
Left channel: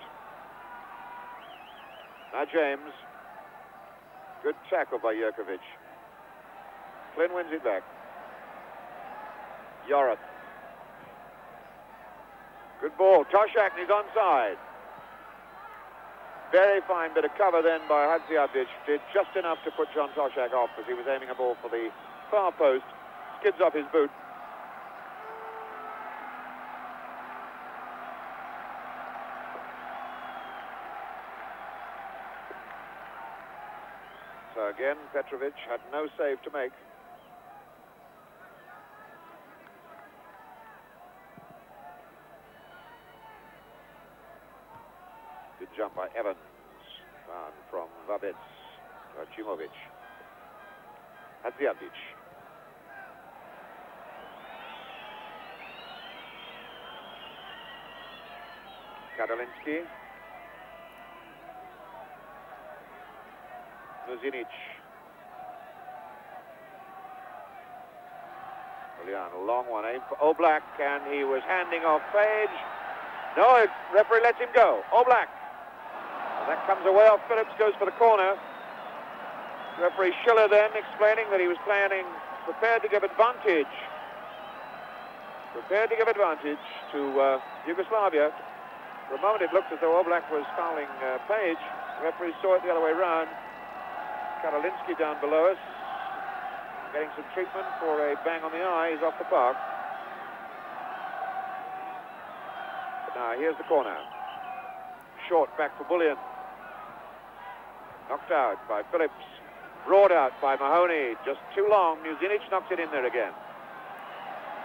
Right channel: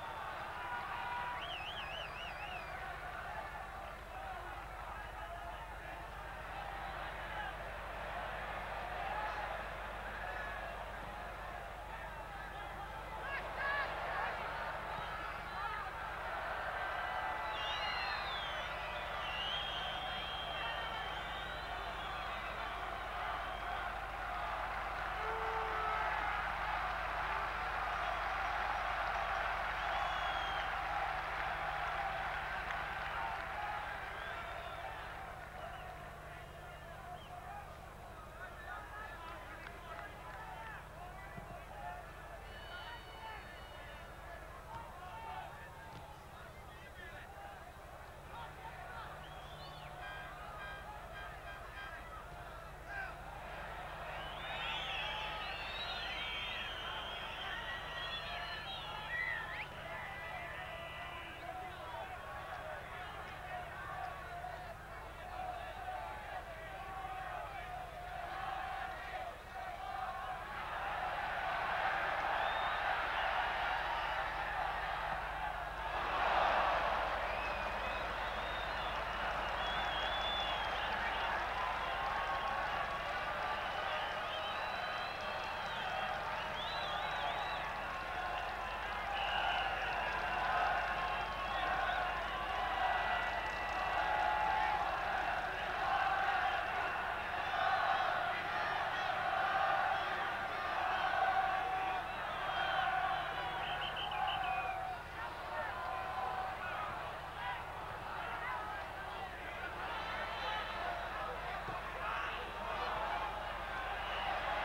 Now James. Good tackle by Jerkovic. Flynn wins it back. Yorath. Good ball. Toshak is onside. Very fine bit of cover then by Hadziadzic. Did just enough to put John Toshak off as he was aiming a ball for the far post. Skids off his boot. So again, Petrovic had no save to make. Good jump by Evans. From Vabets. Rachimovic. Hadziadzic. Kadalinsky. Nuzinic. A long one, aimed for Oblak, and he was handing off Page. No, referee lets him go. Oblak. That comes away off Phillips, goes for the corner. Referee Schiller then explaining that he was prepared to give advantage. Prepared to give advantage to Yugoslavia. For the moment it looked as though Oblak was fouling Page. The referee saw it the other way round. Karolinsky down below us. Getting some treatment for a bang on the eye. He's off the park. But now here's the corner. Short back for Bullion. Knocked out by Phillips. Brought out by Mahoney. Just too long. Nuzinic knocked it in there again.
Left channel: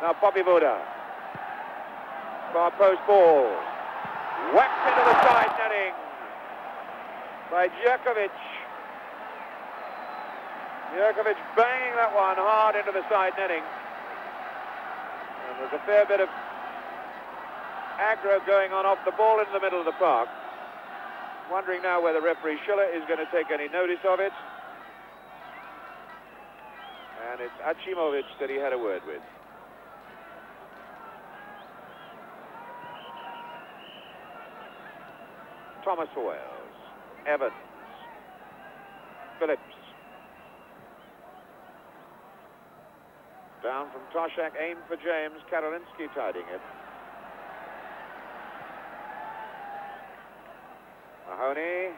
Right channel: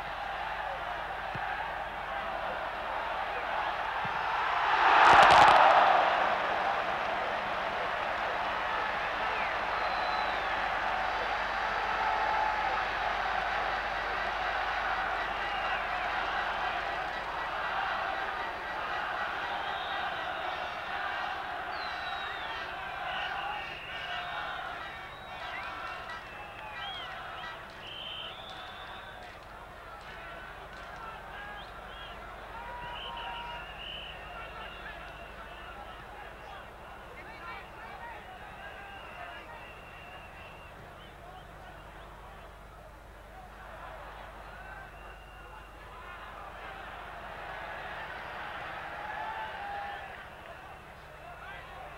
Now Poppy Buda. Far post ball. Whacked into the side netting by Jerkovic. Jerkovic banging that one hard into the side netting. And there's a fair bit of aggro going on off the ball in the middle of the park. Wondering now whether referee Schiller is going to take any notice of it. And it's Achimovic that he had a word with. Thomas for Wales. Evans. Phillips. Down from Toshak, aimed for James. Karolinsky tidying it. Mahoney.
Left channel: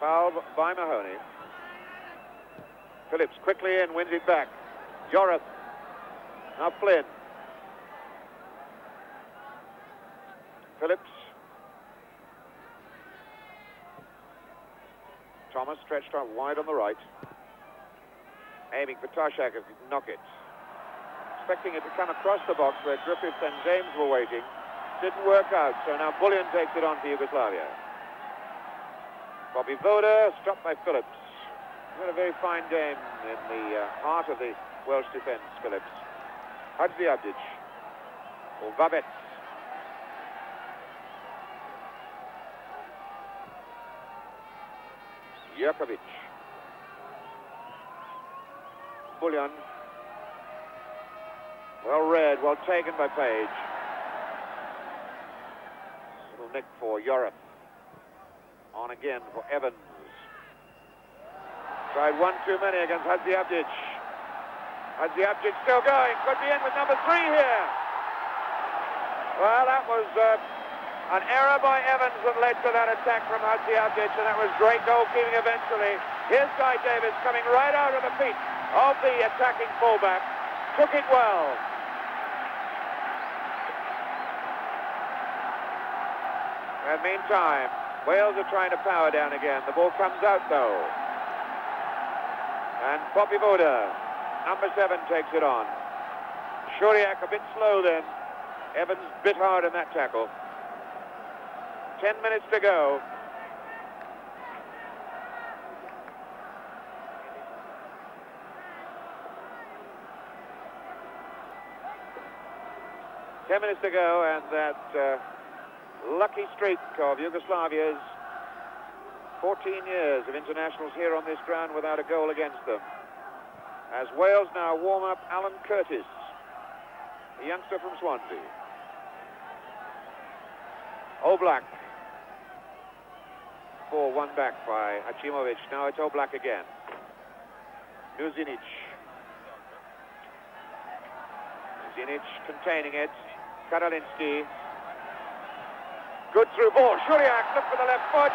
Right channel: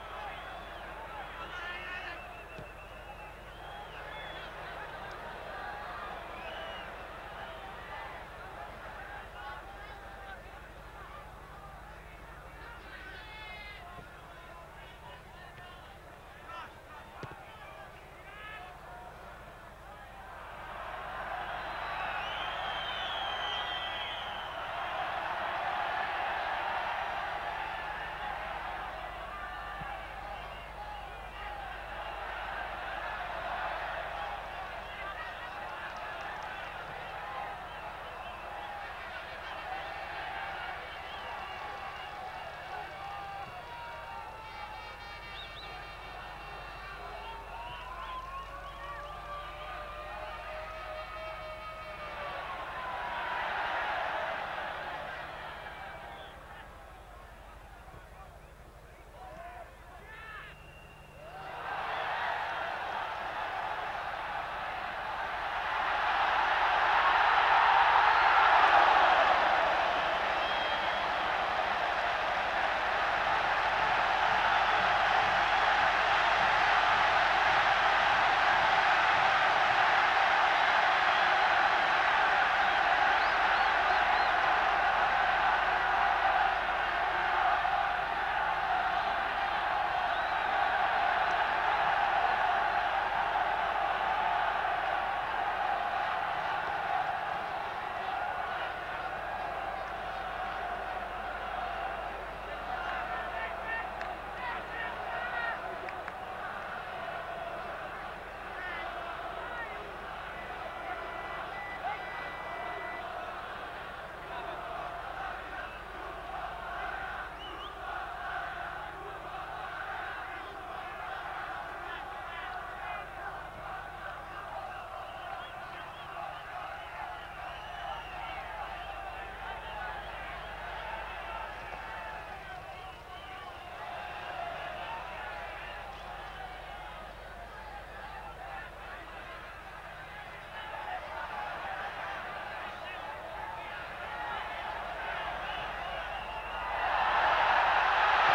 Foul by Mahoney. Phillips quickly in, wins it back. Yorath. Now Flynn. Phillips. Thomas stretched out wide on the right. Aiming for Toshak as he can knock it. Expecting it to come across the box where Griffiths and James were waiting. Didn't work out, so now Bullion takes it on to Yugoslavia. Bobby Voda, stopped by Phillips. Had a very fine game in the heart of the Welsh defence, Phillips. Hadziadzic. Vabet. Jerkovic. Bullion. Well read, well taken by Page. Little nick for Yorath. On again for Evans. Tried one too many against Hadziadzic. Hadziadzic still going. Could be in with number 3 here. Well, that was an error by Evans that led to that attack from Hadziadzic, and it was great goalkeeping eventually. Here's Guy Davis coming right out of the feet of the attacking fullback. Took it well. And meantime, Wales are trying to power down again. The ball comes out though. And Poppy Buda, number 7, takes it on. Shuriak a bit slow then. Evans bit hard in that tackle. 10 minutes to go. And that lucky streak of Yugoslavia's 14 years of internationals here on this ground without a goal against them. As Wales now warm up Alan Curtis, the youngster from Swansea. Oblak. 4-1 back by Achimovic. Now it's Oblak again. Zinic. Zinic containing it. Karoliński. Good through ball. Shuriak took to the left foot.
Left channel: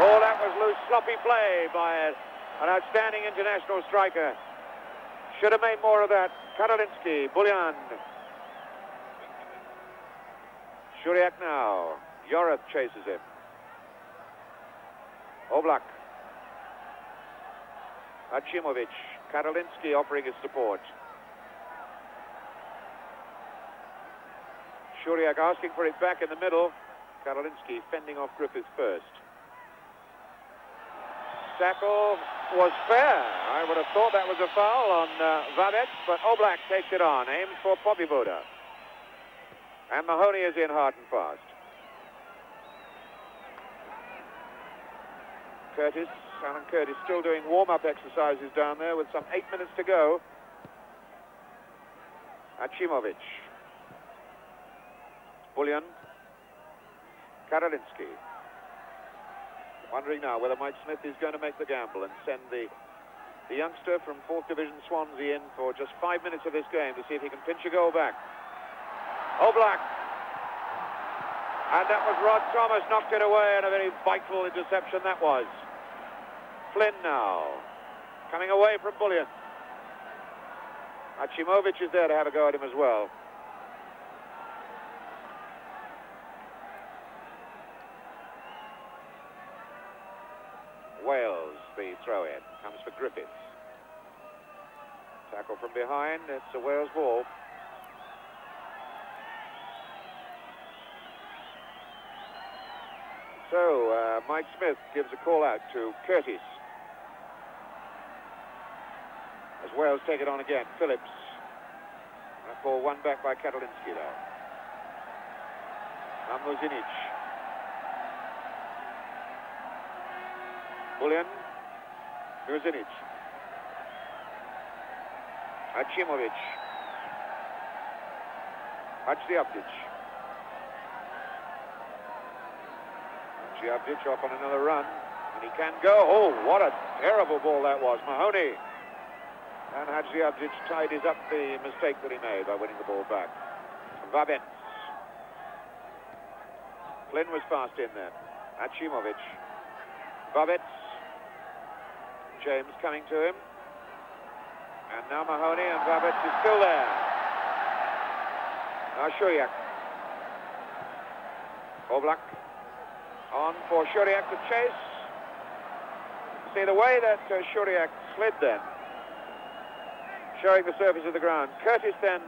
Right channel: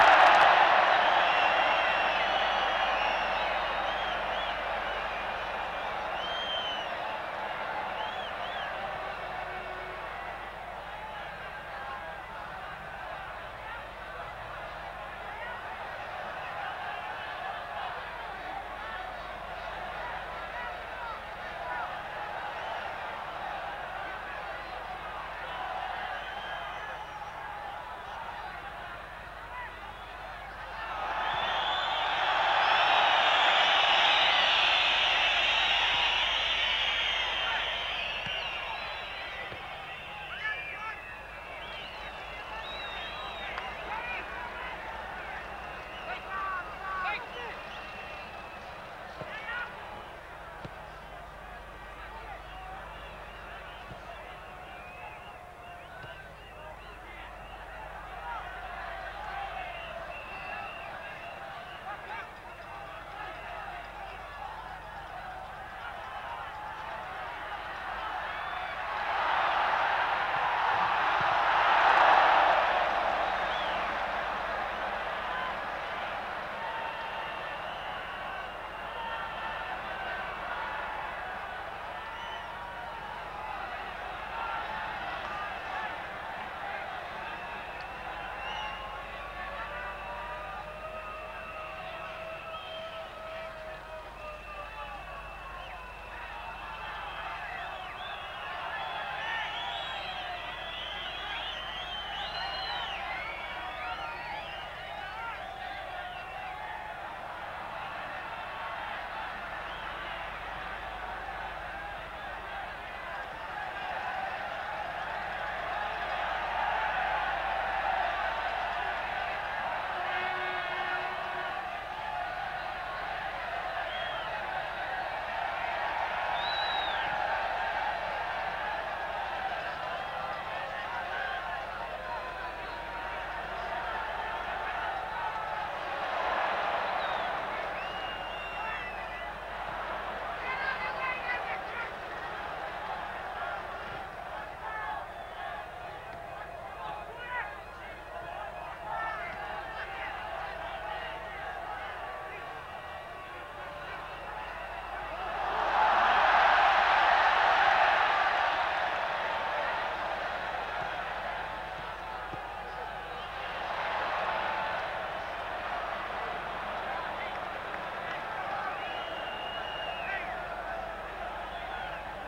Oh, that was loose, sloppy play by an outstanding international striker. Should have made more of that. Karoliński, Bullion. Shuriak now. Joras chases it. Oblak. Achimovic. Karoliński offering his support. Shuriak asking for it back in the middle. Karoliński fending off Griffiths first. Tackle was fair. I would have thought that was a foul on Vadet, but Oblak takes it on, aims for Popivoda. And Mahoney is in hard and fast. Alan Curtis still doing warm-up exercises down there with some 8 minutes to go. Achimovic. Bullion. Karoliński. Wondering now whether Mike Smith is going to make the gamble and send the youngster from 4th Division Swansea in for just 5 minutes of this game to see if he can pinch a goal back. Oblak. And that was Rod Thomas, knocked it away, and a very vital interception that was. Flynn now. Coming away from Bullion. Achimovic is there to have a go at him as well. Wales, the throw-in, comes to Griffiths. Tackle from behind, it's the Wales ball. So, Mike Smith gives the call out to Curtis. As Wales take it on again, Phillips. Ball one back by Karoliński. And Zinic. Bullion. Zinic. Achimovic. Achimovic. Just off on another run. He can go. Oh, what a terrible ball that was. Mahoney. And Hadjiavjic tidies up the mistake that he made by winning the ball back. Babin. Flynn was fast in there. Achimovic. Babin. James coming to him. And now Mahoney, and Babin is still there. Now Shuriak. Oblak. On for Shuriak to chase. See the way that Shuriak slid there, showing the surface of the ground. Curtis then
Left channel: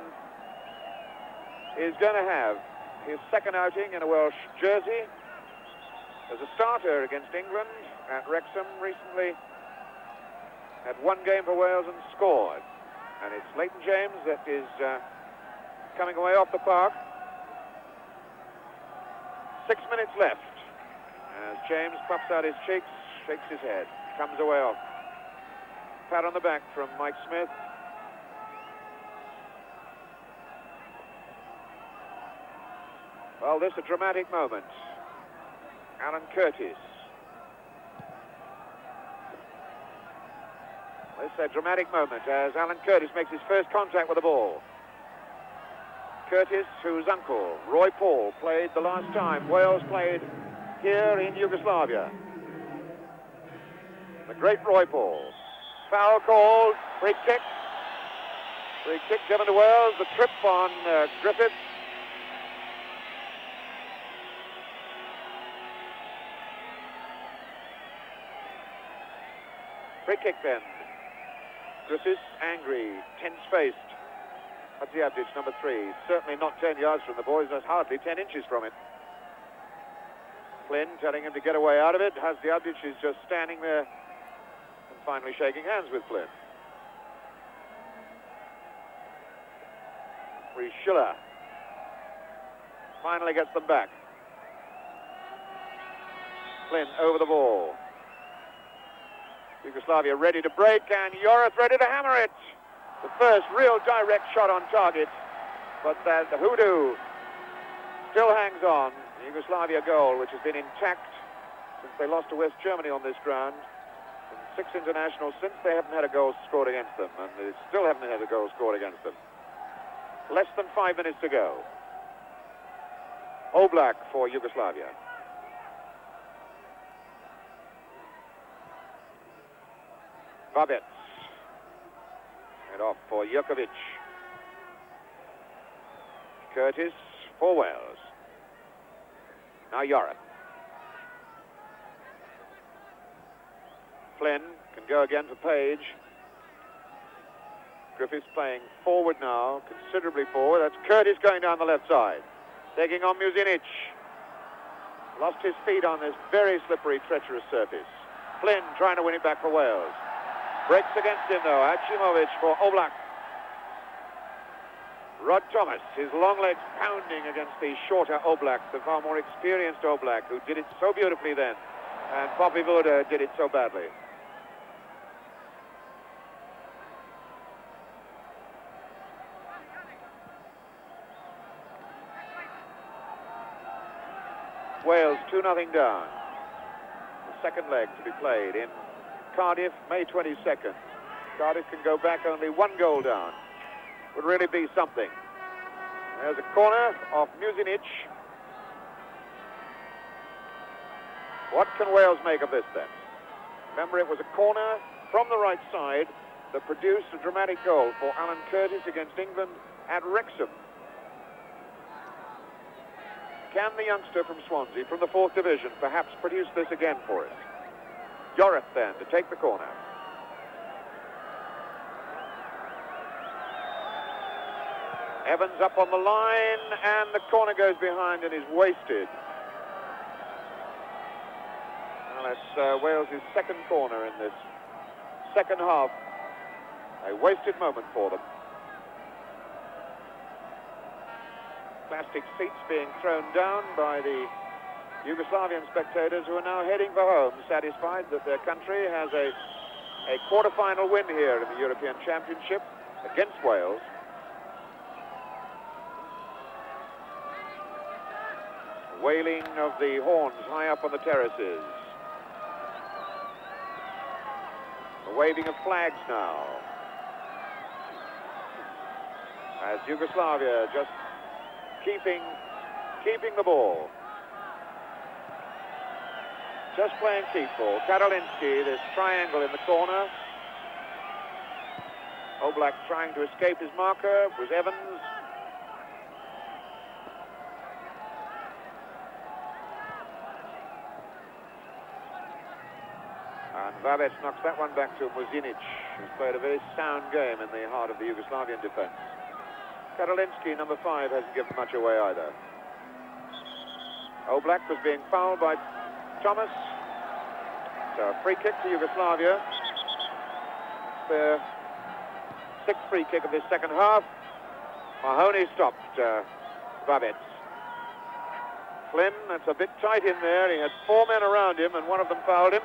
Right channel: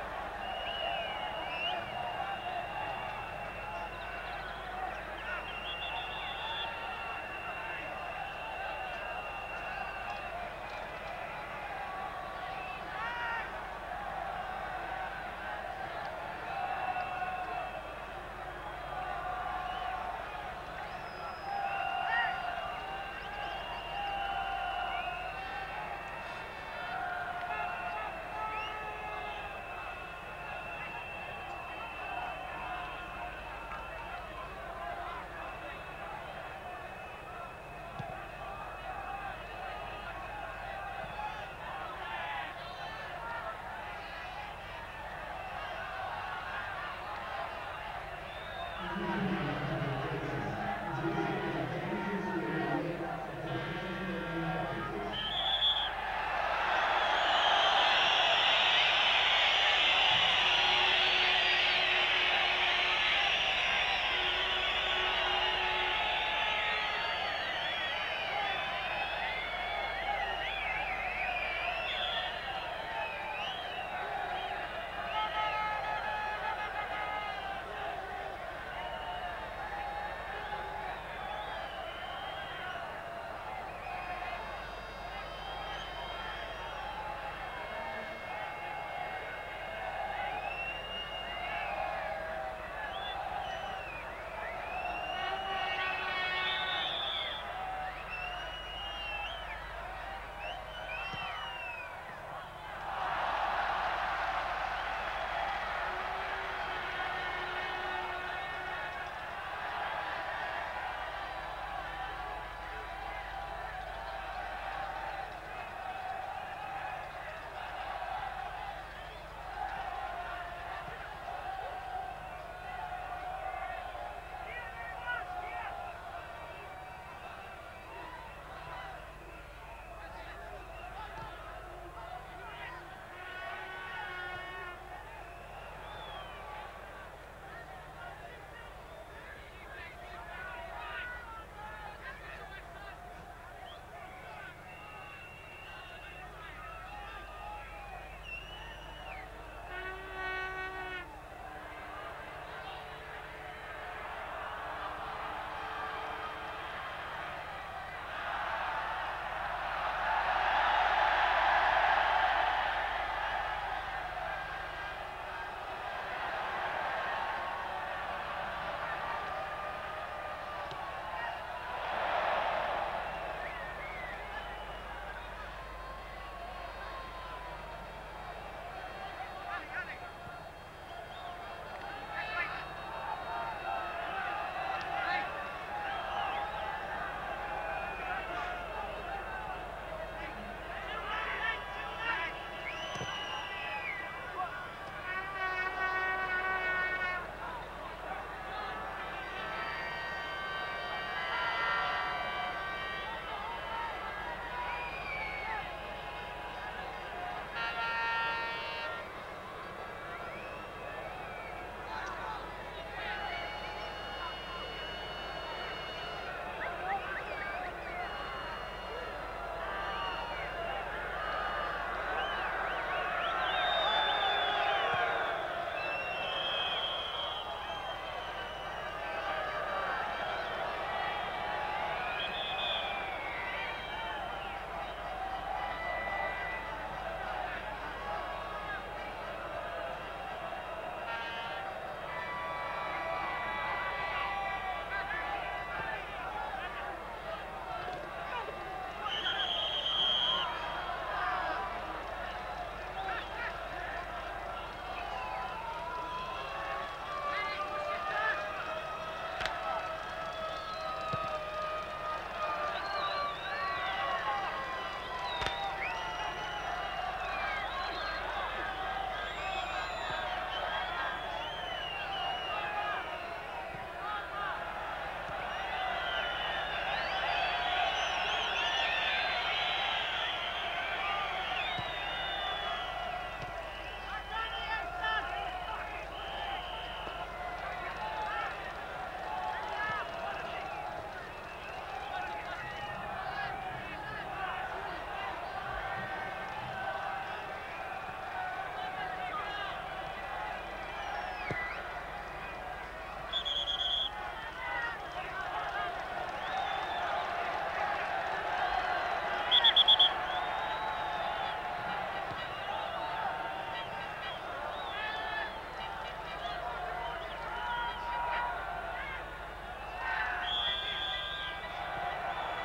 is going to have his second outing in a Welsh jersey. As a starter against England, and Wrexham recently had one game for Wales and scored. And it's Leighton James that is coming away off the park. 6 minutes left. James puffs out his cheeks, shakes his head, comes away off. Pat on the back from Mike Smith. Well, this is a dramatic moment. Alan Curtis. This is a dramatic moment as Alan Curtis makes his first contact with the ball. Curtis, whose uncle, Roy Paul, played the last time Wales played here in Yugoslavia. The great Roy Paul. Foul called, free kick. Free kick given to Wales, the trip on Griffiths. Free kick then. Griffiths angry, tense-faced. Hadjiavjic, number 3. Certainly not 10 yards from the boys, that's hardly 10 inches from him. Flynn telling him to get away out of it. Hadjiavjic is just standing there, finally shaking hands with Flynn. Schiller finally gets them back. Flynn over the ball. Yugoslavia ready to break, and Joris ready to hammer it. The first real direct shot on target, but the hoodoo still hangs on. The Yugoslavia goal, which has been intact since they lost to West Germany on this ground. 6 internationals since, they haven't had a goal scored against them, and they still haven't had a goal scored against them. Less than 5 minutes to go. Oblak for Yugoslavia. Babic. And off for Jurkovic. Curtis for Wales. Now Joris. Flynn can go again for Page. Griffiths playing forward now, considerably forward. That's Curtis going down the left side. Taking on Muzinic. Lost his feet on this very slippery, treacherous surface. Flynn trying to win it back for Wales. Breaks against him though. Achimovic for Oblak. Rod Thomas, his long legs pounding against the shorter Oblak, the far more experienced Oblak, who did it so beautifully then. And Poppy Voda did it so badly. Wales 2-0 down. Second leg to be played in Cardiff, May 22nd. Cardiff can go back only 1 goal down. Would really be something. There's a corner off Muzinic. What can Wales make of this then? Remember, it was a corner from the right side that produced a dramatic goal for Alan Curtis against England at Wrexham. Can the youngster from Swansea, from the 4th Division, perhaps produce this again for us? Joris then to take the corner. Evans up on the line, and the corner goes behind and is wasted. That's Wales' second corner in this second half. A wasted moment for them. Plastic seats being thrown down by the Yugoslavian spectators, who are now heading for home, satisfied that their country has a quarter-final win here in the European Championship against Wales. Wailing of the horns high up on the terraces. The waving of flags now. As Yugoslavia just keeping the ball. Just playing feetball. Karolinsky, this triangle in the corner. Oblak trying to escape his marker with Evans. And Babic knocked that one back to Muzinic, who played a very sound game in the heart of the Yugoslavian defense. Karolinsky, number 5, hasn't given much away either. Oblak was being fouled by Thomas. So free kick for Yugoslavia. The 6th free kick of this second half. Mahoney stopped Babic. Flynn, that's a bit tight in there. He had 4 men around him, and one of them fouled him.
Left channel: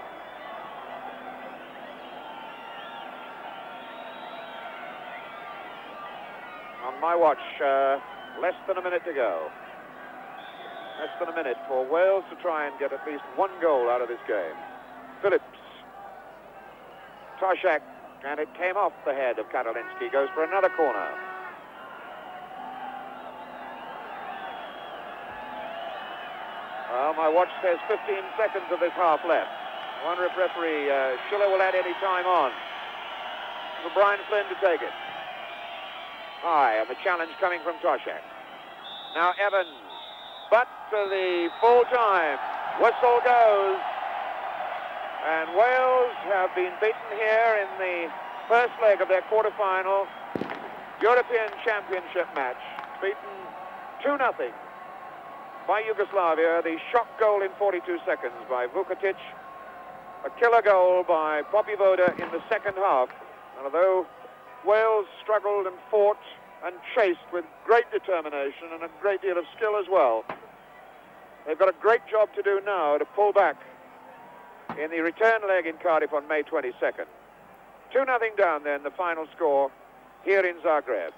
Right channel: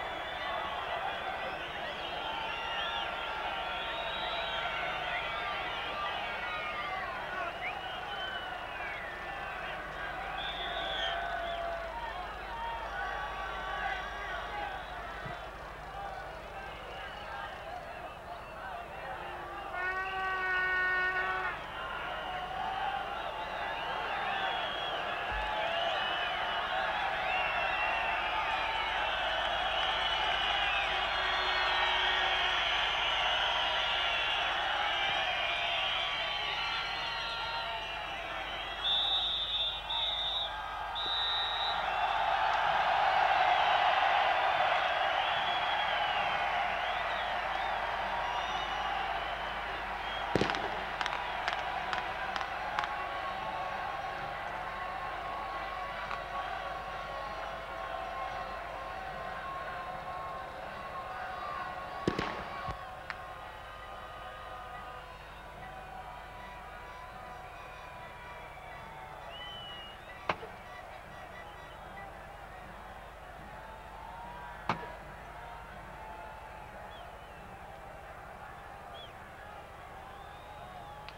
My watch, less than a minute to go. Less than a minute for Wales to try and get at least 1 goal out of this game. Phillips. Toshak, and it came off the head of Karolinsky. Goes for another corner. Well, my watch says 15 seconds of this half left. I wonder if referee Schiller will add any time on. For Brian Flynn to take it. High, and the challenge coming from Toshak. Now Evans, but for the full time. Whistle goes. And Wales have been beaten here in the first leg of their quarter-final European Championship match. Beaten 2-0 by Yugoslavia. The shock goal in 42 seconds by Vukotic. A killer goal by Poppy Voda in the second half. And although Wales struggled and fought and chased with great determination and a great deal of skill as well, they've got a great job to do now to pull back in the return leg in Cardiff on May 22nd. 2-0 down then, the final score here in Zagreb.